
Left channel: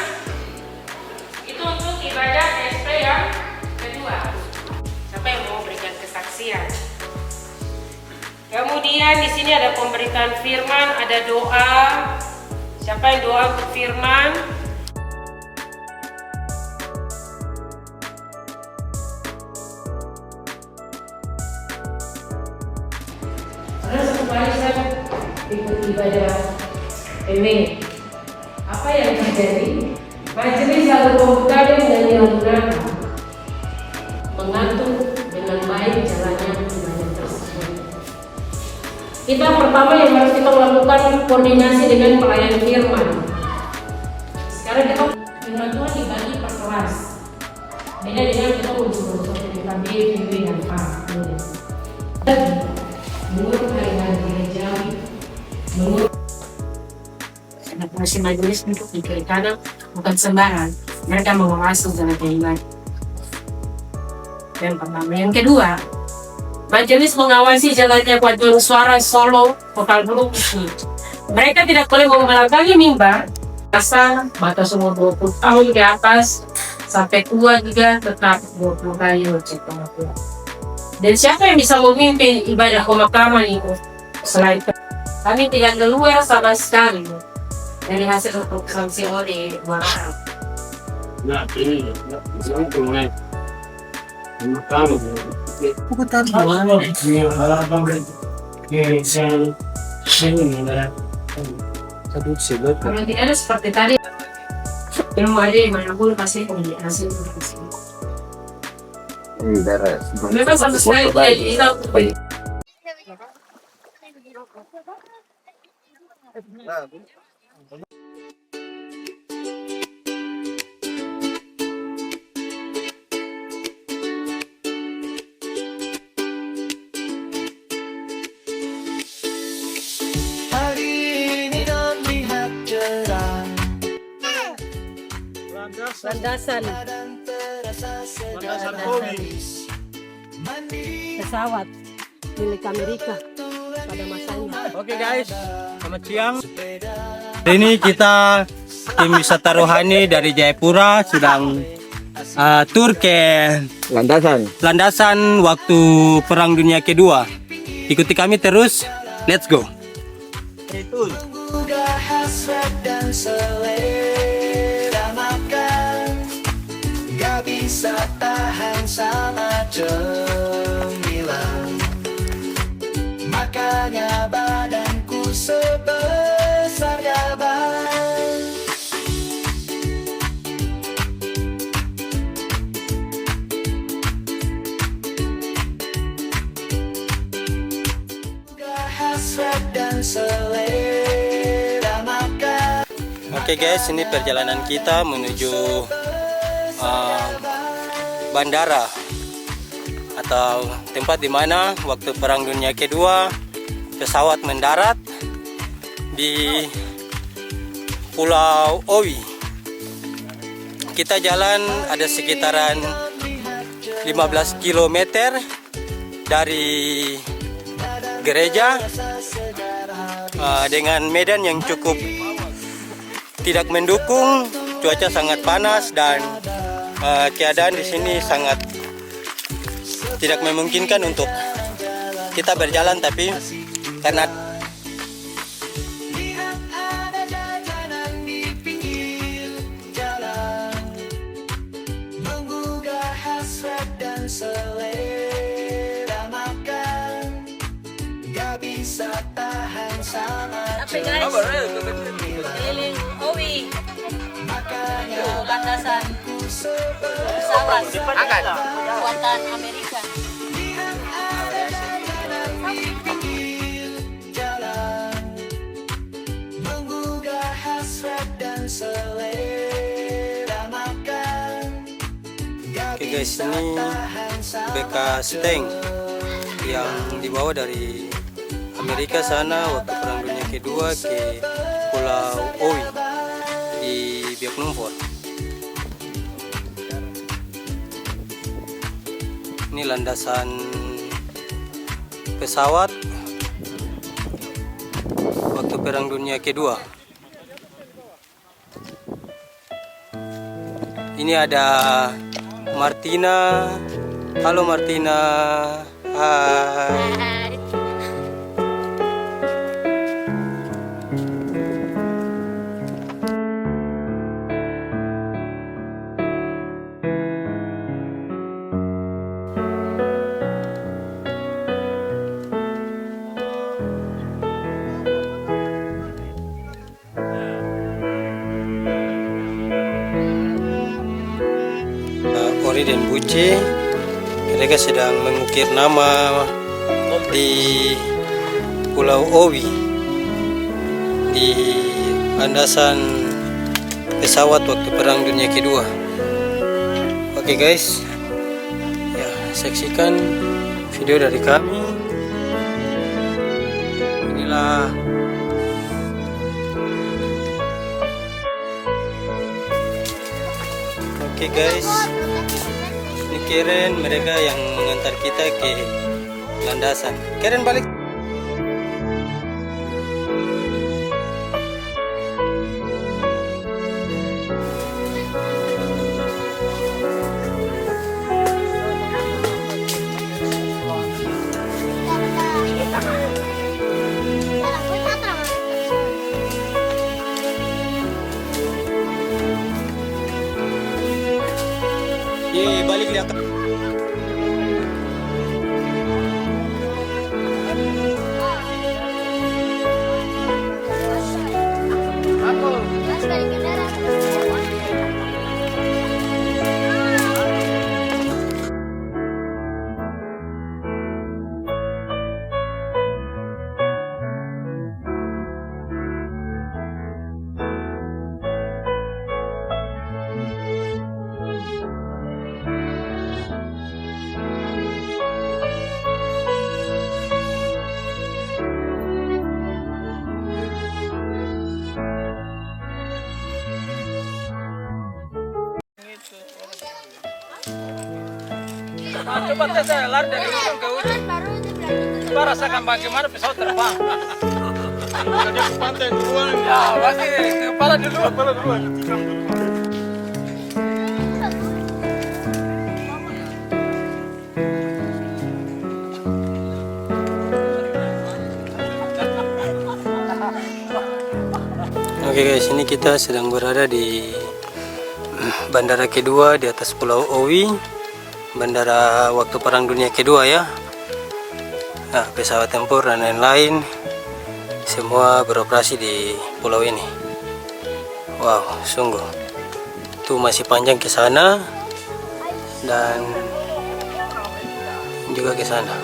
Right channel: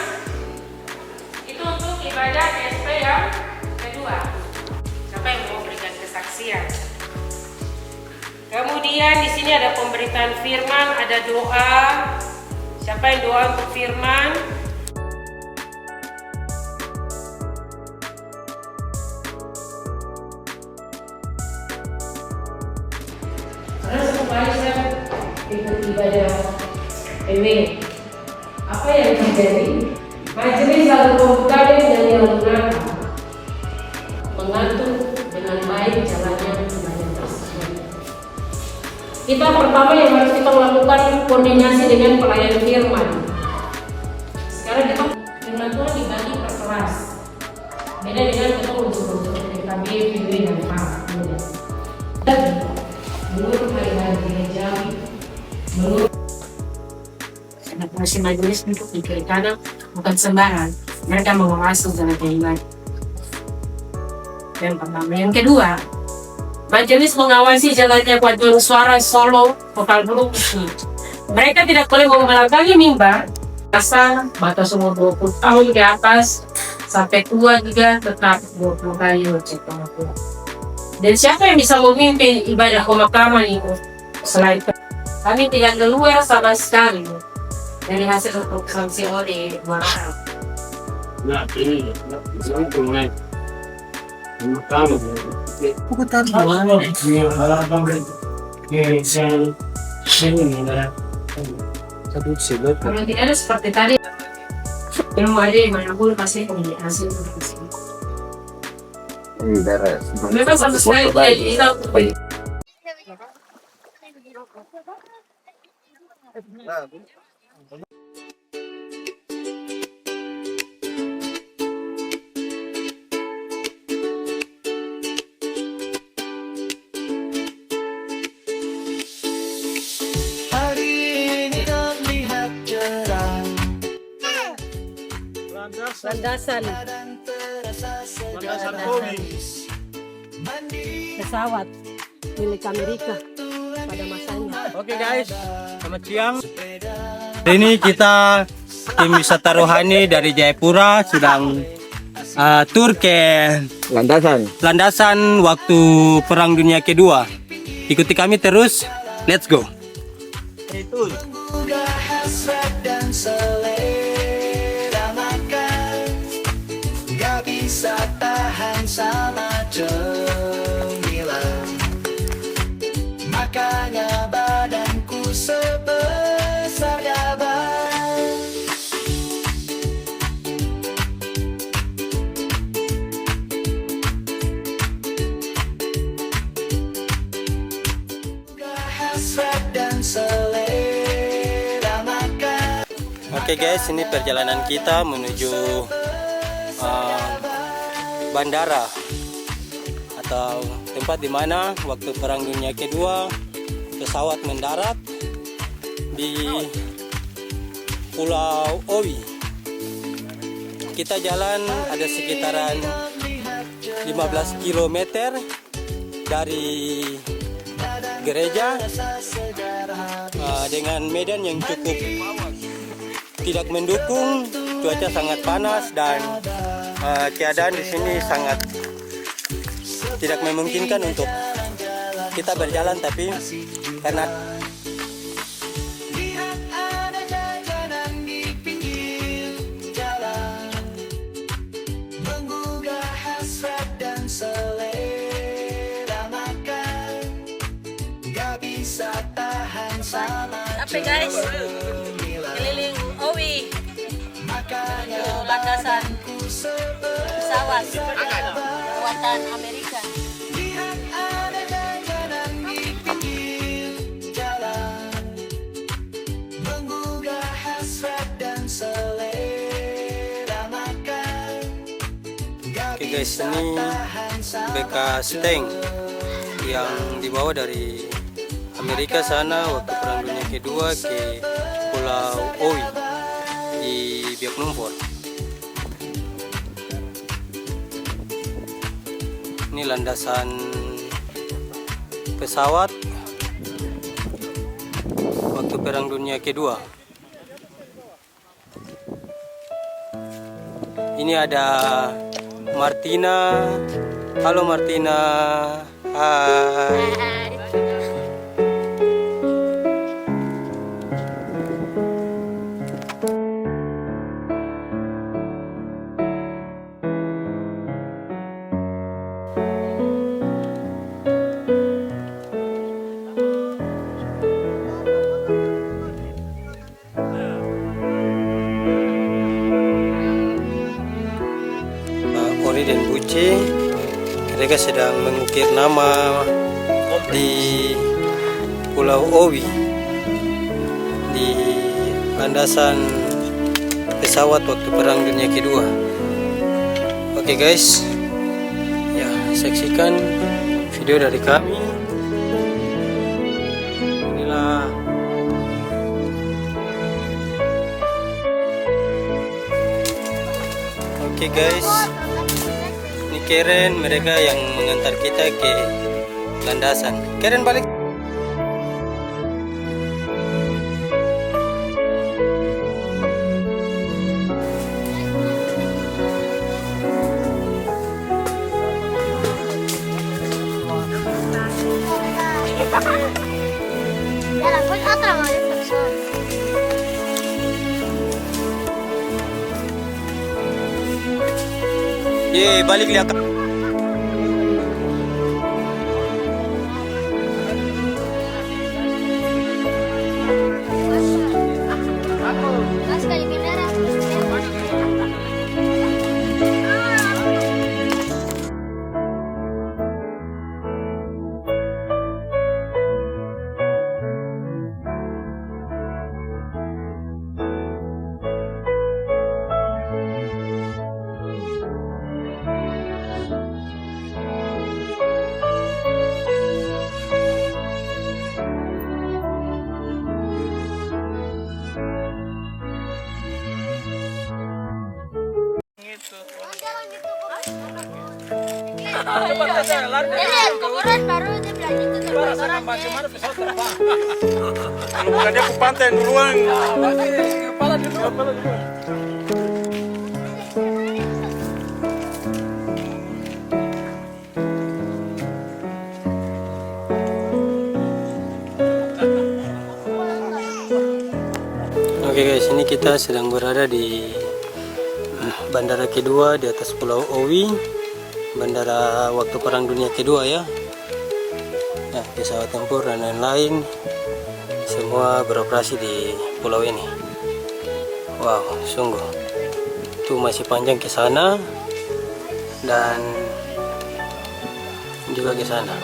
Itu untuk ibadah DSP yang kedua. Siapa yang mau berikan kesaksian? Kemudian di sini ada pemberitaan firman, ada doa, Siapa yang doa untuk Firman? Karena supaya saya ikut ibadah PW, apa yang terjadi? Majelis lalu membuka dengan yang benar, mengatur dengan baik jalannya ibadah tersebut. Kita pertama yang harus kita lakukan koordinasi dengan pelayan firman. Sekarang kita dengan Tuhan dibagi perkeras. Beda dengan kita unsur-unsur dari KBB dan A. Menurut hari-hari gereja, menurut fungsi majelis untuk di kiri kanan bukan sembarang. Mereka mengawasi jalan ibadah. Yang pertama, yang kedua, majelis mengawasi jalannya paduan suara solo vokal grup. Mereka tidak boleh membelakangi mimbar asal batas umur 20 tahun ke atas sampai tua juga tetap 20 kali cek pengakuan. Dan siapa yang bisa memimpin ibadah pemakaman itu? Selain kami tidak keluar sama sekali dari hasil sanksi oleh warga. Nah, ini mulai pemakaman. Bukan tahu. Kalau tidak ada seperti tadi, ilmu aja dimanapun pasti punya hasil. Memang sama sekali tidak hilang. Hari ini terlihat cerah. Landasan pesawat milik Amerika pada masanya. Oke guys, selamat siang. Hari ini kita tim wisata rohani dari Jayapura sedang tur ke landasan waktu Perang Dunia Kedua. Ikuti kami terus, let's go. Menggugah hasrat dan selera makan, gak bisa tahan sama cemilan. Makanya badanku sebesar gaban. Menggugah hasrat dan selera makan. Oke guys, ini perjalanan kita menuju bandara atau tempat di mana waktu Perang Dunia Kedua pesawat mendarat di Pulau Owi. Kita jalan ada sekitaran 15 km dari gereja dengan medan yang cukup tidak mendukung, cuaca sangat panas dan keadaan di sini sangat tidak memungkinkan untuk kita berjalan, tapi karena Lihat ada jajanan di pinggir jalan, menggugah hasrat dan selera makan, gak bisa tahan sama Tapi guys, keliling Owi menuju landasan pesawat buatan Amerika. Lihat ada jajanan di pinggir jalan, menggugah hasrat dan selera makan, gak Oke guys, bisa ini tahan sama bekas tank yang dibawa dari Amerika sana waktu Perang Dunia Kedua ke Pulau Owi di Biak Numfor. Ini landasan pesawat waktu Perang Dunia Kedua. Ini ada Martina. Halo Martina. Hai. Kori dan Buce. Mereka sedang mengukir nama di Pulau Owi di landasan pesawat waktu Perang Dunia Kedua. Oke guys, ya saksikan video dari kami. Inilah oke guys, ini Karen, mereka yang mengantar kita ke landasan. Karen balik. Ye, balik lihat. Coba saya lari dari ujung ke ujung. Coba rasakan bagaimana pesawat terbang. Bukan dia ke pantai duluan. Nah, berarti kepala duluan. Oke guys, ini kita sedang berada di bandara kedua di atas Pulau Owi, bandara waktu Perang Dunia Kedua ya. Nah, pesawat tempur dan lain-lain semua beroperasi di pulau ini. Wow, sungguh. Itu masih panjang ke sana dan juga ke sana.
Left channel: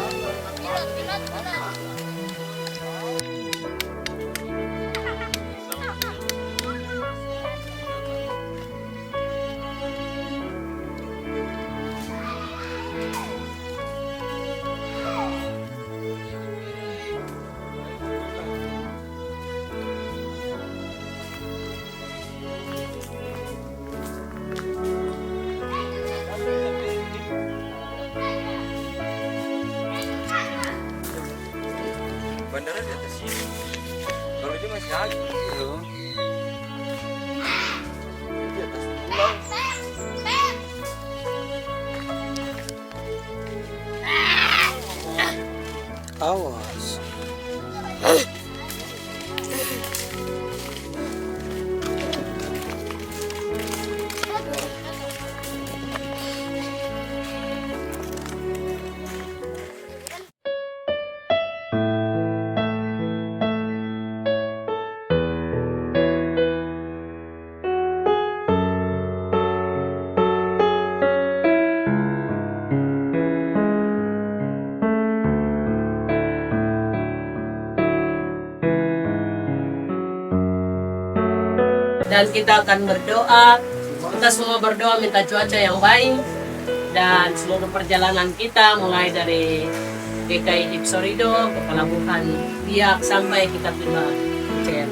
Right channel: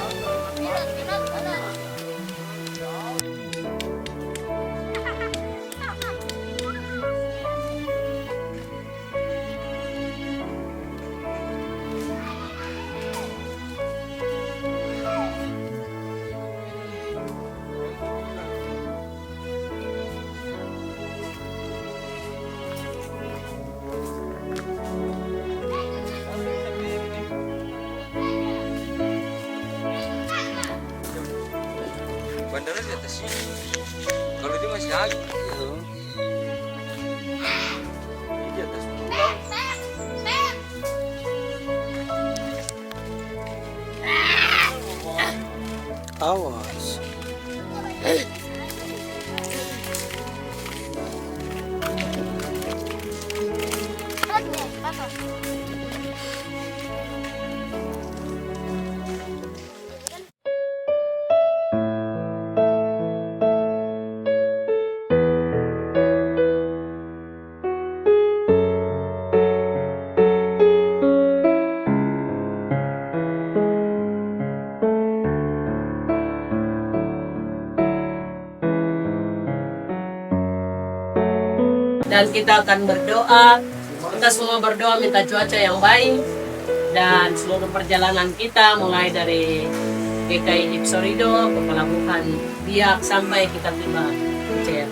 Bandara di atas sini. Kalau dia masih agak gitu. Ini di atas pulau. Awas. Dan kita akan berdoa, kita semua berdoa minta cuaca yang baik dan seluruh perjalanan kita mulai dari GKI Hipsorido ke Pelabuhan Biak sampai kita tiba Bucer.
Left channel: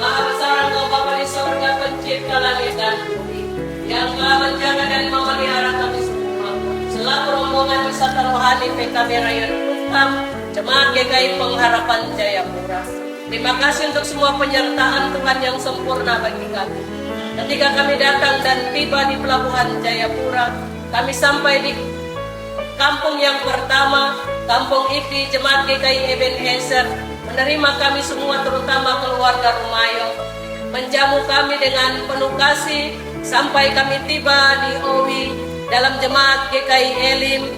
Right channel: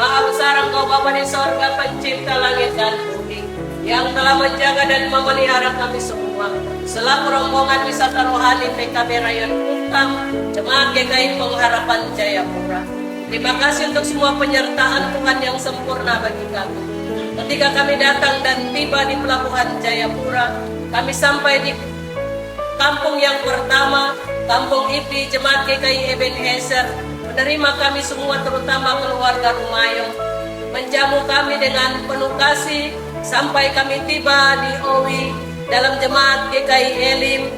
Maha besar Engkau Bapa di sorga, pencipta langit dan bumi, yang telah menjaga dan memelihara kami semua selaku rombongan wisata rohani PKB Rayon Uttam Jemaat GKI Pengharapan Jayapura. Terima kasih untuk semua penyertaan Tuhan yang sempurna bagi kami. Ketika kami datang dan tiba di Pelabuhan Jayapura, kami sampai di kampung yang pertama, Kampung Ipi, Jemaat GKI Ebenezer, menerima kami semua terutama keluarga Rumayong, menjamu kami dengan penuh kasih sampai kami tiba di Owi dalam Jemaat GKI Elim,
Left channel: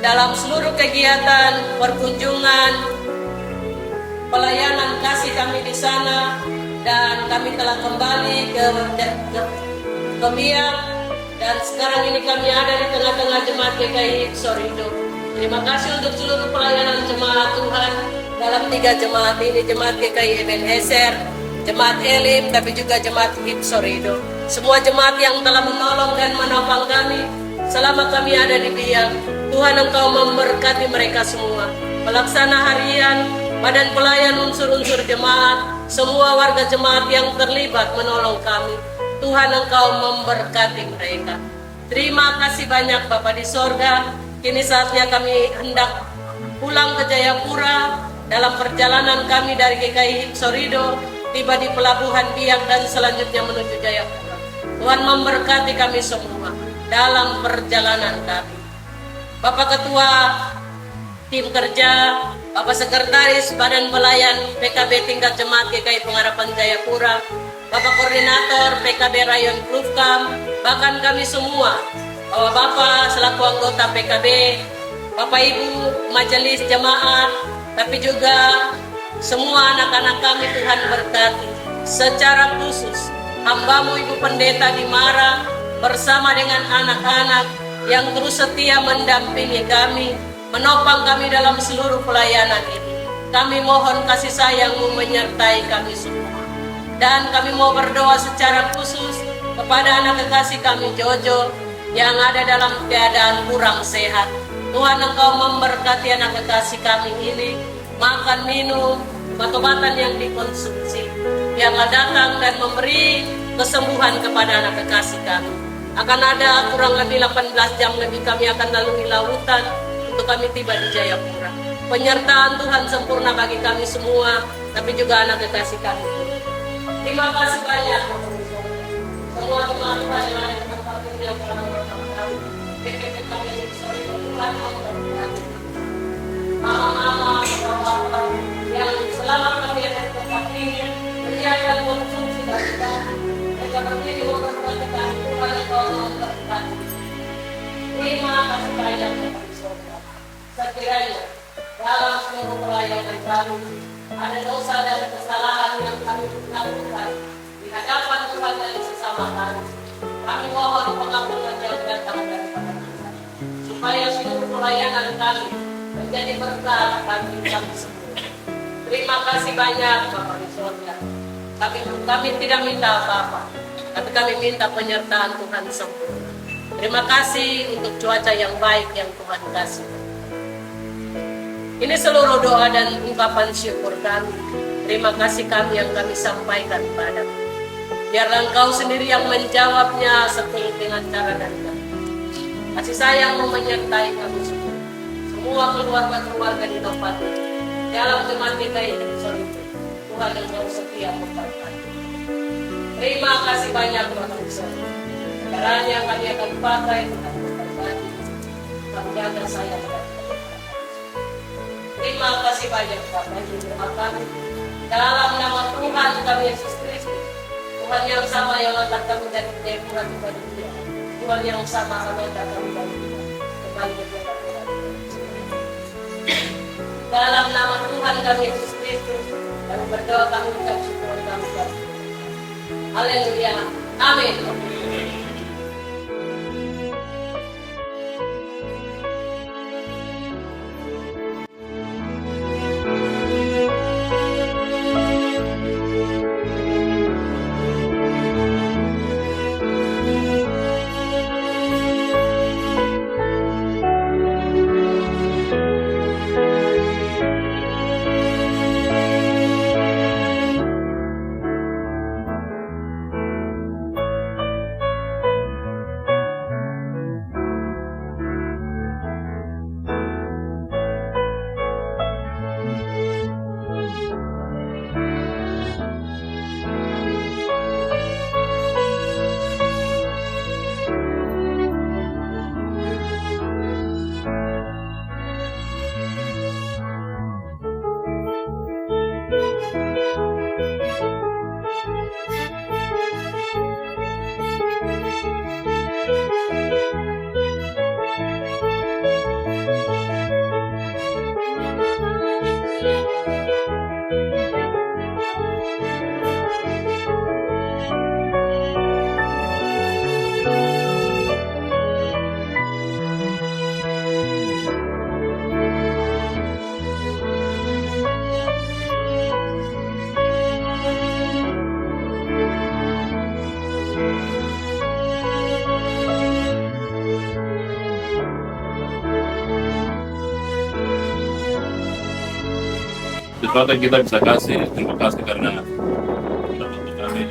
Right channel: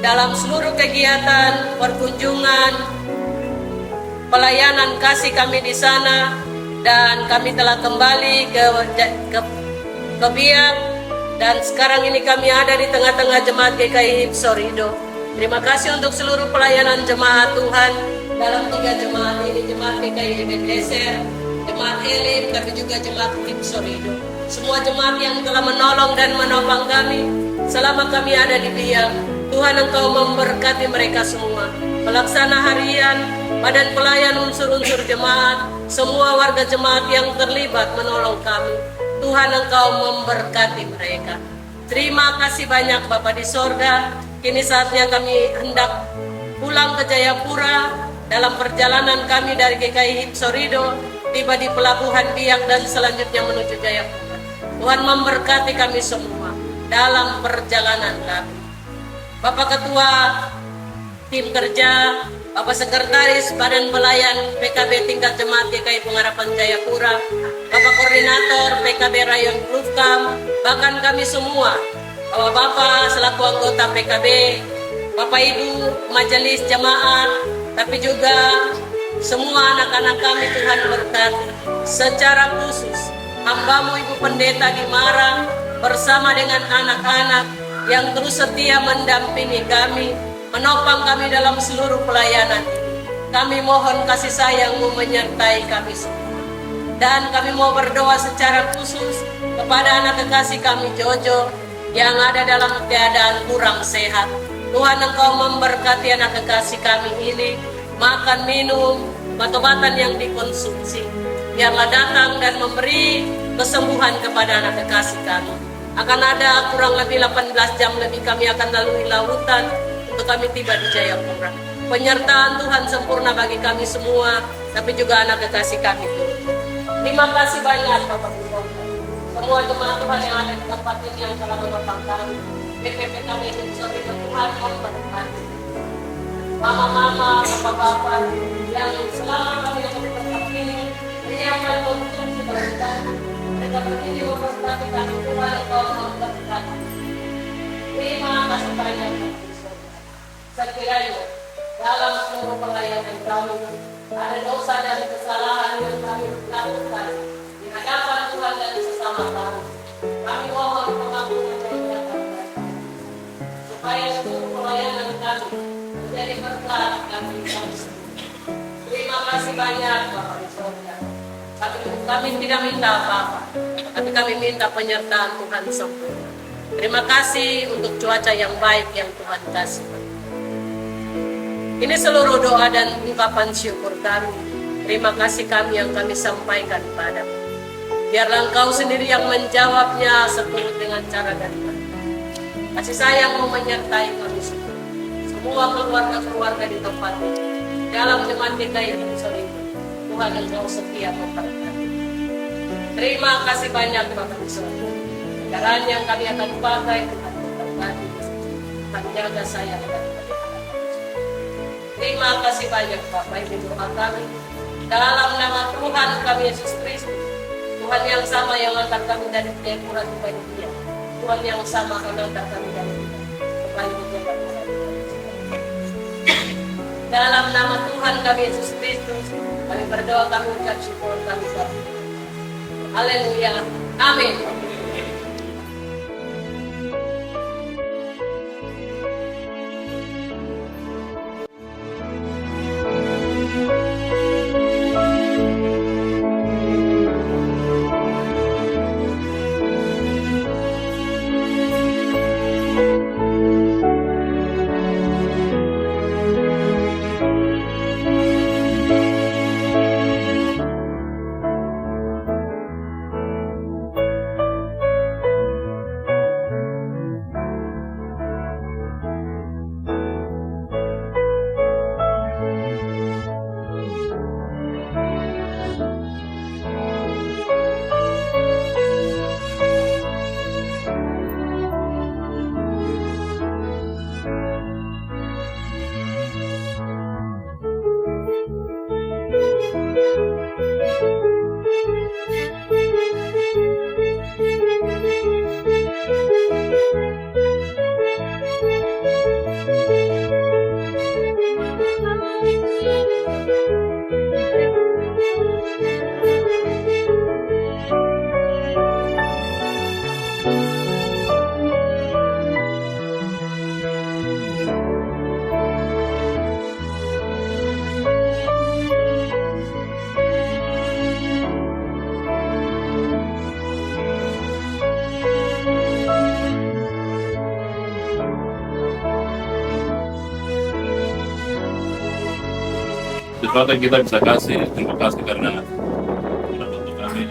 dalam seluruh kegiatan, perkunjungan, pelayanan kasih kami di sana, dan kami telah kembali ke Biak Dan sekarang ini kami ada di tengah-tengah jemaat GKI Hits Sorido. Terima kasih untuk seluruh pelayanan jemaat Tuhan dalam 3 jemaat ini, jemaat GKI Ebenezer, jemaat Elim, tapi juga jemaat Hits Sorido. Semua jemaat yang telah menolong dan menopang kami selama kami ada di Biak. Tuhan, Engkau memberkati mereka semua. Pelaksana harian, badan pelayan, unsur-unsur jemaat, semua warga jemaat yang terlibat menolong kami. Tuhan, Engkau memberkati mereka. Terima kasih banyak Bapa di sorga. Kini saatnya kami hendak pulang ke Jayapura. Dalam perjalanan kami dari GKI Hits Sorido, tiba di pelabuhan Biak dan selanjutnya menuju Jayapura. Tuhan memberkati kami semua dalam perjalanan kami. Bapak Ketua Tim Kerja, Bapak Sekretaris Badan Pelayan PKB Tingkat Jemaat GKI Pengharapan Jayapura, Bapak Koordinator PKB Rayon Plufkam, bahkan kami semua, Bapak selaku anggota PKB, Bapak Ibu Majelis Jemaat, tapi juga semua anak-anak kami Tuhan berkati. Secara khusus, hamba-Mu Ibu Pendeta Dimara bersama dengan anak-anak yang terus setia mendampingi kami, menopang kami dalam seluruh pelayanan ini. Kami mohon kasih sayang-Mu menyertai kami semua. Dan kami mau berdoa secara khusus kepada anak kekasih kami Jojo yang ada dalam keadaan kurang sehat. Tuhan, Engkau memberkati anak kekasih kami ini, makan, minum, obat-obatan yang dikonsumsi. Biarlah datang dan memberi kesembuhan kepada anak kekasih kami. Akan ada kurang lebih 18 jam lebih kami akan lalui lautan untuk kami tiba di Jayapura. Penyertaan Tuhan sempurna bagi kami semua, tapi juga anak kekasih kami pun. Terima kasih banyak Bapak Ibu. Semua jemaat Tuhan yang ada di tempat ini yang telah menopang kami. PPP kami ini Sorido, Tuhan memberkati. Mama-mama, bapak-bapak yang selama kami ada di tempat ini menyiapkan konsumsi bagi kami. Mereka berdiri memberkati kami. Tuhan, Engkau memberkati. Terima kasih banyak Bapak Ibu. Sekiranya dalam seluruh pelayanan kami ada dosa dan kesalahan yang kami lakukan di hadapan Tuhan dan sesama kami. Kami mohon pengampunan yang datang daripada Tuhan, supaya seluruh pelayanan kami menjadi berkat bagi kami semua. Terima kasih banyak Bapak di sorga. Kami tidak minta apa-apa, tapi kami minta penyertaan Tuhan sempurna. Terima kasih untuk cuaca yang baik yang Tuhan kasih. Ini seluruh doa dan ungkapan syukur kami. Terima kasih kami yang kami sampaikan padamu. Biarlah Engkau sendiri yang menjawabnya seturut dengan cara dan kata. Kasih sayang-Mu menyertai kami semua. Semua keluarga-keluarga di tempat ini. Dalam jemaat GKI Hits Sorido, Tuhan Engkau setia memberkati. Terima kasih banyak Bapak Ibu. Kendaraan yang kami akan pakai Tuhan memberkati. Kami jaga sayang dan terima kasih banyak Bapak Ibu doa kami. Dalam nama Tuhan kami Yesus Kristus, Tuhan yang sama yang angkat kami dari Jayapura tiba di Dia, Tuhan yang sama angkat kami dari Dia kembali ke Jayapura. Dalam nama Tuhan kami Yesus Kristus, kami berdoa, kami ucap syukur, kami berdoa. Haleluya. Amin. sesuatu yang kita bisa kasih. Terima kasih karena sudah bantu kami.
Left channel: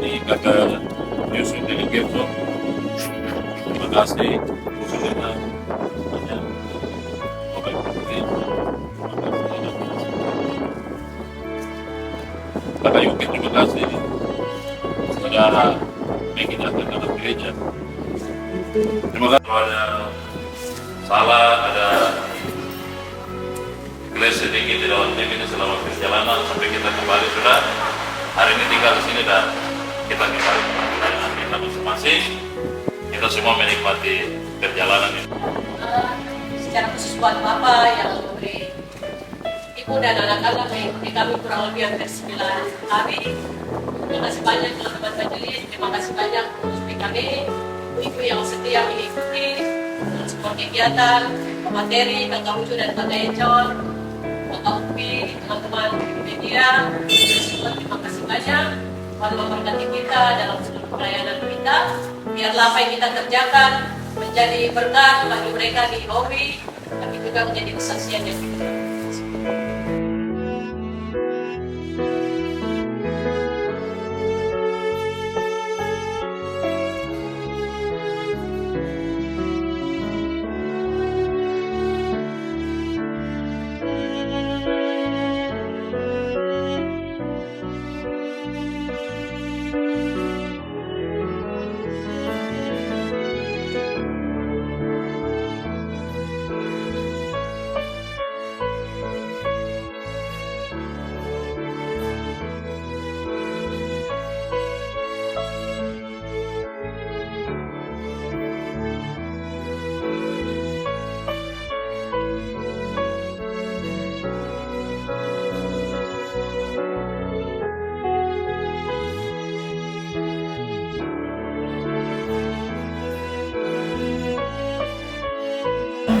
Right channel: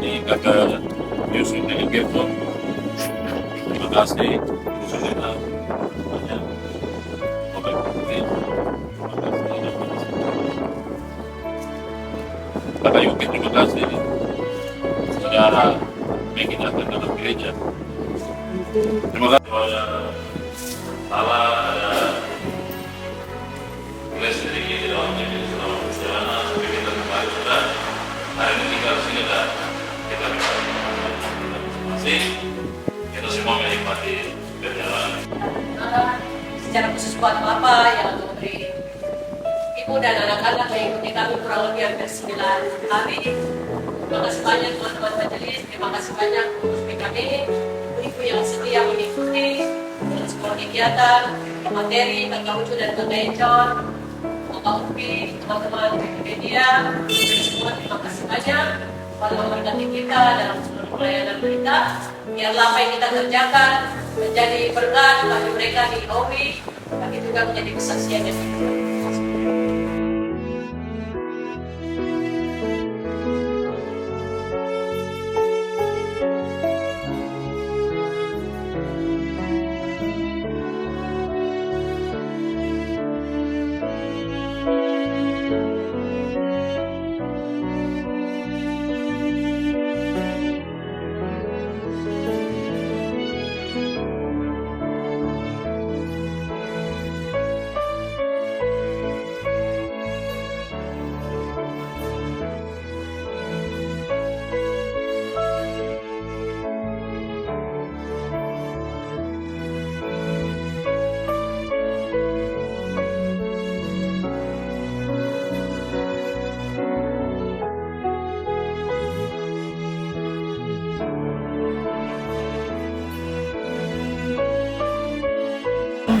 Ini kakak Yusuf dari Gepto. Terima kasih Bu Sulina banyak. Bapak Ibu terima kasih. Kakak Yuki terima kasih sudah mengingatkan dalam gereja. Terima kasih. Ada salah, ada gelas sedikit di dalam tim ini selama perjalanan sampai kita kembali sudah hari ini tinggal di sini dan kita kembali kita masing-masing. Kita semua menikmati perjalanan ini. Secara khusus buat Bapak yang memberi Ibu dan anak-anak mengikuti kami kurang lebih hampir 9 hari. Terima kasih banyak teman-teman majelis, terima kasih banyak pengurus PKB, ibu-ibu yang setia mengikuti semua kegiatan, materi, Kakak Ucu dan Kakak Econ, Kakak Upi, teman-teman media, semua terima kasih banyak. Tuhan memberkati kita dalam seluruh pelayanan kita. Biarlah apa yang kita kerjakan menjadi berkat bagi mereka di Owi, tapi juga menjadi kesaksian yang kita.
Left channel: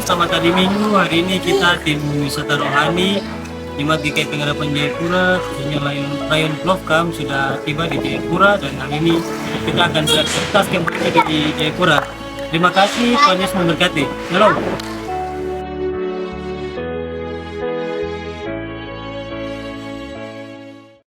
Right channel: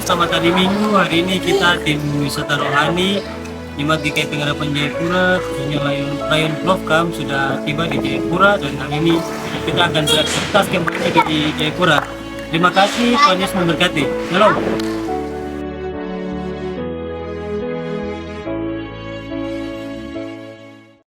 Selamat hari Minggu. Hari ini kita tim wisata rohani Jemaat GKI Pengharapan Jayapura, khususnya Rayon Plovkam sudah tiba di Jayapura dan hari ini kita akan beraktivitas kembali di Jayapura. Terima kasih, Tuhan Yesus memberkati. Shalom.